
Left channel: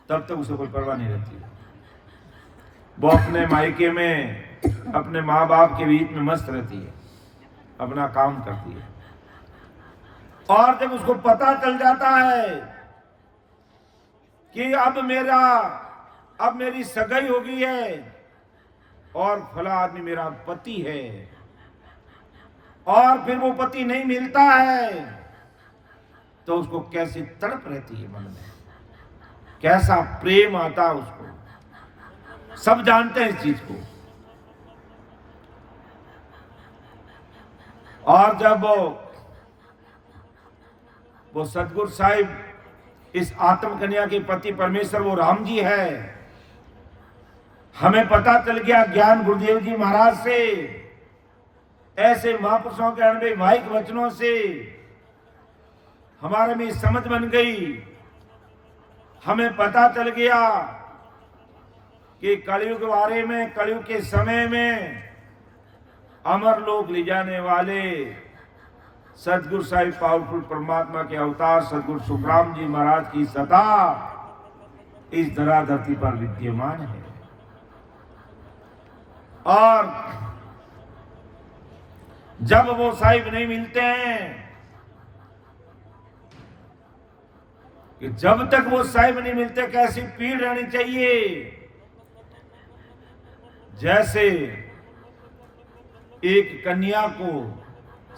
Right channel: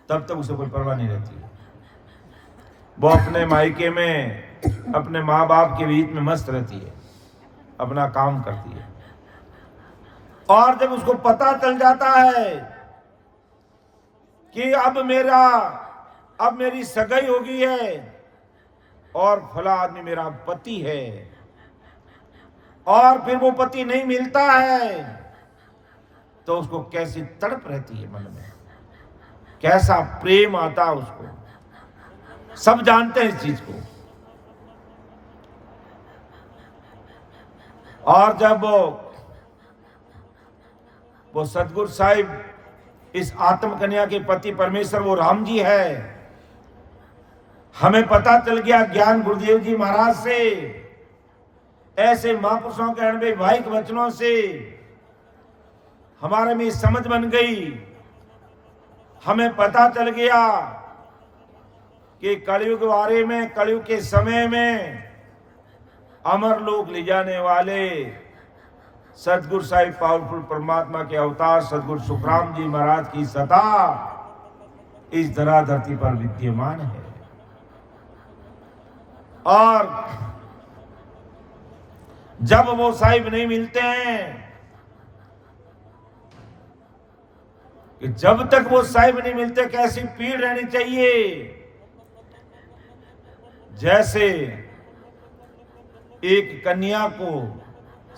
तब तक उसे कोई परवाह नहीं रहती। वो अपने मायके में अपने माँ बाप के बीच में मस्त रहती है, अपना काम करती है, और जब उसको पता चल जाता है कि अब मेरी सगाई हो गई है और फला आदमी मेरा पति है, और फिर वो पति नहीं मिलता है, तो उसको कैसी तड़प रहती है मन में, कैसा प्रेम आता उसको। सब जानते हैं इस चीज को। और जब वो सतगुरु साहिब इस आत्म कन्या के पति परमेश्वर वो राम जी है, हमें पता चल गया ज्ञान गुरुदेव जी महाराज से, ऐसे महापुरुषों के अनुभवाहिक वचनों से हमारे में समझ बन गई। हमें पता चल गया कि कलयुग बारे में, कलयुग के समय में अमर लोक ले जाने वाले सतगुरु साहिब पावरफुल परमात्मा के अवतार सतगुरु सुखराम जी महाराज की सत्ता इस धरा धरती पर विद्यमान है। और जब वो साहिब नहीं मिलते हैं, कि जब तक वो साहिब नहीं मिलते कैसी पीड़ रहनी चाहिए। जैसे एक कन्या को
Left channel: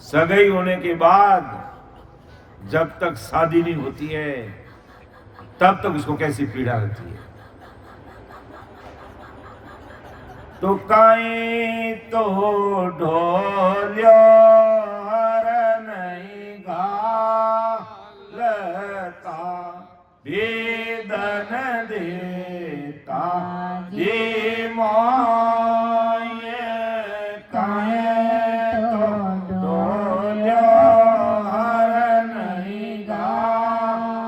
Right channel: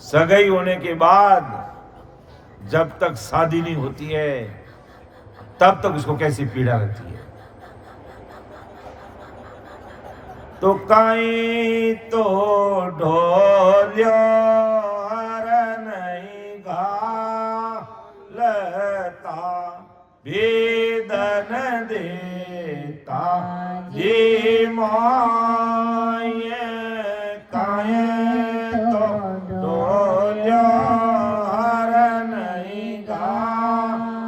सगाई होने के बाद जब तक शादी नहीं होती है तब तक उसको कैसी पीड़ा रहती है। तो काई तो ढोलियो हर नहीं घालता वेदन देता ये माये काए तो ढोलियो हर नहीं घालता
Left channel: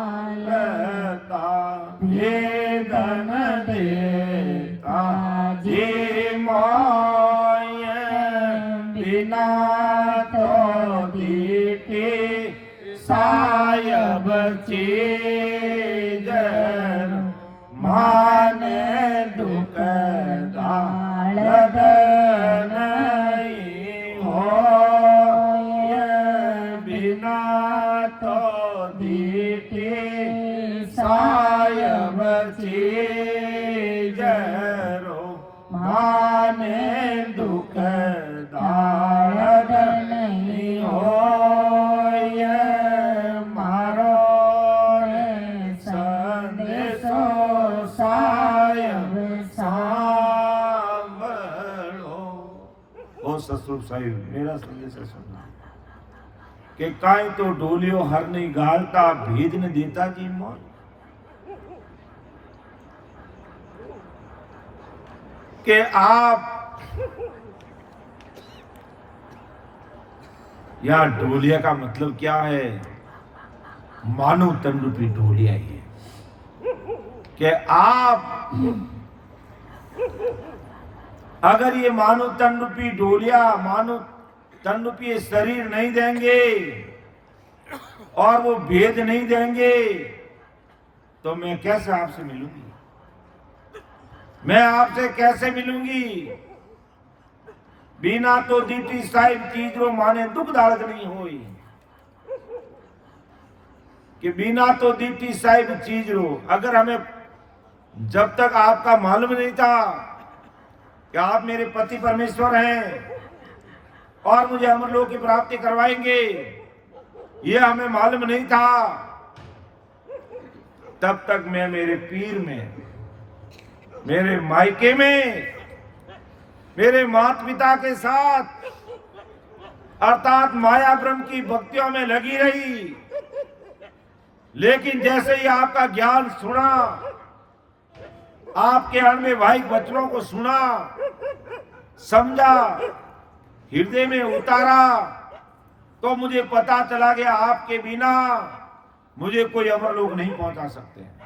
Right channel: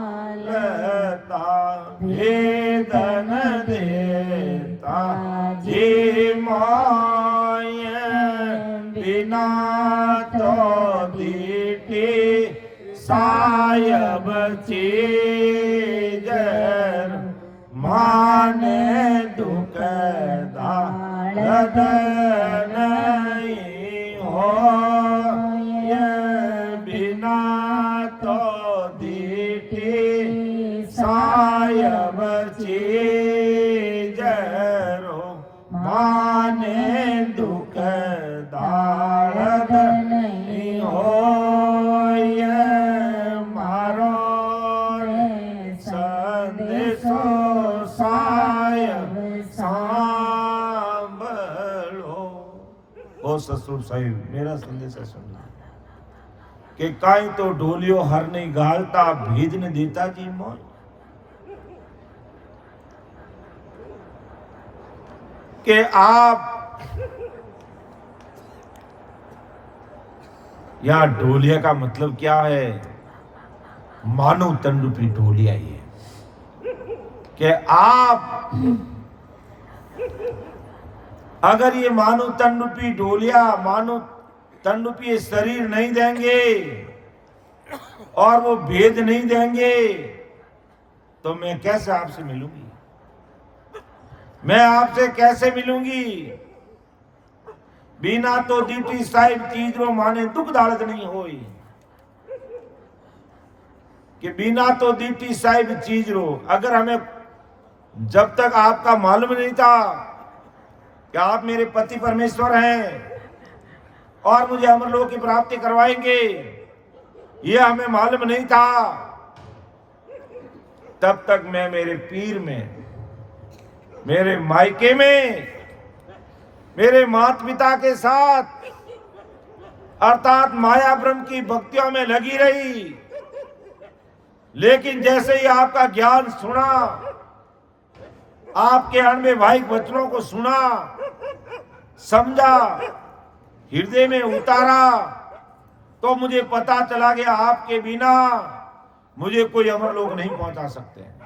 वेदन देता ये माये बिना तो दीटी सायब चीजर माने दुख दारद नहीं हो ये बिना तो चीजरो माने दुख दारद नहीं होय मारो संदेशो सायब सांभलो। ओ ससुर साहिब मेरा संदेश है समझो कि काई तो ढोलियो हर नहीं गालता भेद न देता जी मोय। कि आप या ढोलिया का मतलब क्या है? मानव तन रूपी ढोलिया ही है कि आप अगर ये मानव तन रूपी ढोलिया मानव तन रूपी शरीर नहीं देंगे और वो भेद नहीं देंगे तो मैं कैसे आपसे मिलूंगी? मैं आपसे कैसे मिलूंगी? बिना तो दीटी साहिब चीजरो माने दुख दालत नहीं होई। कि बिना तो दीटी साहिब चीजरो, अगर हमें जब तक आपका मालूम नहीं था कि आप मेरे पति परमेश्वर हैं और मुझे अमरलोक की प्राप्ति करवाएंगे, यह हमें मालूम नहीं था, तब तक मैं मेरे पीर में, मेरे मायके में, मेरे माता पिता के साथ अर्थात माया ब्रह्म की भक्तियों में लगी रही। लेकिन जैसे ही आपका ज्ञान सुना, आपके अणवैवाहिक वचनों को सुना, समझा, हृदय में उतारा, तो मुझे पता चला कि आपके बिना मुझे कोई अमरलोक नहीं पहुंचा सकते हैं।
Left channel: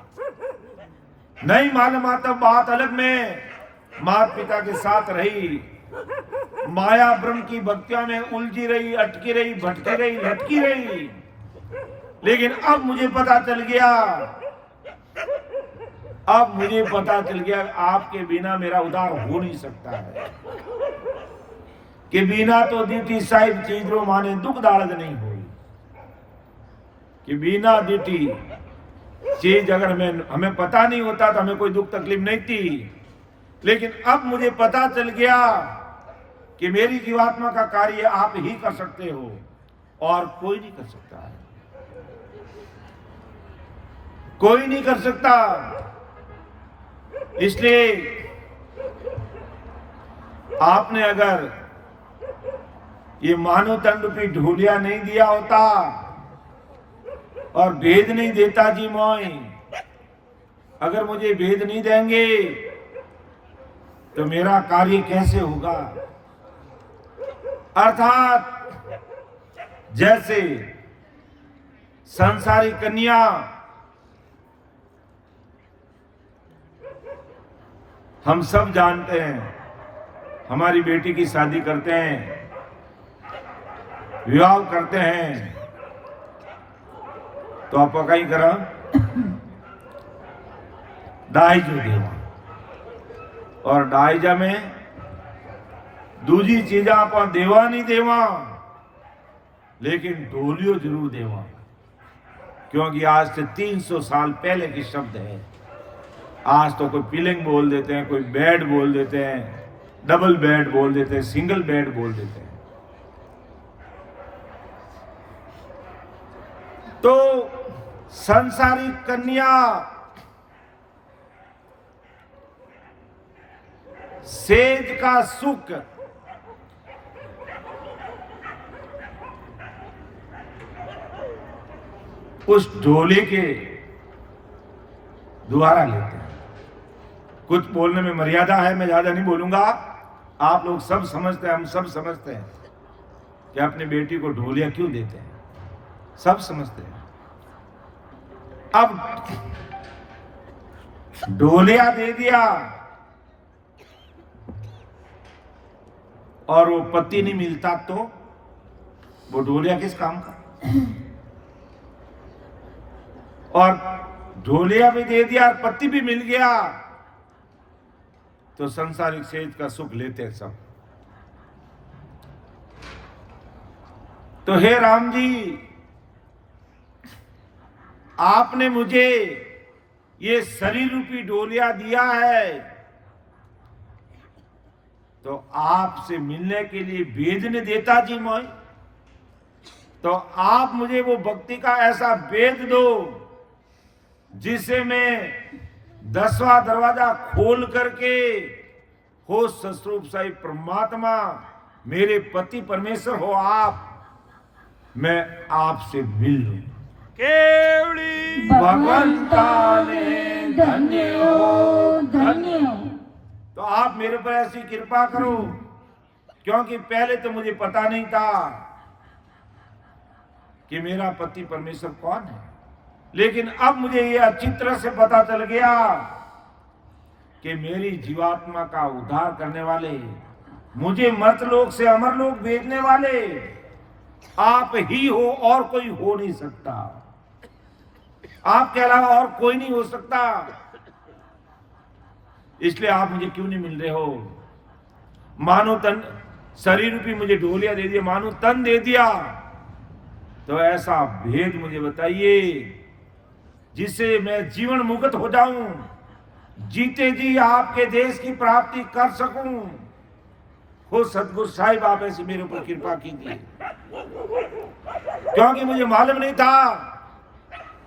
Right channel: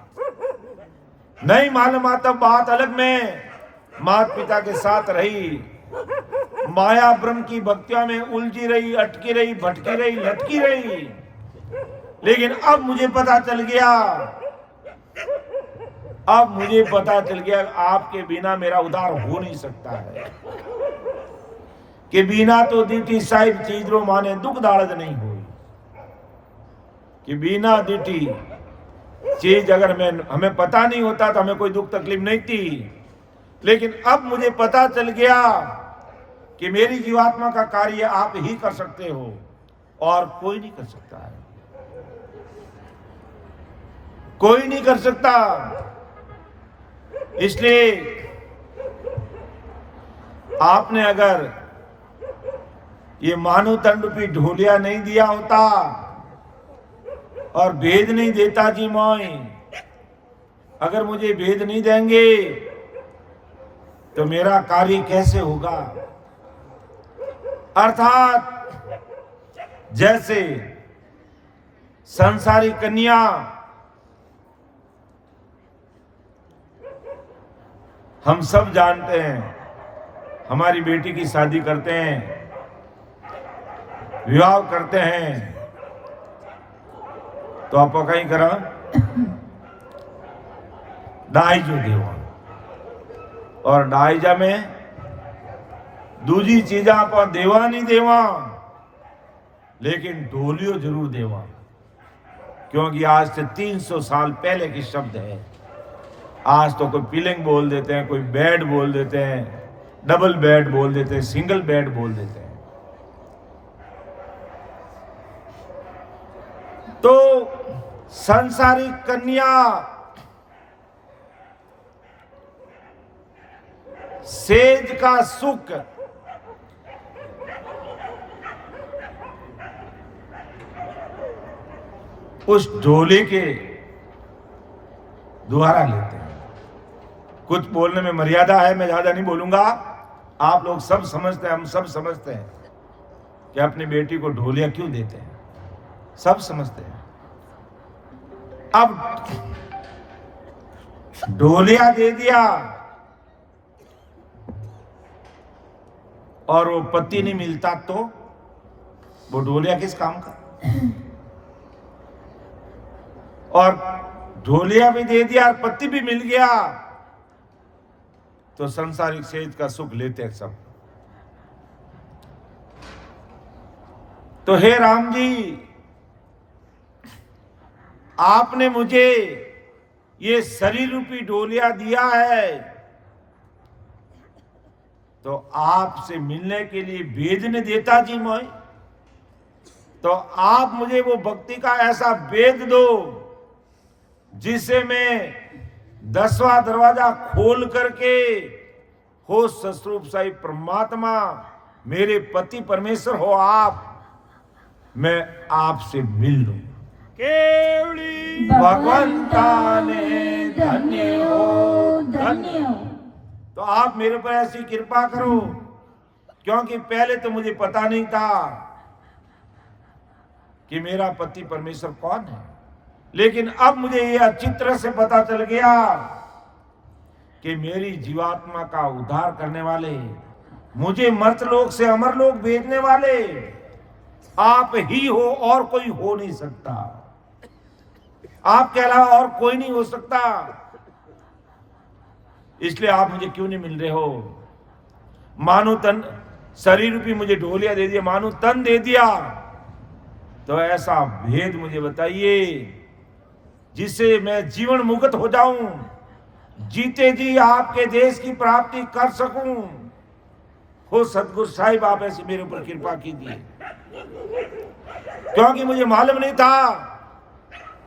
नहीं मालूम आता बात अलग में माता पिता के साथ रही, माया ब्रह्म की भक्तियों में उलझी रही, अटकी रही, भटकी रही, लटकी रही। लेकिन अब मुझे पता चल गया, अब मुझे पता चल गया आपके बिना मेरा उद्धार हो नहीं सकता है। कि बिना तो दीटी साहिब चीजरो माने दुख दालत नहीं हुई। कि बिना दीटी चीज अगर हमें पता नहीं होता तो हमें कोई दुख तकलीफ नहीं थी। लेकिन अब मुझे पता चल गया कि मेरी जीवात्मा का कार्य आप ही कर सकते हो और कोई नहीं कर सकता है, कोई नहीं कर सकता। इसलिए आपने अगर ये मानव तन रूपी ढोलिया नहीं दिया होता और भेद नहीं देता जी मोय, अगर मुझे भेद नहीं देंगे तो मेरा कार्य कैसे होगा? अर्थात जैसे संसारी कन्या हम सब जानते हैं, हमारी बेटी की शादी करते हैं, विवाह करते हैं, तो आप कहीं करा डाइजो देवा और डाइजा में दूजी चीजा आप देवा नहीं देवा, लेकिन ढोलियो जरूर देवा, क्योंकि आज से 300 साल पहले की शब्द है। आज तो कोई पिलिंग बोल देते हैं, कोई बेड बोल देते हैं, डबल बेड बोल देते हैं, सिंगल बेड बोल देते हैं। तो संसारिक कन्या सेज का सुख उस ढोले के द्वारा लेते हैं। कुछ बोलने में मर्यादा है, मैं ज्यादा नहीं बोलूंगा। आप लोग सब समझते हैं, हम सब समझते हैं कि अपनी बेटी को ढोलिया क्यों देते हैं, सब समझते हैं। अब ढोलिया दे दिया और वो पति नहीं मिलता तो वो ढोलिया किस काम का? और ढोलिया भी दे दिया और पति भी मिल गया तो संसारिक सेज का सुख लेते हैं सब। तो हे राम जी, आपने मुझे ये शरीर रूपी डोलिया दिया है, तो आपसे मिलने के लिए वेद ने देता जी मोय, तो आप मुझे वो भक्ति का ऐसा वेद दो जिसे मैं 10वां दरवाजा खोल करके हो सस्वरूप साई परमात्मा मेरे पति परमेश्वर हो आप, मैं आपसे मिल लूं। केवली भगवंता ने धन्य हो, धन्य हो। तो आप मेरे पर ऐसी कृपा करो, क्योंकि पहले तो मुझे पता नहीं था कि मेरा पति परमेश्वर कौन है, लेकिन अब मुझे ये अच्छी तरह से पता चल गया कि मेरी जीवात्मा का उद्धार करने वाले, मुझे मर्तलोक से अमरलोक भेजने वाले आप ही हो, और कोई हो नहीं सकता। आपके अलावा और कोई नहीं हो सकता। इसलिए आप मुझे क्यों नहीं मिल रहे हो? मानो तन शरीर रूपी मुझे ढोलिया दे दिया, मानो तन दे दिया, तो ऐसा भेद मुझे बताइए जिससे मैं जीवन मुक्त हो जाऊं, जीते जी आपके देश की प्राप्ति कर सकूं। हो सतगुरु साहिब, आप ऐसी मेरे ऊपर कृपा कीजिए, क्योंकि मुझे मालूम नहीं था,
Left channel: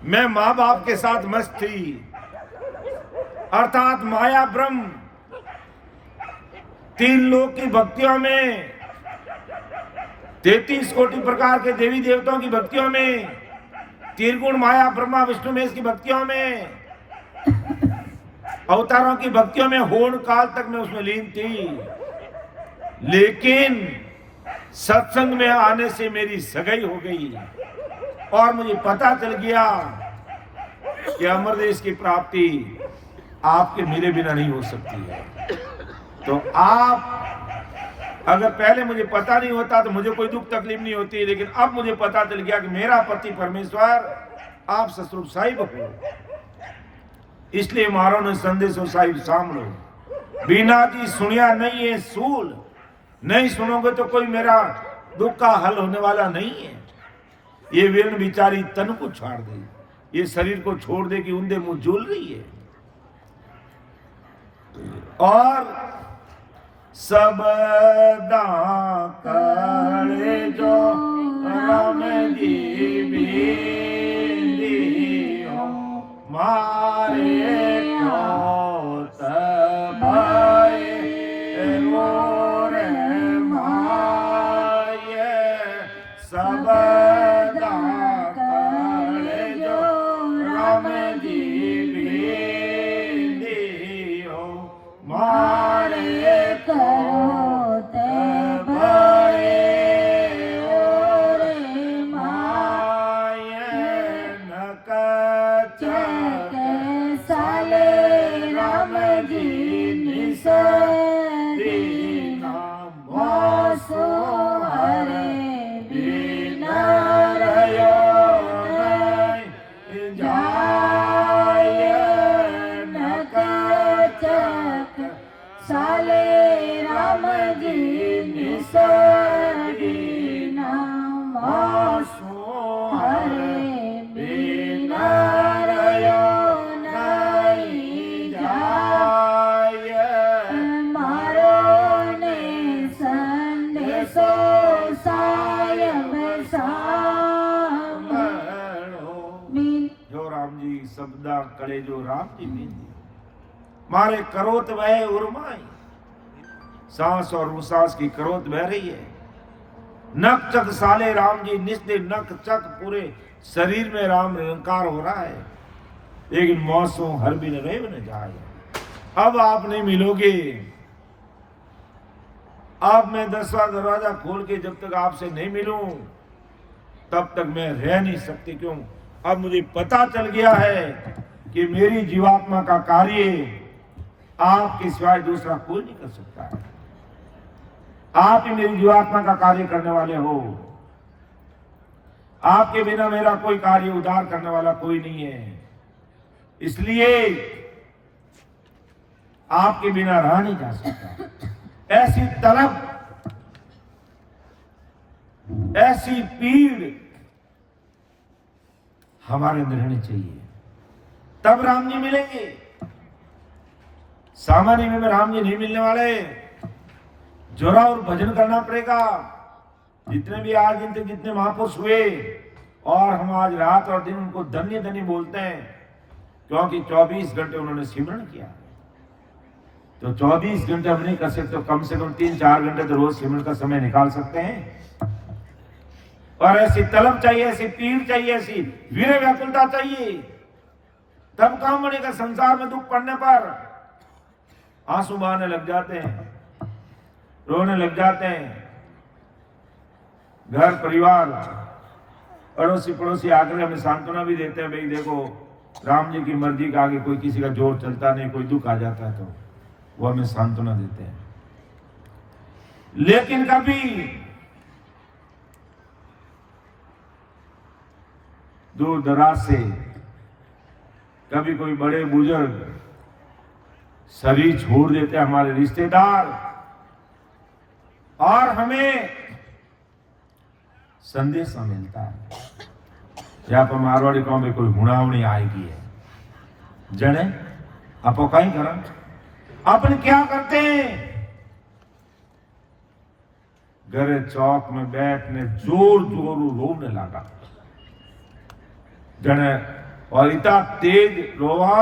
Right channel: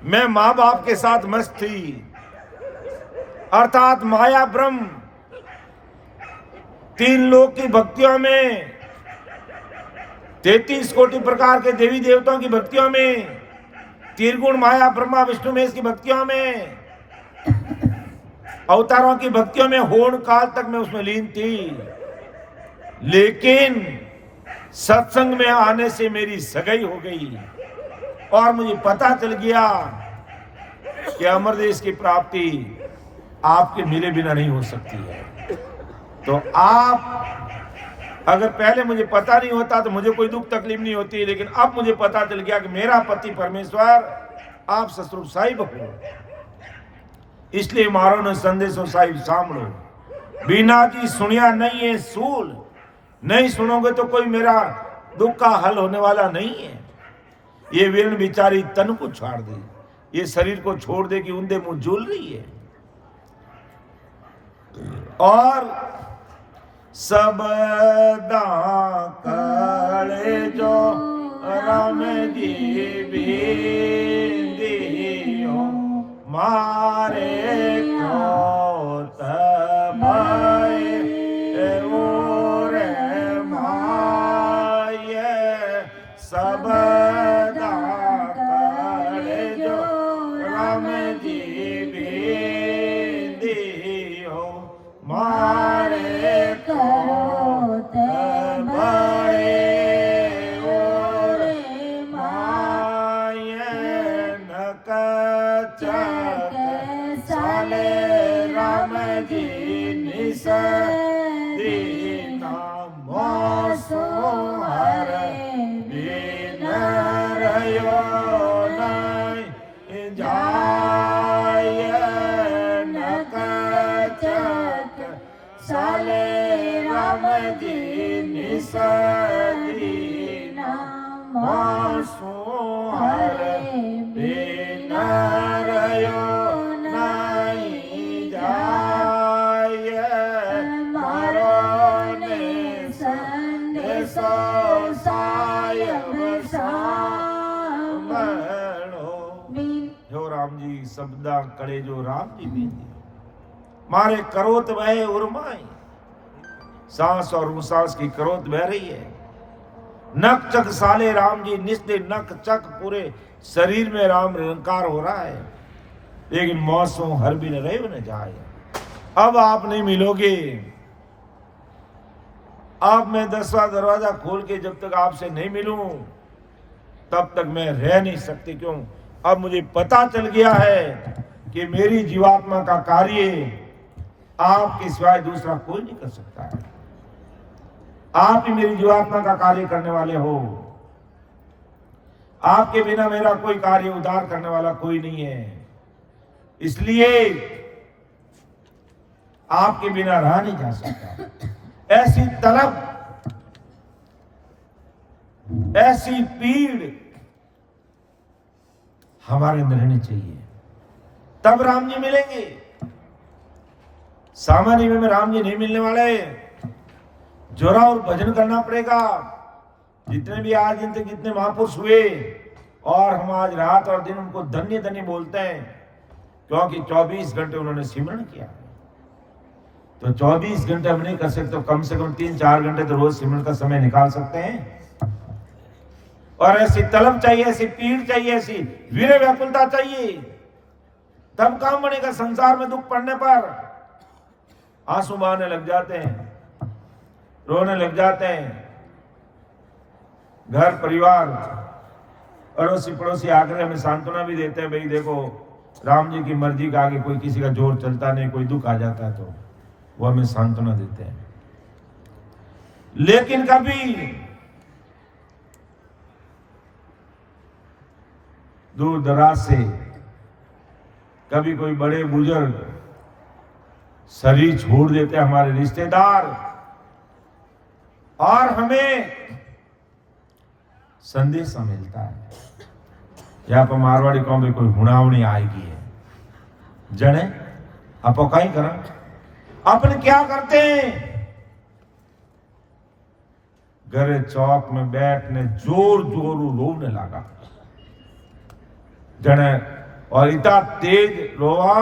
मैं मां बाप के साथ मस्त थी, अर्थात माया ब्रह्म, 3 लोक की भक्तियों में, 33 कोटि प्रकार के देवी देवताओं की भक्तियों में, त्रिगुण माया ब्रह्मा विष्णु महेश की भक्तियों में, अवतारों की भक्तियों में होड़ काल तक मैं उसमें लीन थी। लेकिन सत्संग में आने से मेरी सगाई हो गई और मुझे पता चल गया कि अमरदेश की प्राप्ति आपके मिले बिना नहीं हो सकती है। तो आप, अगर पहले मुझे पता नहीं होता तो मुझे कोई दुख तकलीफ नहीं होती, लेकिन अब मुझे पता चल गया कि मेरा पति परमेश्वर आप सतरूप साहिब हो। इसलिए मारो ने संदेशो साहिब सामलो, बिना जी सुनिया नहीं है सूल, नहीं सुनोगे तो कोई मेरा दुख का हल होने वाला नहीं है। ये वीर्ण बिचारी तन को छोड़ दे, ये शरीर को छोड़ दे कि उन्दे मुंह झूल रही है। और सबदा कले जो राम जी बीदियो, मारे क्रोध भय ओरे माये, सबदा कले जो राम जी बीदियो, मारे क्रोध भय ओरे माये, नकचक साले राम जी निस दीना, मोसो हर बिन रयो नहीं जाय, नकचक साले राम जी निस दीना, मोसो हर बिन रयो नहीं जाय, मारो ने संदेशो साहिब सांभळो। जो राम जी शब्दा कड़े जो राम जी बींदी, मारे करोत वह उर्माई, सांस और उसास की करोत बह रही है। नक चक साले राम जी निस्ते नक चक पूरे शरीर में राम निरंकार हो रहा है, लेकिन मौसम हर भी रहे न जाए। अब आप नहीं मिलोगे, अब मैं 10वां दरवाजा खोल के जब तक आपसे नहीं मिलूं तब तक मैं रह नहीं सकती। क्यों? अब मुझे पता चल गया है कि मेरी जीवात्मा का कार्य आपके सिवाय दूसरा कोई नहीं कर सकता है। आप ही मेरी जीवात्मा का कार्य करने वाले हो। आपके बिना मेरा कोई कार्य उद्धार करने वाला कोई नहीं है। इसलिए आपके बिना रहा नहीं जा सकता। ऐसी तलब, ऐसी पीड़ हमारे अंदर रहनी चाहिए। तब राम जी मिलेंगे। सामान्य में राम जी नहीं मिलने वाले। जोरा और भजन करना पड़ेगा। जितने भी आज दिन तक जितने महापुरुष हुए, और हम आज रात और दिन उनको धन्य धन्य बोलते हैं, क्योंकि 24 घंटे उन्होंने सिमरण किया। तो 24 घंटे हम नहीं कर सकते, तो कम से कम 3-4 घंटे तो रोज सिमरण का समय निकाल सकते हैं। और ऐसी तलब चाहिए, ऐसी पीड़ चाहिए, ऐसी वीर व्याकुलता चाहिए, तब काम बनेगा। संसार में दुख पड़ने पर आंसू बहाने लग जाते हैं, रोने लग जाते हैं। घर परिवार अड़ोसी पड़ोसी आकर हमें सांत्वना भी देते हैं, भाई देखो राम जी की मर्जी का आगे कोई किसी का जोर चलता नहीं, कोई दुख आ जाता है तो वो हमें सांत्वना देते हैं। लेकिन कभी दूर दराज से कभी कोई बड़े बुजुर्ग शरीर छोड़ देते हैं, हमारे रिश्तेदार, और हमें संदेश मिलता है। यहाँ पर मारवाड़ी कौम में कोई हुणावणी आएगी है, जने आप कहीं करें, अपन क्या करते हैं, घरे चौक में बैठने जोर जोर रोने लगा जने, और इतना तेज रोवा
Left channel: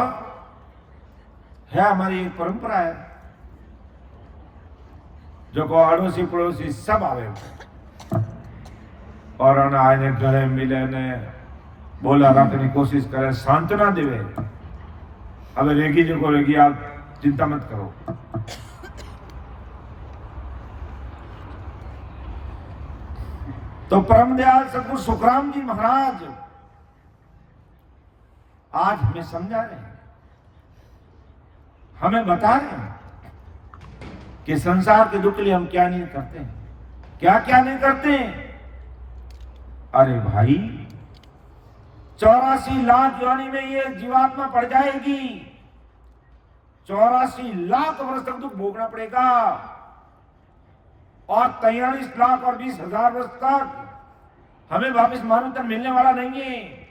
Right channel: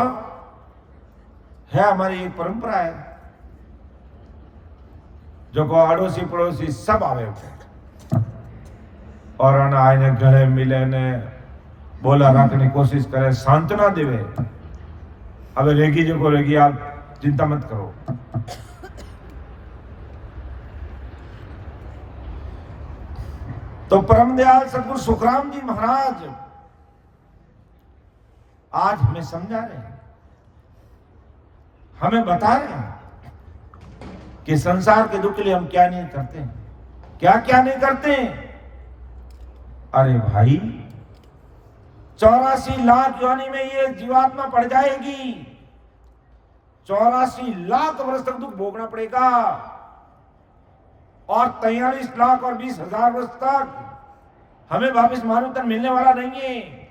है। हमारी एक परंपरा है, जो को अड़ोसी पड़ोसी सब आवे और आने गले मिले ने बोला रखने की कोशिश करे, सांत्वना देवे। अब रेगी जो को रेगी, आप चिंता मत करो। तो परम दयाल सतगुरु सुखराम जी महाराज आज हमें समझा रहे हैं, हमें बता रहे हैं कि संसार के दुख के लिए हम क्या नहीं करते हैं, क्या क्या नहीं करते हैं। अरे भाई 84 लाख योनि में ये जीवात्मा पड़ जाएगी, 84 लाख वर्ष तक दुख भोगना पड़ेगा, और 43 लाख और 20,000 वर्ष तक हमें वापस मानव तन मिलने वाला नहीं है।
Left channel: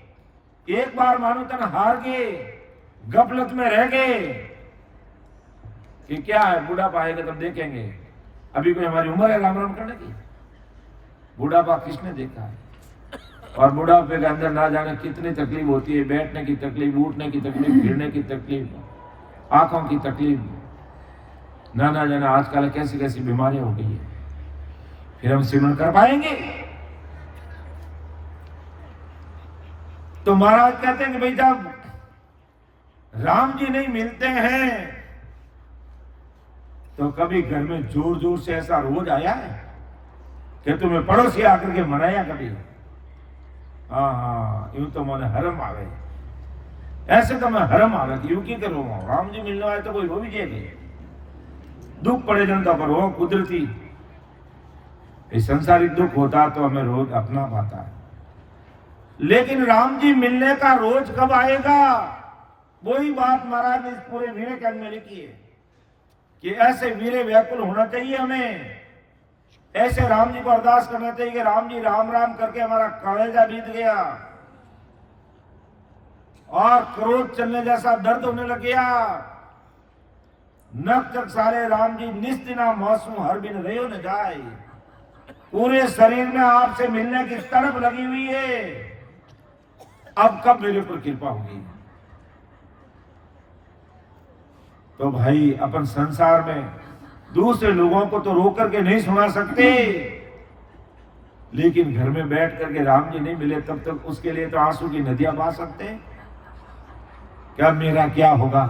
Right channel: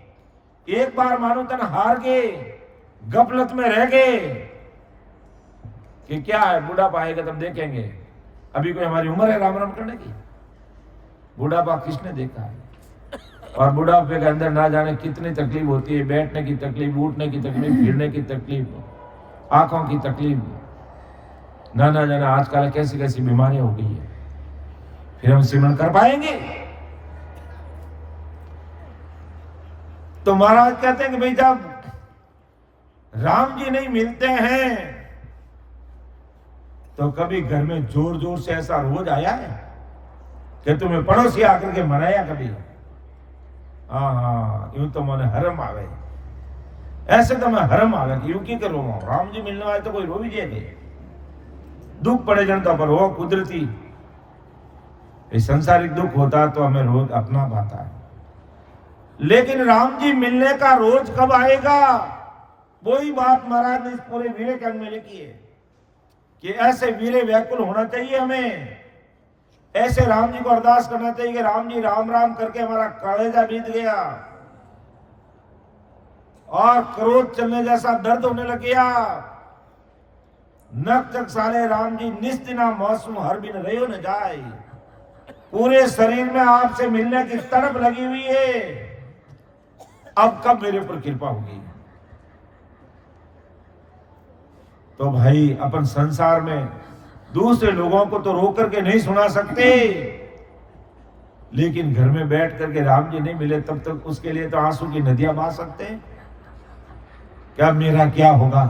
एक बार मानव तन हार गए, गफलत में रह गए कि क्या है, बुढ़ापा आएगा तब देखेंगे। अभी कोई हमारी उम्र है राम राम करने की? बुढ़ापा किसने देखा है? और बुढ़ापे के अंदर ना जाने कितनी तकलीफ होती है, बैठने की तकलीफ, उठने की तकलीफ, फिरने की तकलीफ, आंखों की तकलीफ, ना जाने आजकल कैसी कैसी बीमारियां हो गई है। फिर हम सिमरण कर पाएंगे? तो महाराज कहते हैं कि भाई जब राम जी नहीं मिलते हैं तो कभी घर में जोर जोर से ऐसा रोज आया है कि तुम्हें पड़ोसी आकर के मनाया कभी? हाँ, यूं तो मैंने हरम आवे, ऐसे तो मैं हरम आवे कि यूं की करो, राम जी मिलने वाले तो कोई रो भी जाएगा। दुख पड़े जनता पर हो कुदरती, संसारिक दुख होता तो हमें रोज अपना पाता है। लेकिन राम जी मिलने का रोज कब आएगा? वही बात महाराज ने इस पूरे विवेकानंद में लिखी है कि ऐसे वीरे व्याकुल होना चाहिए हमें। ऐसे राम जी को अरदास करना चाहिए कि राम जी राम राम करके हमारा कलेजा बीत गया और क्रोध चलने जैसा दर्द होने लग गया। नक तक सारे राम जी निस्तिना मौसम हर बिन रहो न जाए। पूरे शरीर में आपसे मिलने की तड़प लगी हुई है। अब कब मेरे ऊपर कृपा होगी? तो भाई अपन संसार में दूसरे लोगों को तो रोक करके नहीं सुना सकते, लेकिन घर में बैठ करके राम जी नहीं मिले तब तक उसके लिए तो आंसू की नदियां बहा सकते हैं। क्या मेरा क्या होगा?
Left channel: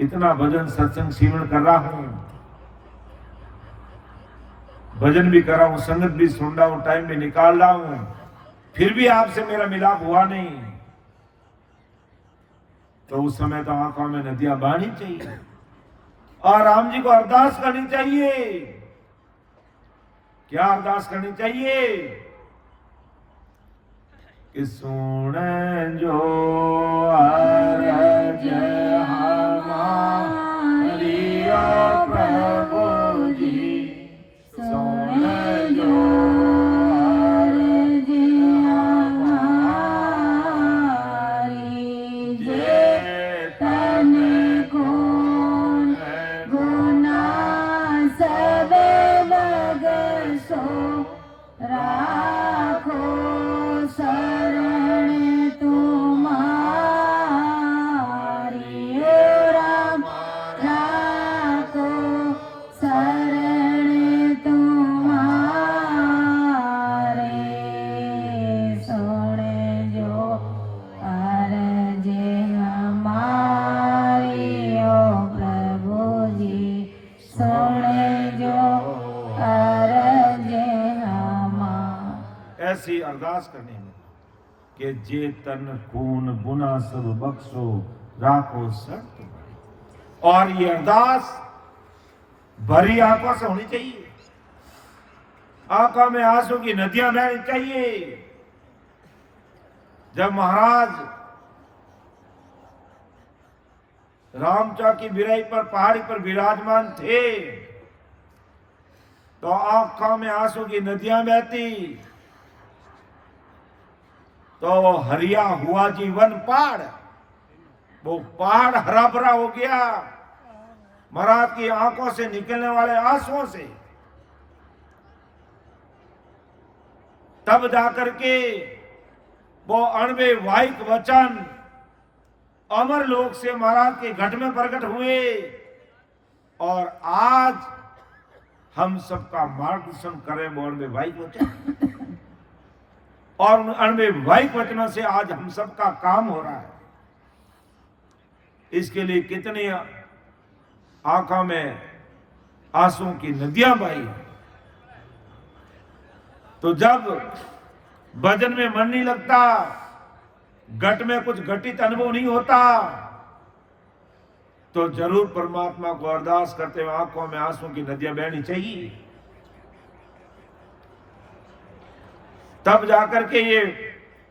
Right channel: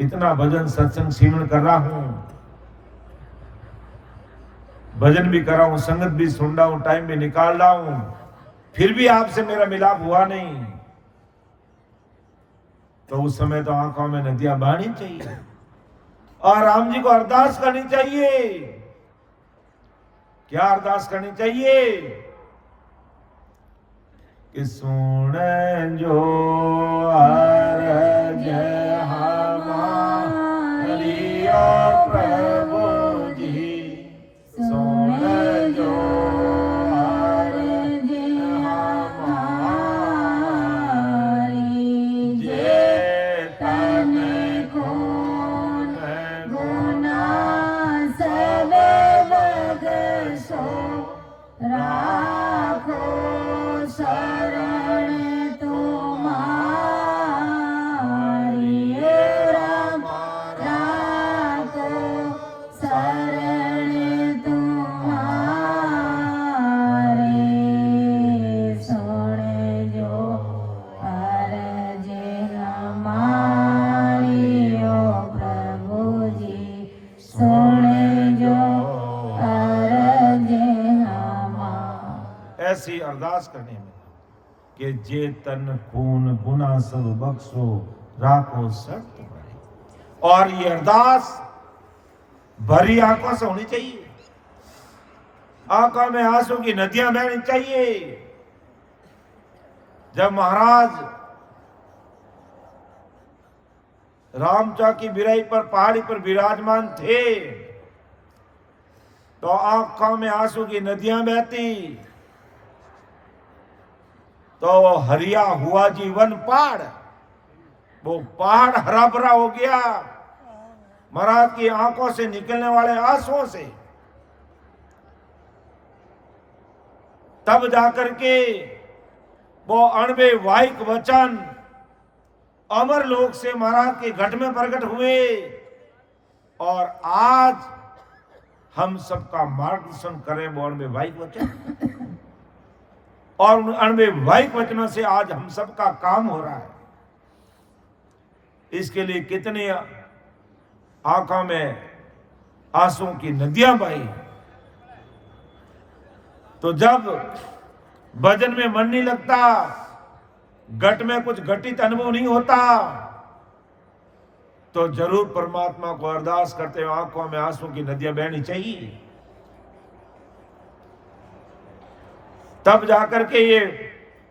इतना भजन सत्संग सिमरन कर रहा हूं, भजन भी कर रहा हूं, संगत भी सुन रहा हूं, टाइम भी निकाल रहा हूं, फिर भी आपसे मेरा मिलाप हुआ नहीं, तो उस समय तो आंखों में नदियां बहनी चाहिए और राम जी को अरदास करनी चाहिए। क्या अरदास करनी चाहिए? कि सुन जो अरज हमारी प्रभु जी, सुन जो अरज हमारी, अरदास करने में कि जे तन खून गुना सब बख्शो राखो सब तुम्हारी। और ये अरदास भरी आंखों से होनी चाहिए, आंखों में आंसू की नदियां बहनी चाहिए। जब महाराज रामचा की बिराई पर पहाड़ी पर विराजमान थे तो आंखों में आंसू की नदियां बहती, तो हरिया हुआ जीवन पहाड़, वो पहाड़ हरा भरा हो गया महाराज की आंखों से निकलने वाले आंसुओं से। तब जाकर के वो अणवे वाहिक वचन अमर लोक से महाराज के घट में प्रकट हुए और आज हम सबका मार्गदर्शन करें वो अणवे वाहिक वचन। और उन अणवे वाहिक वचनों से आज हम सबका काम हो रहा है। इसके लिए कितनी आंखों में आंसुओं की नदियां बही। तो जब भजन में मन नहीं लगता, घट में कुछ घटित अनुभव नहीं होता, तो जरूर परमात्मा को अरदास करते हुए आंखों में आंसू की नदियां बहनी चाहिए। तब जाकर के ये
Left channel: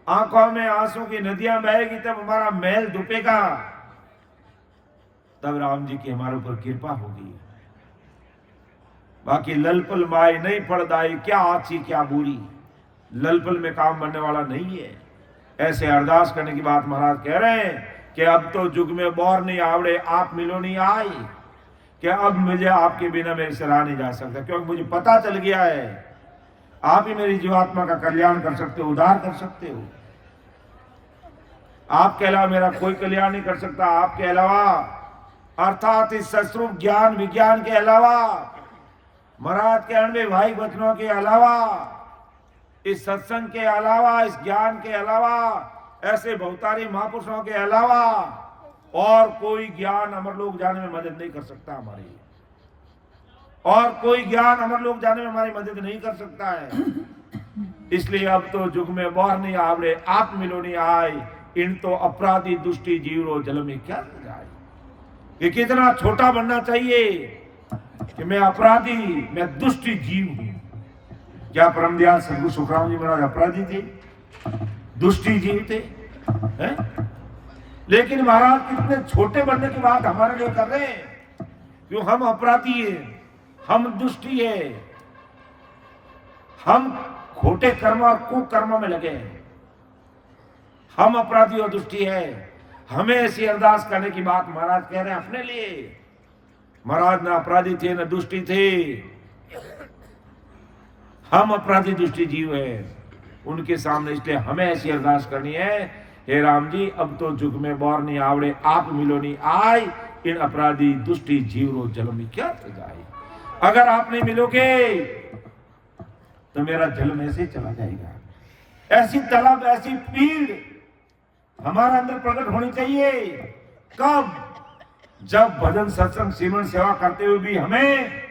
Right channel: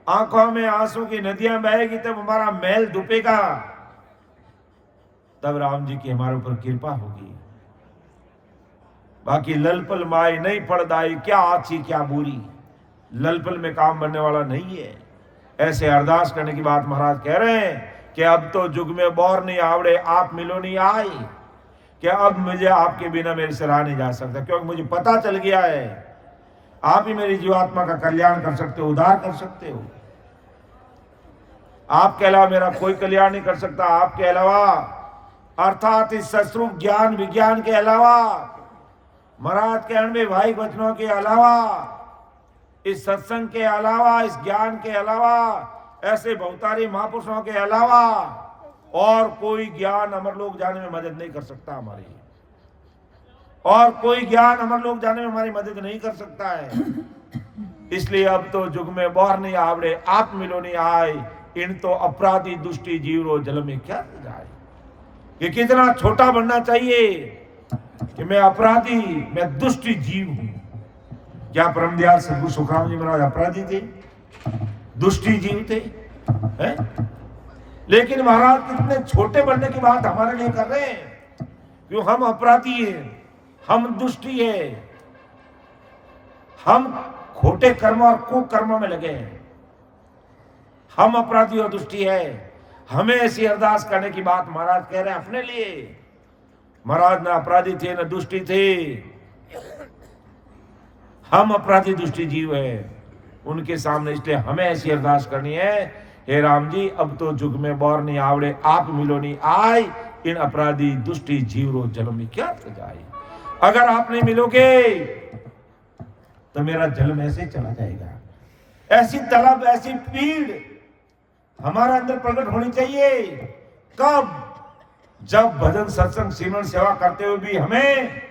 आंखों में आंसू की नदियां बहेगी, तब हमारा मैल धुपेगा, तब राम जी की हमारे ऊपर कृपा होगी। बाकी ललपल माई नहीं फलदाई, क्या अच्छी क्या बुरी, ललपल में काम बनने वाला नहीं है। ऐसे अरदास करने की बात महाराज कह रहे हैं कि अब तो जुग में बोर नहीं आवड़े आप मिलो नहीं आई, कि अब मुझे आपके बिना मेरे से रहा नहीं जा सकता, क्योंकि मुझे पता चल गया है आप ही मेरी जीवात्मा का कल्याण कर सकते हो, उद्धार कर सकते हो। आपके अलावा मेरा कोई कल्याण नहीं कर सकता। आपके अलावा अर्थात इस सस्वरूप ज्ञान विज्ञान के अलावा, महाराज के अणवे भाई वचनों के अलावा, इस सत्संग के अलावा, इस ज्ञान के अलावा, ऐसे बहुतारी महापुरुषों के अलावा और कोई ज्ञान अमरलोक जाने में मदद नहीं कर सकता हमारी, और कोई ज्ञान अमरलोक जाने में हमारी मदद नहीं कर सकता है। इसलिए अब तो जुग में बोर नहीं आवड़े आप मिलो नहीं आए, इन तो अपराधी दुष्टि जीवरो जल में क्या जाए। ये कितना छोटा बनना चाहिए कि मैं अपराधी, मैं दुष्टि जीव हूं। क्या परमदयाल सदगुरु सुखराम जी महाराज अपराधी थे, दुष्टि जीव थे, हैं? लेकिन महाराज कितने छोटे बनने की बात हमारे लिए कर रहे हैं। क्यों हम अपराधी हैं, हम दुष्टि है, हम खोटे कर्म और कुकर्म में लगे हैं, हम अपराधी और दुष्टि है। हमें ऐसी अरदास करने की बात महाराज कह रहे हैं अपने लिए। महाराज न अपराधी थे न दुष्टि थे, हम अपराधी दुष्टि जीव है उनके सामने। इसलिए हमें ऐसी अरदास करनी है, हे राम जी अब तो जुग में बोर नहीं आवड़े आप मिलो नहीं आए, इन अपराधी दुष्टि जीवरो जल में क्या जाए। अगर आप नहीं मिलोगे तो मेरा जन्म ऐसे ही चला जाएगा। ऐसी तलब, ऐसी पीड़ हमारे अंदर प्रकट होनी चाहिए। कब? जब भजन सत्संग सिमरन सेवा करते हुए भी हमें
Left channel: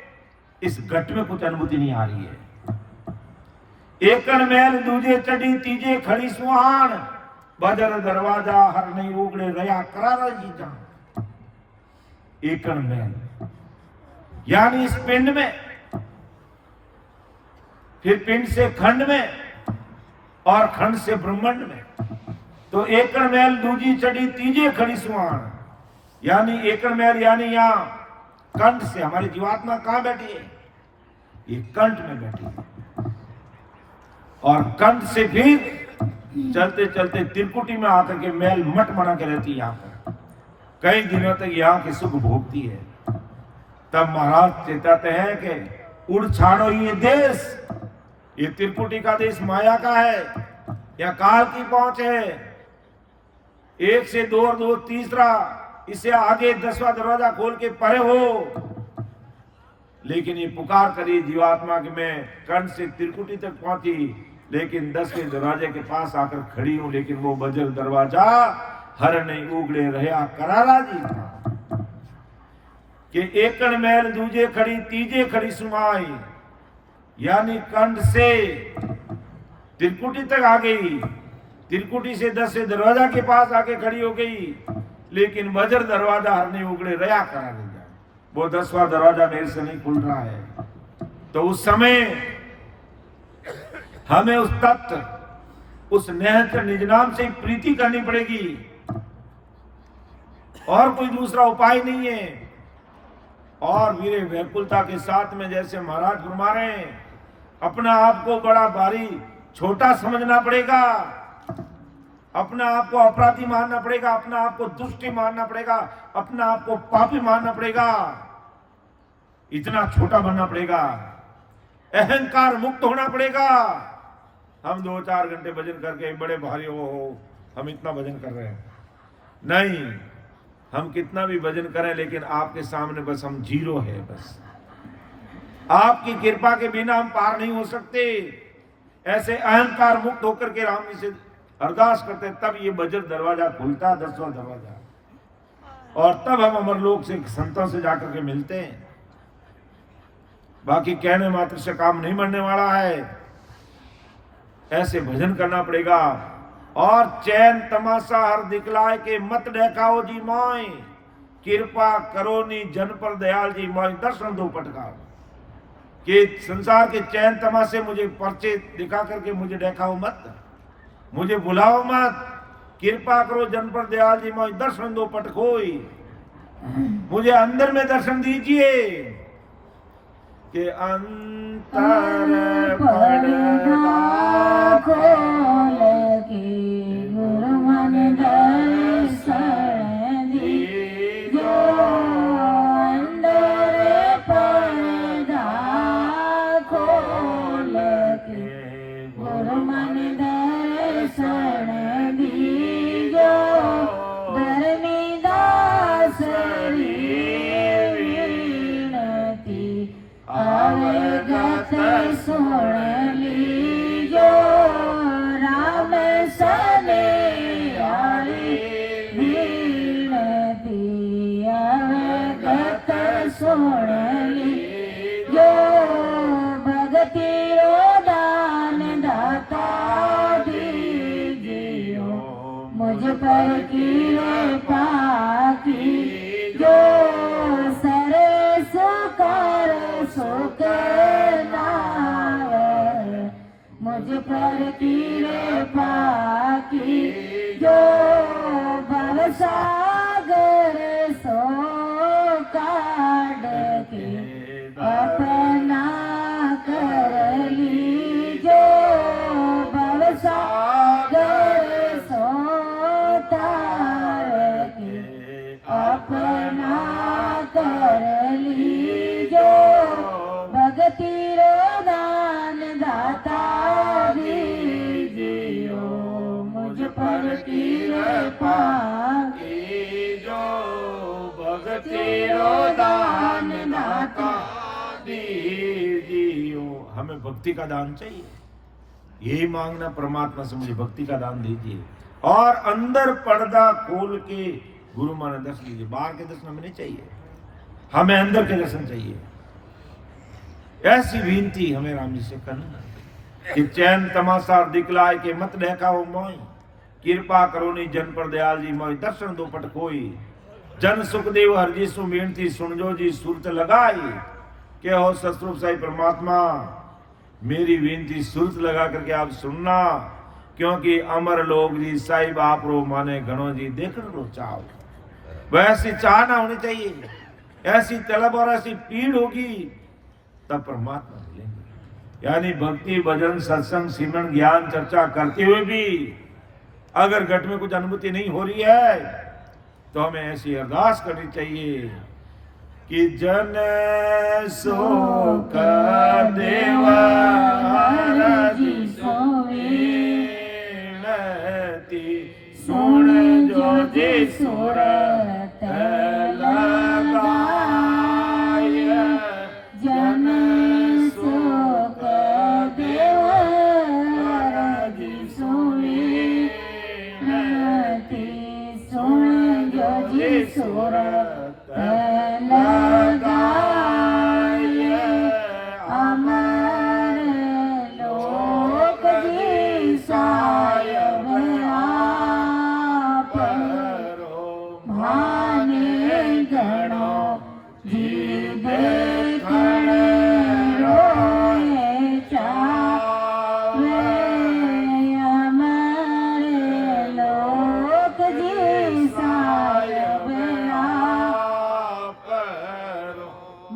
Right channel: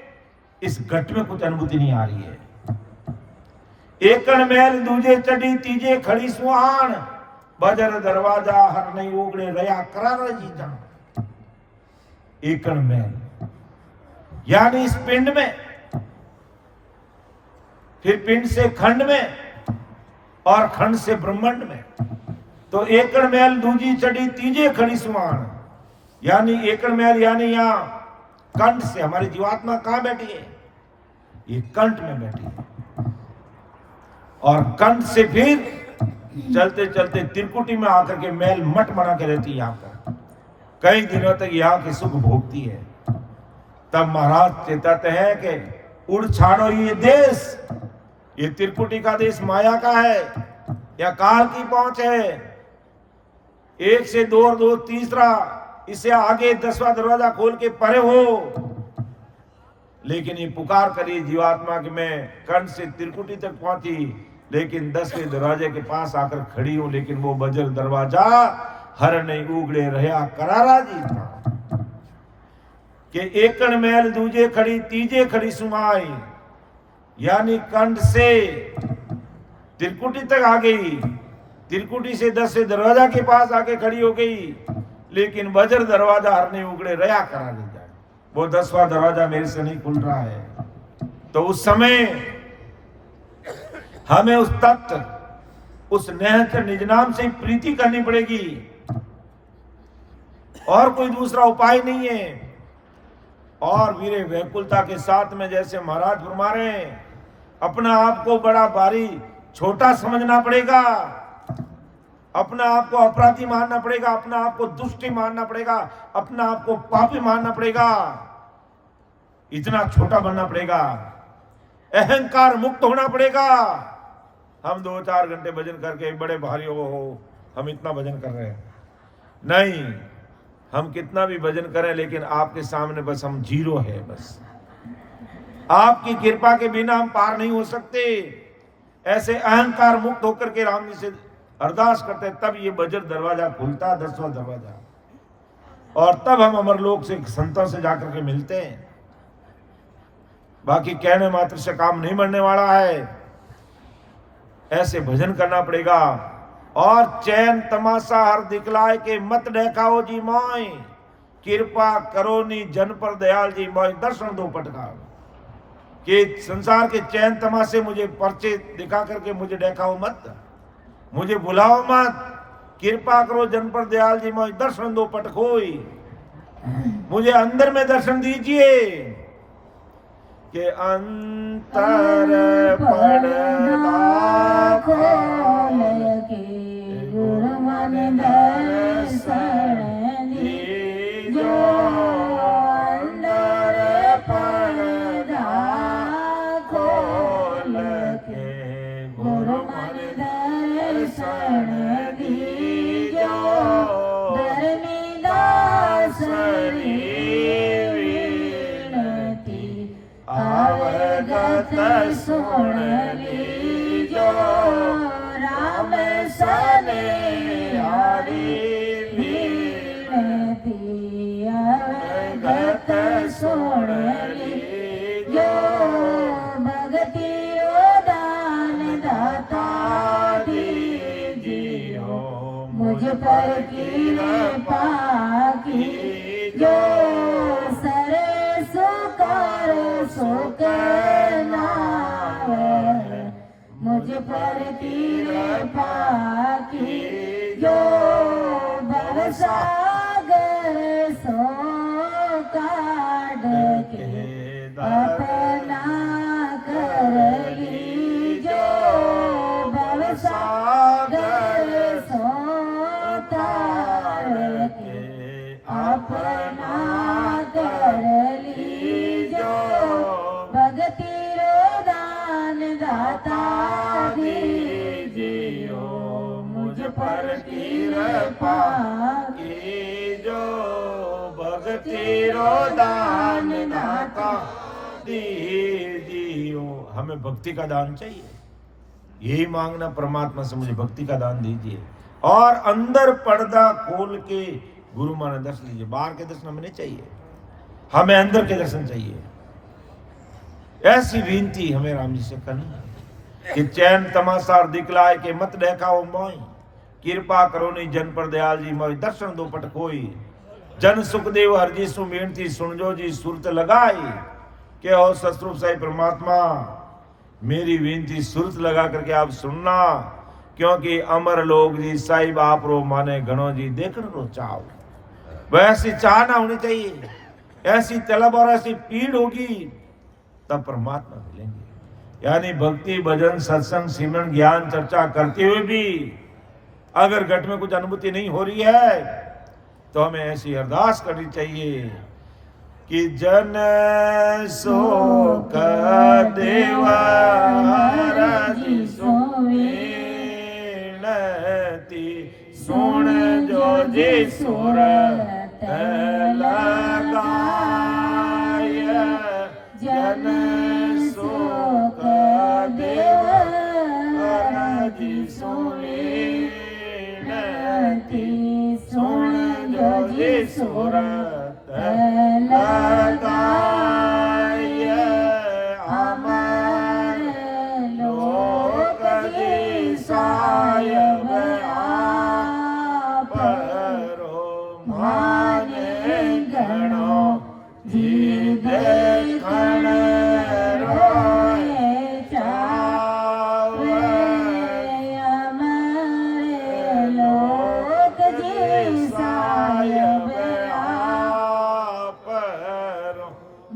इस घट में कुछ अनुभूति नहीं आ रही है। एकण मैल दूजे चढ़ी तीजे खड़ी सुहान, बजर दरवाजा हर नहीं उगड़े रया करारा जी जान। एकण मैल यानी इस पिंड में, फिर पिंड से खंड में और खंड से ब्रह्मांड में। तो एकड़ मैल दूजी चढ़ी तीजे खड़ी सुहान, यानी एकड़ मैल यानी यहां कंठ से हमारी जीवात्मा कहां बैठी है? ये कंठ में बैठी है। और कंठ से फिर चलते चलते त्रिकुटी में आकर के मैल मठ बना के रहती है। यहां पर कई दिनों तक यहां के सुख भोगती है। तब महाराज चेताते हैं कि उड़ छाड़ो ये देश, ये त्रिकुटी का देश माया का है, या काल की पहुंच है। एक से दो और दो तीसरा, इससे आगे 10वां दरवाजा खोल के परे हो। लेकिन ये पुकार करी जीवात्मा कि मैं कंठ से त्रिकुटी तक पहुंची, लेकिन 10वें दरवाजे के पास आकर खड़ी हूं, लेकिन वो बजल दरवाजा हर नहीं उगड़े रहा करारा जी था। कि एकण मैल दूजे खड़ी तीजे खड़ी सुमाई, यानी कंठ से त्रिकुटी तक आ गई, त्रिकुटी से 10 दरवाजा के पास आके खड़ी हो गई, लेकिन वज्र दरवाजा हरने उगड़े रया करा ले जाए, वो 10वां दरवाजा मेरे से नहीं खुल रहा है। तो उस समय हमें उस तत्व, उस निहंचर निज नाम से प्रीति करनी पड़ेगी, और कोई दूसरा उपाय नहीं है। और वीरे व्याकुलता के साथ में जैसे महाराज फरमा रहे हैं, अपना आप को बड़ा भारी छोटा समझना पड़ेगा, अपना आप को अपराधी मानना पड़ेगा, अपना आप को दुष्टी मानना पड़ेगा, अपना आप को पापी मानना पड़ेगा, इतना छोटा बनना पड़ेगा, अहंकार मुक्त होना पड़ेगा। हम 2-4 घंटे भजन करके बड़े भारी हो, हम इतना भजन कर रहे हैं, नहीं, हम कितना भी भजन करें लेकिन आपके सामने बस हम जीरो है। बस आपकी कृपा के बिना हम पार नहीं हो सकते। ऐसे अहंकार मुक्त होकर के राम जी से अरदास करते, तब ये वज्र दरवाजा खुलता है, 10वां दरवाजा, और तब हम अमरलोक से संतों से जाकर के मिलते हैं। बाकी कहने मात्र से काम नहीं बनने वाला है, ऐसे भजन करना पड़ेगा। और चैन तमाशा हर दिखलाए के मत देखाओ जी मोय, कृपा करो नी जन पर दयाल जी मोय, दर्शन दो पटकाओ। कि संसार के चैन तमाशे मुझे पर्चे दिखा करके मुझे देखाओ मत, मुझे बुलाओ मत, कृपा करो जन पर दयाल जी मोय, दर्शन दो पटकोई, मुझे अंदर में दर्शन दीजिए। के अंतर पड़ता गुरु मन दर्शन दीजो, अंदर पड़ता खोल के गुरु मन दर्शन दीजो, धर्मीदास अवगत सुन लीजो, राम सने हरि विनती, अवगत सुन लीजो, भगति दान दाता दीजियो, मुझ पर कृपा कीजो, मुझ पर कृपा कीजो, भवसागर सो काढ़ के अपना कर लीजो, भवसागर सो तार के अपना कर लीजो, भगति दान दाता दीजियो, मुझ पर कृपा कीजो, भगति दान दाता दीजियो। हमें भक्ति का दान चाहिए, यही मांगना परमात्मा से, मुझे भक्ति का दान दीजिए। और अंदर पर्दा खोल के गुरु माने दर्शन दीजिए। बाहर के दर्शन हमें नहीं चाहिए, हमें अंदर के दर्शन चाहिए। ऐसी विनती हमें राम जी से करनी कि चैन तमाशा दिखलाए के मत देखाओ मोय, कृपा करो नहीं जन पर दयाल जी मोय, दर्शन दो पटकोई, जन सुखदेव हर जी सु बेनती सुनजो जी सुरत लगाई, के हो सतरूप साई परमात्मा, मेरी विनती सुरत लगा करके आप सुनना, क्योंकि अमर लोग जी साहिब आप रो माने घणो जी देखण रो चाव। वैसी चाहना होनी चाहिए, ऐसी तलब और ऐसी पीड़ होगी तब परमात्मा मिलेंगे। यानी भक्ति भजन सत्संग सिमरन ज्ञान चर्चा करते हुए भी अगर घट में कुछ अनुभूति नहीं हो रही है तो हमें ऐसी अरदास करनी चाहिए कि जन शोक देव हरि सुन जो जी सुरत लगाय, जन शोक देव हरि सुनती, सुन जो जी सुरत लगाय, हमारे लोक जी माने घणो जी देखण रोए चावे हमारे लोक जी सायब आप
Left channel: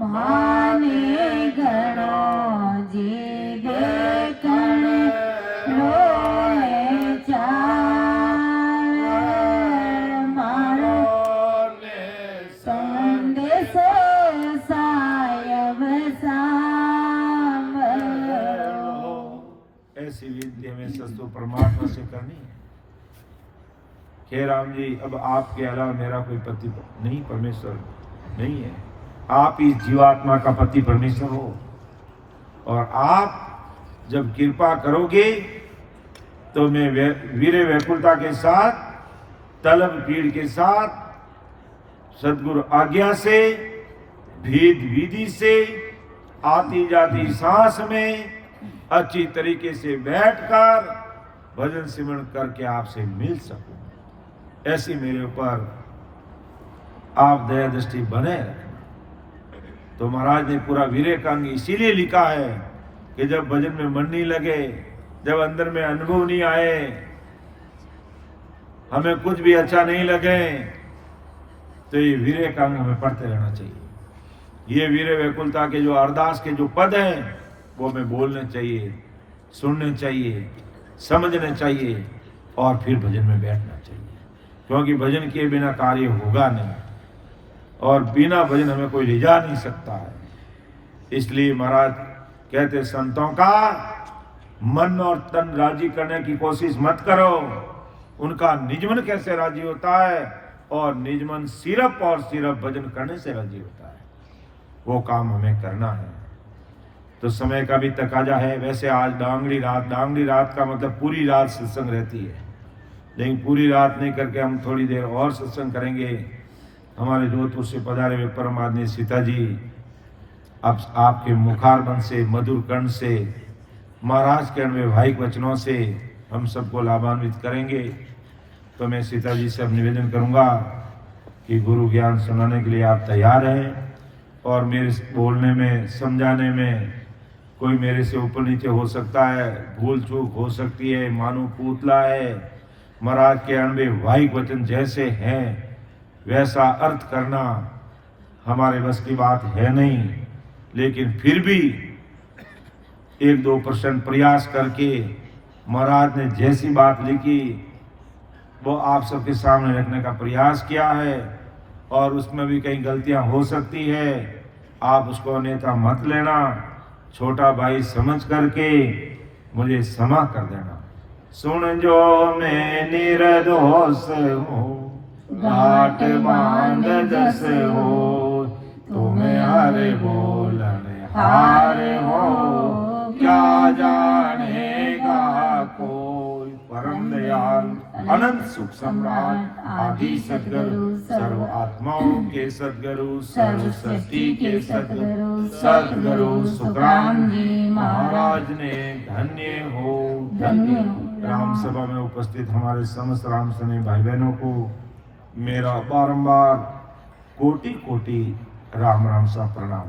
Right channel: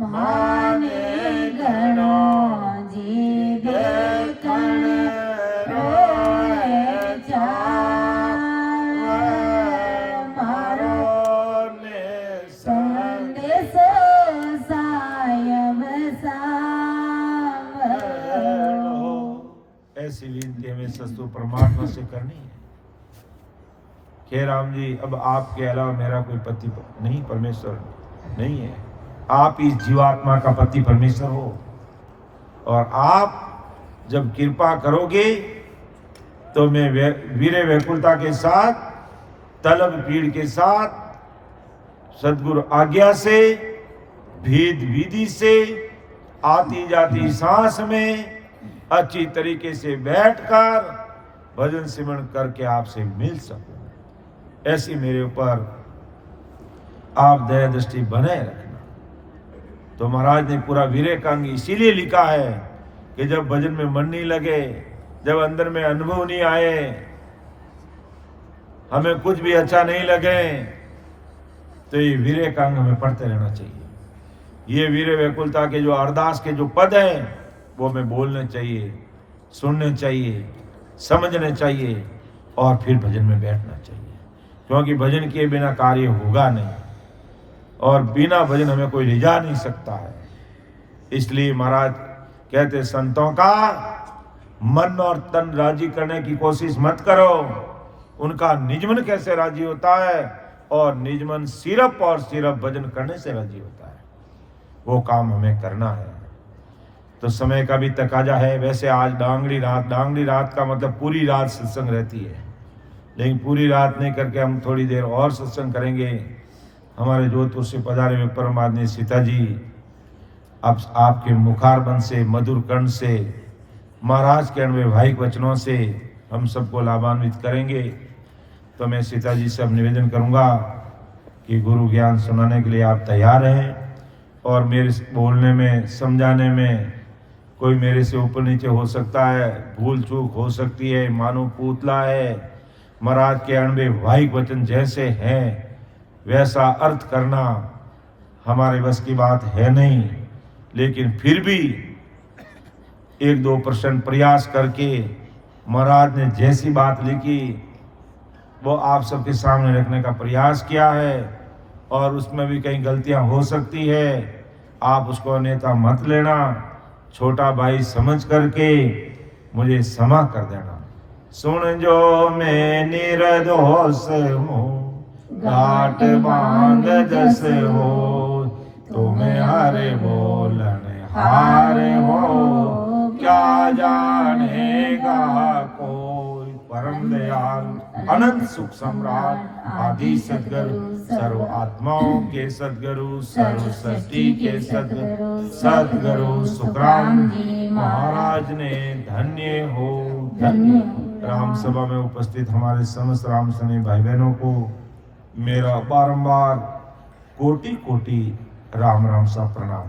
माने घणो जी देखण रोए चावे मारो ने संदेश सायब हो। ऐसी विनती हमें सस्तु परमात्मा से करनी है। हे राम जी, अब आपके अलावा मेरा कोई पति नहीं, परमेश्वर नहीं है। आप इस जीवात्मा का पति परमेश्वर हो, और आप जब कृपा करोगे तो मैं वीरे व्याकुलता के साथ, तलब पीड़ के साथ, सदगुरु आज्ञा से, भेद विधि से, आती जाती सांस में अच्छी तरीके से बैठकर भजन सिमरन करके आपसे मिल सकूं। ऐसी मेरे ऊपर आप दया दृष्टि बनाए रखना। तो महाराज ने पूरा वीरेकांग इसीलिए लिखा है कि जब भजन में मन नहीं लगे, जब अंदर में अनुभव नहीं आए, हमें कुछ भी अच्छा नहीं लगे, तो ये वीरेकांग हमें पढ़ते रहना चाहिए। ये वीरे व्याकुलता के जो अरदास के जो पद हैं वो हमें बोलने चाहिए, सुनने चाहिए, समझने चाहिए, और फिर भजन में बैठना चाहिए। क्योंकि भजन के बिना कार्य होगा नहीं, और बिना भजन हमें कोई ले जा नहीं सकता है। इसलिए महाराज कहते संतों का मन और तन राजी करने की कोशिश मत करो। उनका निजमन कैसे राजी होता है, और निजमन सिर्फ और सिर्फ भजन करने से राजी होता है। वो काम हमें करना है। तो समय का भी तकाजा है। वैसे आज डांगड़ी रात का मतलब पूरी रात सत्संग रहती है, लेकिन पूरी रात नहीं करके हम थोड़ी देर और सत्संग करेंगे। हमारे जोधपुर से पधारे हुए परम आदरणीय सीता जी अब आपके मुखारबंद से, मधुर कंठ से, महाराज के वैवाहिक वचनों से हम सबको लाभान्वित करेंगे। तो मैं सीता जी से अब निवेदन करूंगा कि गुरु ज्ञान सुनाने के लिए आप तैयार हैं, और मेरे बोलने में, समझाने में कोई मेरे से ऊपर नीचे हो सकता है, भूल चूक हो सकती है, मानो पुतला है। महाराज के वैवाहिक वचन जैसे हैं वैसा अर्थ करना हमारे बस की बात है नहीं, लेकिन फिर भी 1-2% प्रयास करके महाराज ने जैसी बात लिखी वो आप सबके सामने रखने का प्रयास किया है। और उसमें भी कई गलतियां हो सकती है, आप उसको अन्यथा मत लेना। छोटा भाई समझ करके मुझे क्षमा कर देना। सुन जो मैं निर्दोष हूँ, घाट बांध जस हो, तुम्हें हरे बोलन हार हो, क्या जानेगा कोई। परम दयाल अनंत सुख सम्राट आदि सद्गुरु, सर्व आत्माओं के सद्गुरु, सर्व सृष्टि के सद्गुरु सुखराम जी महाराज ने धन्य हो, धन्य। राम सभा में उपस्थित हमारे समस्त राम सने भाई बहनों को मेरा बारंबार कोटि कोटि राम राम सा प्रणाम।